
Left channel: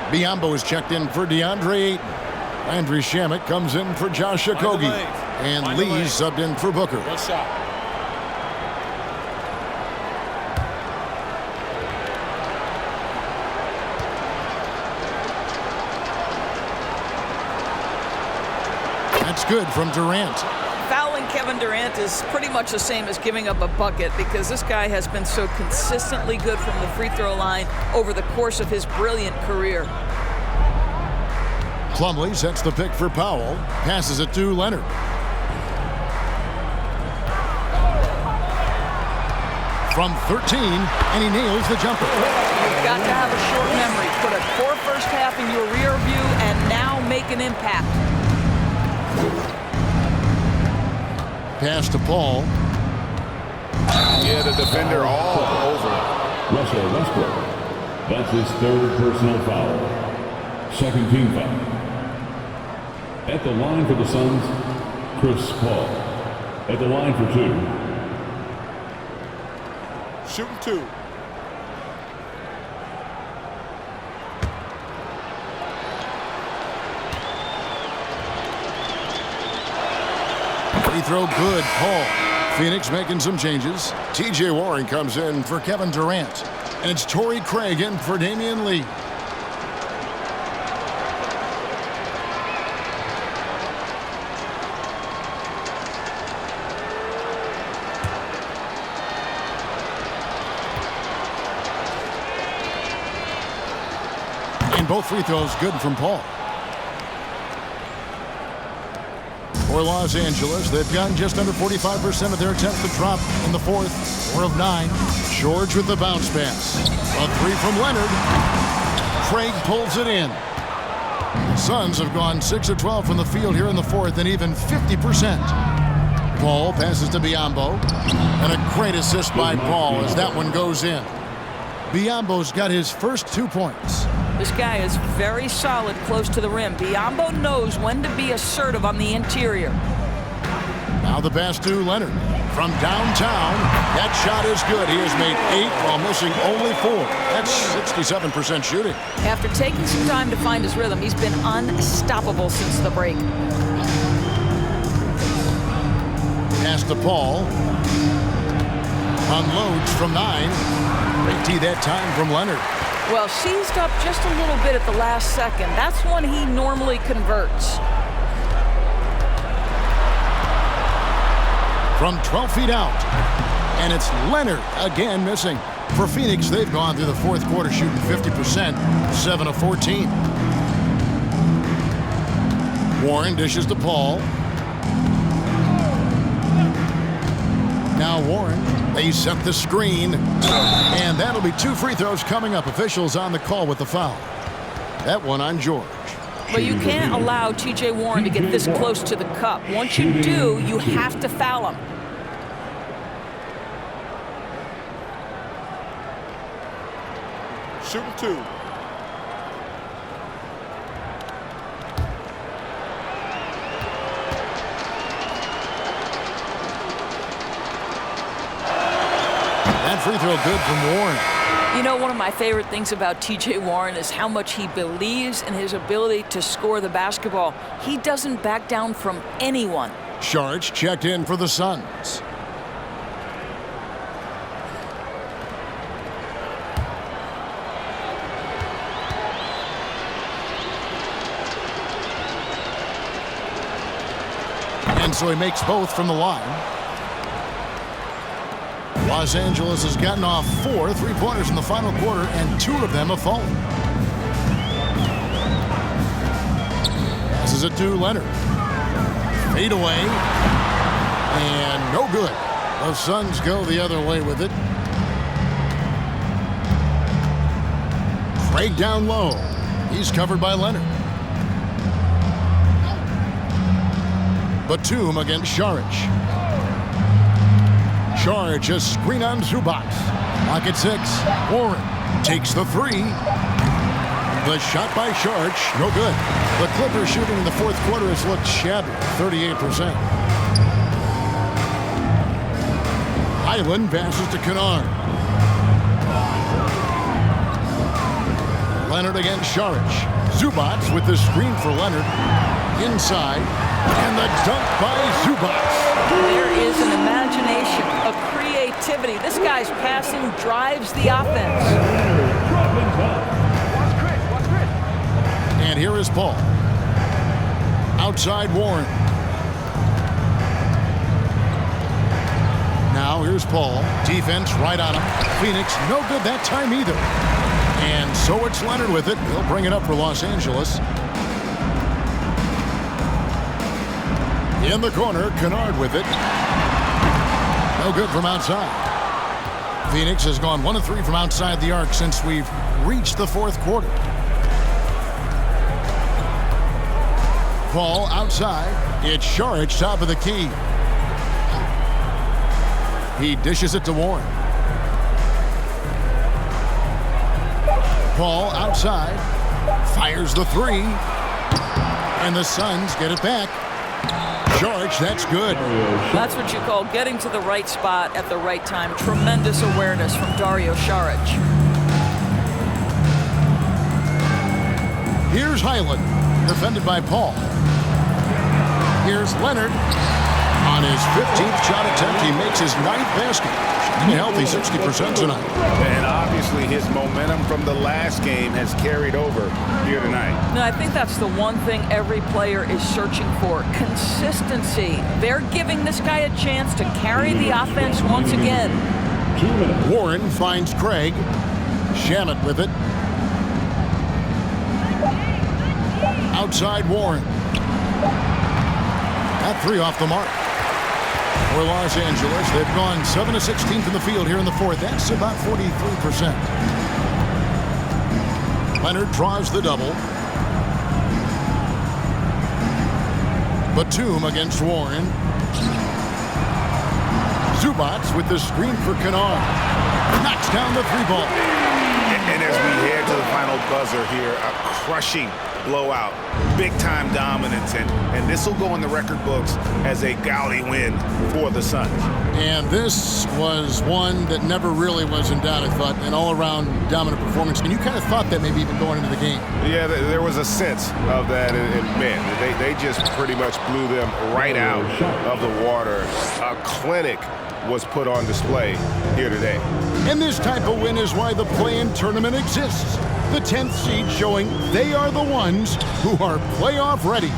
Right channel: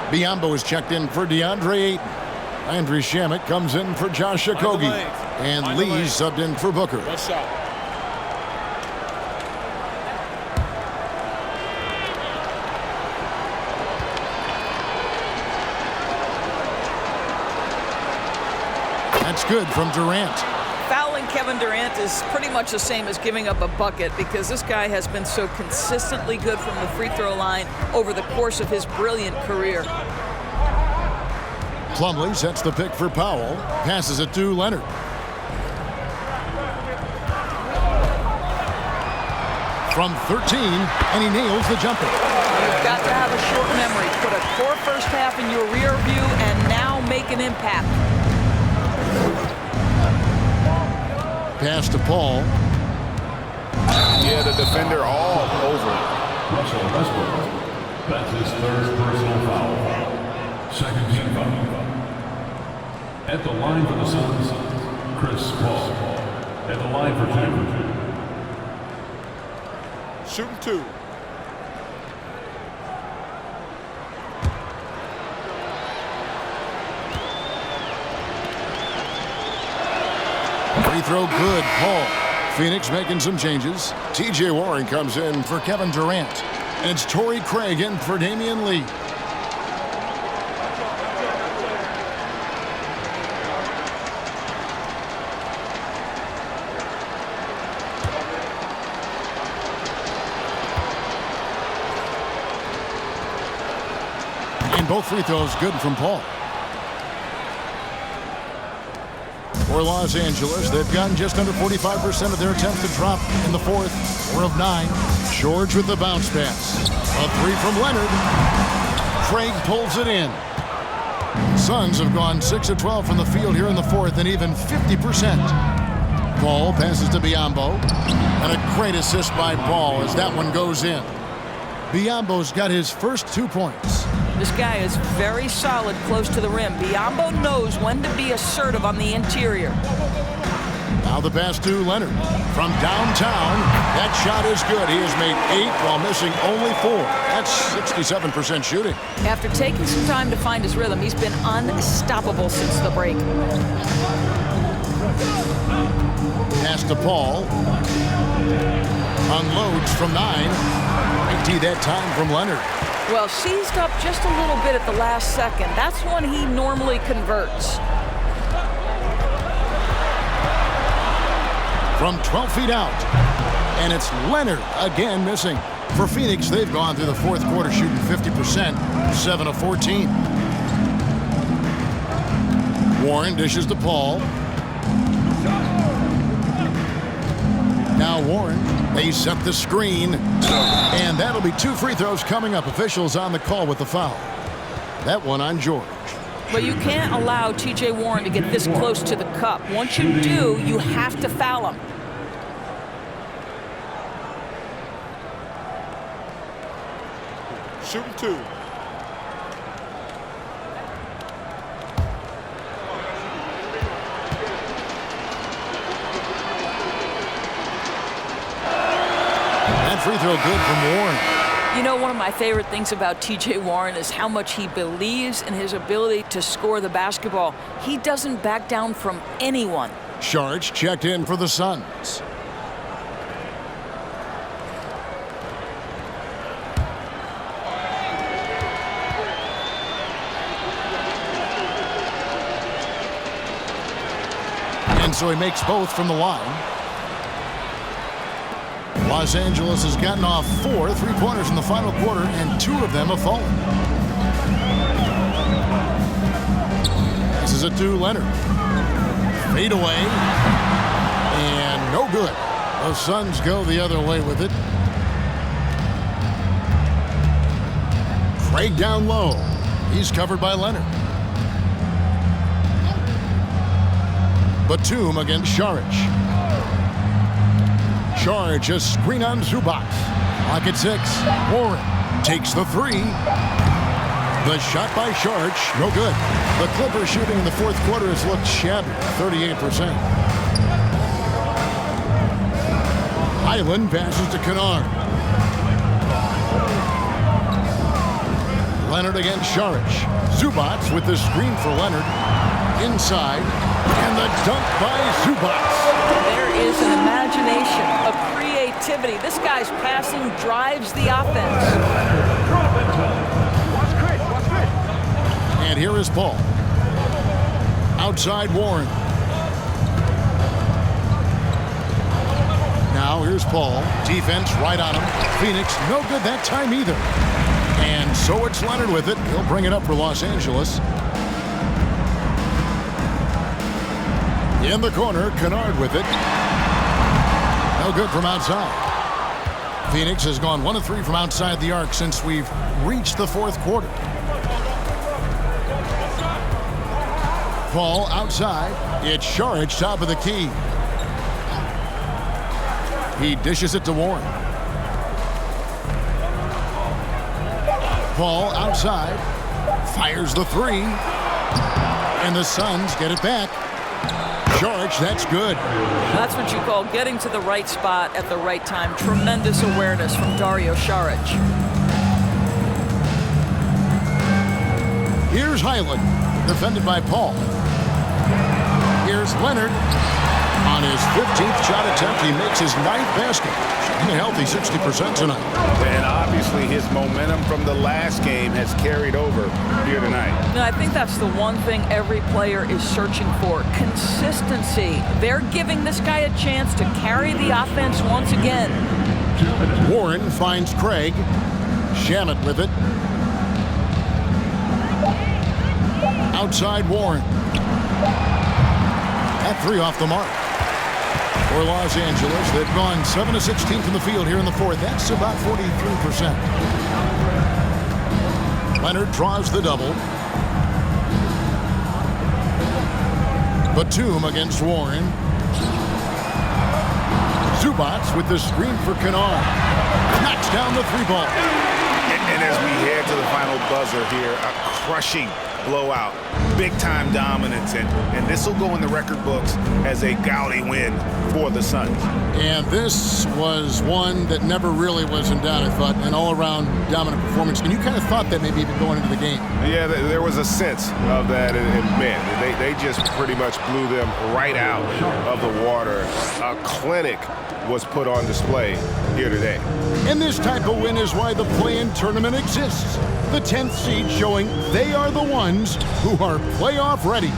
Biyombo is checked in for DeAndre Ayton. Landry Shamet comes in for Josh Okogie. And Lee's subbed in for Booker. 1 shot. That's good from Durant. Fouling Kevin Durant is pretty much the same as giving up a bucket because this guy has been so consistently good from the free throw line over the course of his brilliant career. Plumlee sets the pick for Powell. Passes it to Leonard. From 13, and he nails the jumper. You've got to have a short memory. Put a poor first half in your rear view and now make an impact. Pass to Paul. Yeah, the defender all over it. Russell Westbrook. That's his 3rd personal foul. 2nd team foul. At the line for the Suns, Chris Paul. At the line for 2. Shooting 2. Free throw good, Paul. Phoenix making some changes. TJ Warren comes in for Kevin Durant. And it's Torrey Craig in for Damian Lee. And both free throws good from Paul. For Los Angeles, they've gotten just under 45% of their attempts to drop in the fourth. 4 of 9. George with the bounce pass. A 3 from Leonard. Craig pulls it in. The Suns have gone 6 of 12 from the field here in the fourth and even 50%. Paul passes to Biyombo. And a great assist by Paul as that one goes in. Biyombo's got his first 2 points. This guy is very solid close to the rim. Biyombo knows when to be assertive on the interior. Now the pass to Leonard. From downtown, that shot is good. He has made 8 while missing only 4. That's 67% shooting. After taking some time to find his rhythm, he's been unstoppable since the break. Pass to Paul. Unloads from 9. Great tee that time from Leonard. Well, seized up just a little bit at the last second. That's when he normally converts. From 12 feet out, and it's Leonard again missing. For Phoenix, they've gone through the fourth quarter shooting 50%, 7 of 14. Warren dishes to Paul. Now Warren, they set the screen, and that'll be 2 free throws coming up. Officials on the call with the foul. That one on George. But you can't allow T.J. Warren to get this close to the cup. Once you do, you have to foul him. Shooting 2. That free throw good from Warren. You know, one of my favorite things about T.J. Warren is how much he believes in his ability to score the basketball. He doesn't back down from anyone. Saric checked in for the Suns. And so he makes both from the line. Los Angeles has gotten off 4 3-pointers in the final quarter, and 2 of them have fallen. Passes it to Leonard. Fade away. And no good. The Suns go the other way with it. Craig down low. He's covered by Leonard. Batum against Saric. Saric, a screen on Zubac. Lock at 6. Warren takes the 3. The shot by Saric, no good. The Clippers shooting in the fourth quarter has looked shabby, 38%. Highland passes to Kennard. Leonard against Saric. Zubac with the screen for Leonard. Inside. And the dunk by Zubac. There is an imagination, a creativity. This guy's passing drives the offense. And here is Paul. Outside Warren. Now here's Paul. Defense right on him. Phoenix no good that time either. And so it's Leonard with it. He'll bring it up for Los Angeles. In the corner, Kennard with it. No good from outside. Phoenix has gone 1 of 3 from outside the arc since we've reached the fourth quarter. Paul outside. It's Saric, top of the key. He dishes it to Warren. Paul outside. Fires the 3. And the Suns get it back. Saric, that's good. That's what you call getting to the right spot at the right time. Tremendous awareness from Dario Saric. Here's Highland, defended by Paul. Here's Leonard. On his 15th shot attempt, he makes his 9th basket. Shooting a healthy 60% tonight. And obviously his momentum from the last game has carried over here tonight. No, I think that's the one thing every player is searching for. Consistency. They're giving this guy a chance to carry the offense once again. Warren finds Craig. Shamet with it. Outside Warren. That 3 off the mark. For Los Angeles, they've gone 7 of 16 from the field here in the fourth. That's about 43%. Leonard draws the double. Batum against Warren. Zubac with the screen for Kennard. Knocks down the 3-ball. And as we head to the final buzzer here, a crushing blowout big-time dominance, and this will go in the record books as a gaudy win for the Suns. And this was one that never really was in doubt, I thought, an all-around dominant performance. And you kind of thought that maybe even going into the game. Yeah, there was a sense of that, and man, they just pretty much blew them right out of the water. A clinic was put on display here today. And this type of win is why the play-in tournament exists. The 10th seed showing they are the ones who are playoff ready.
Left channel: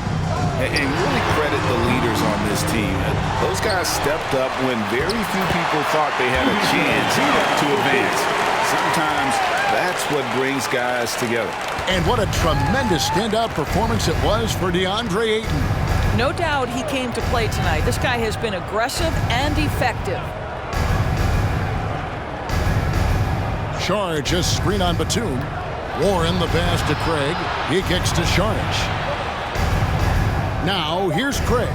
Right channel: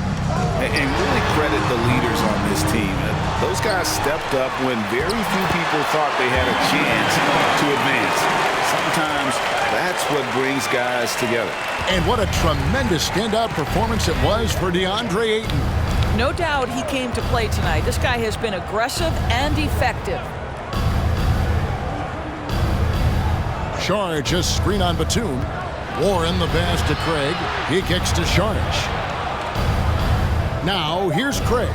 And really credit the leaders on this team. Those guys stepped up when very few people thought they had a chance to advance. Sometimes that's what brings guys together. And what a tremendous standout performance it was for DeAndre Ayton. No doubt he came to play tonight. This guy has been aggressive and effective. Saric, just screen on Batum. Warren the pass to Craig. He kicks to Saric. Now here's Craig.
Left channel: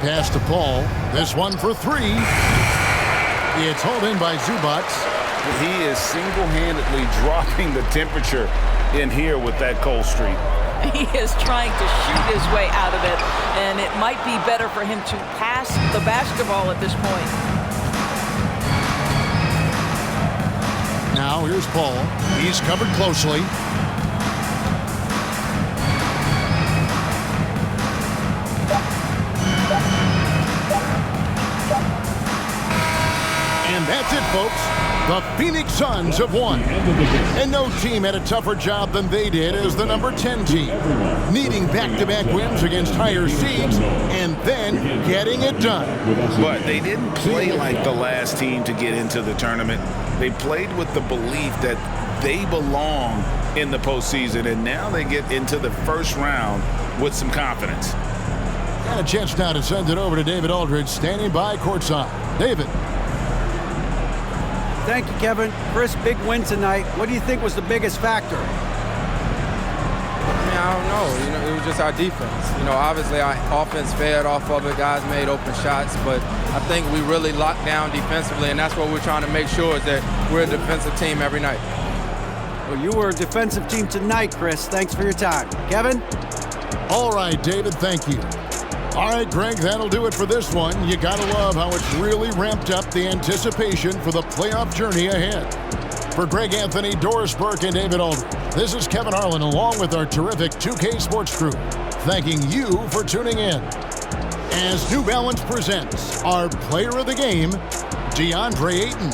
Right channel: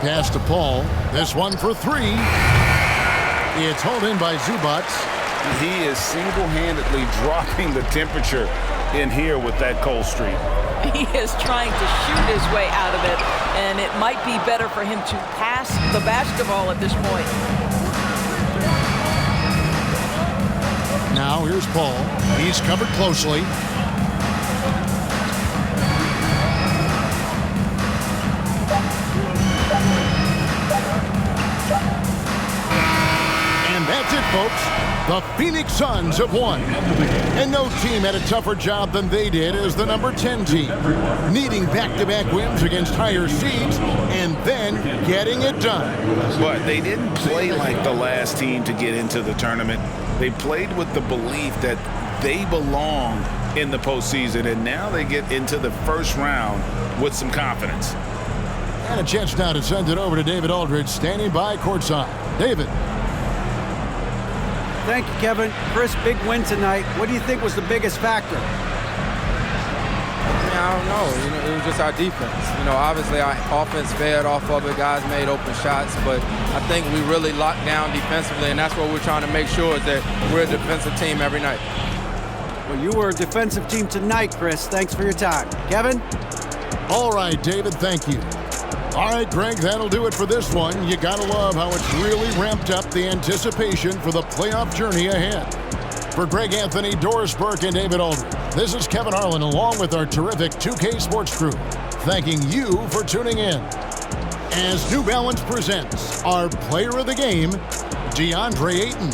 Pass to Paul. This one for three. It's hauled in by Zubac. He is single-handedly dropping the temperature in here with that cold streak. He is trying to shoot his way out of it, and it might be better for him to pass the basketball at this point. Now here's Paul. He's covered closely. And that's it, folks. The Phoenix Suns have won. And no team had a tougher job than they did as the number 10 team, needing back-to-back wins against higher seeds and then getting it done. But they didn't play like the last team to get into the tournament. They played with the belief that they belong in the postseason, and now they get into the first round with some confidence. And a chance now to send it over to David Aldridge, standing by courtside. David. Thank you, Kevin. Chris, big win tonight. What do you think was the biggest factor? I don't know. It was just our defense. Obviously our offense fed off of it. Guys made open shots, but I think we really locked down defensively, and that's what we're trying to make sure is that we're a defensive team every night. Well, you were a defensive team tonight, Chris. Thanks for your time. Kevin? All right, David, thank you. All right, Greg, that'll do it for this one. You gotta love how it's really ramped up the anticipation for the playoff journey ahead. For Greg Anthony, Doris Burke, and David Aldridge, this is Kevin Harlan along with our terrific 2K Sports crew, thanking you for tuning in. As New Balance presents our player of the game, DeAndre Ayton.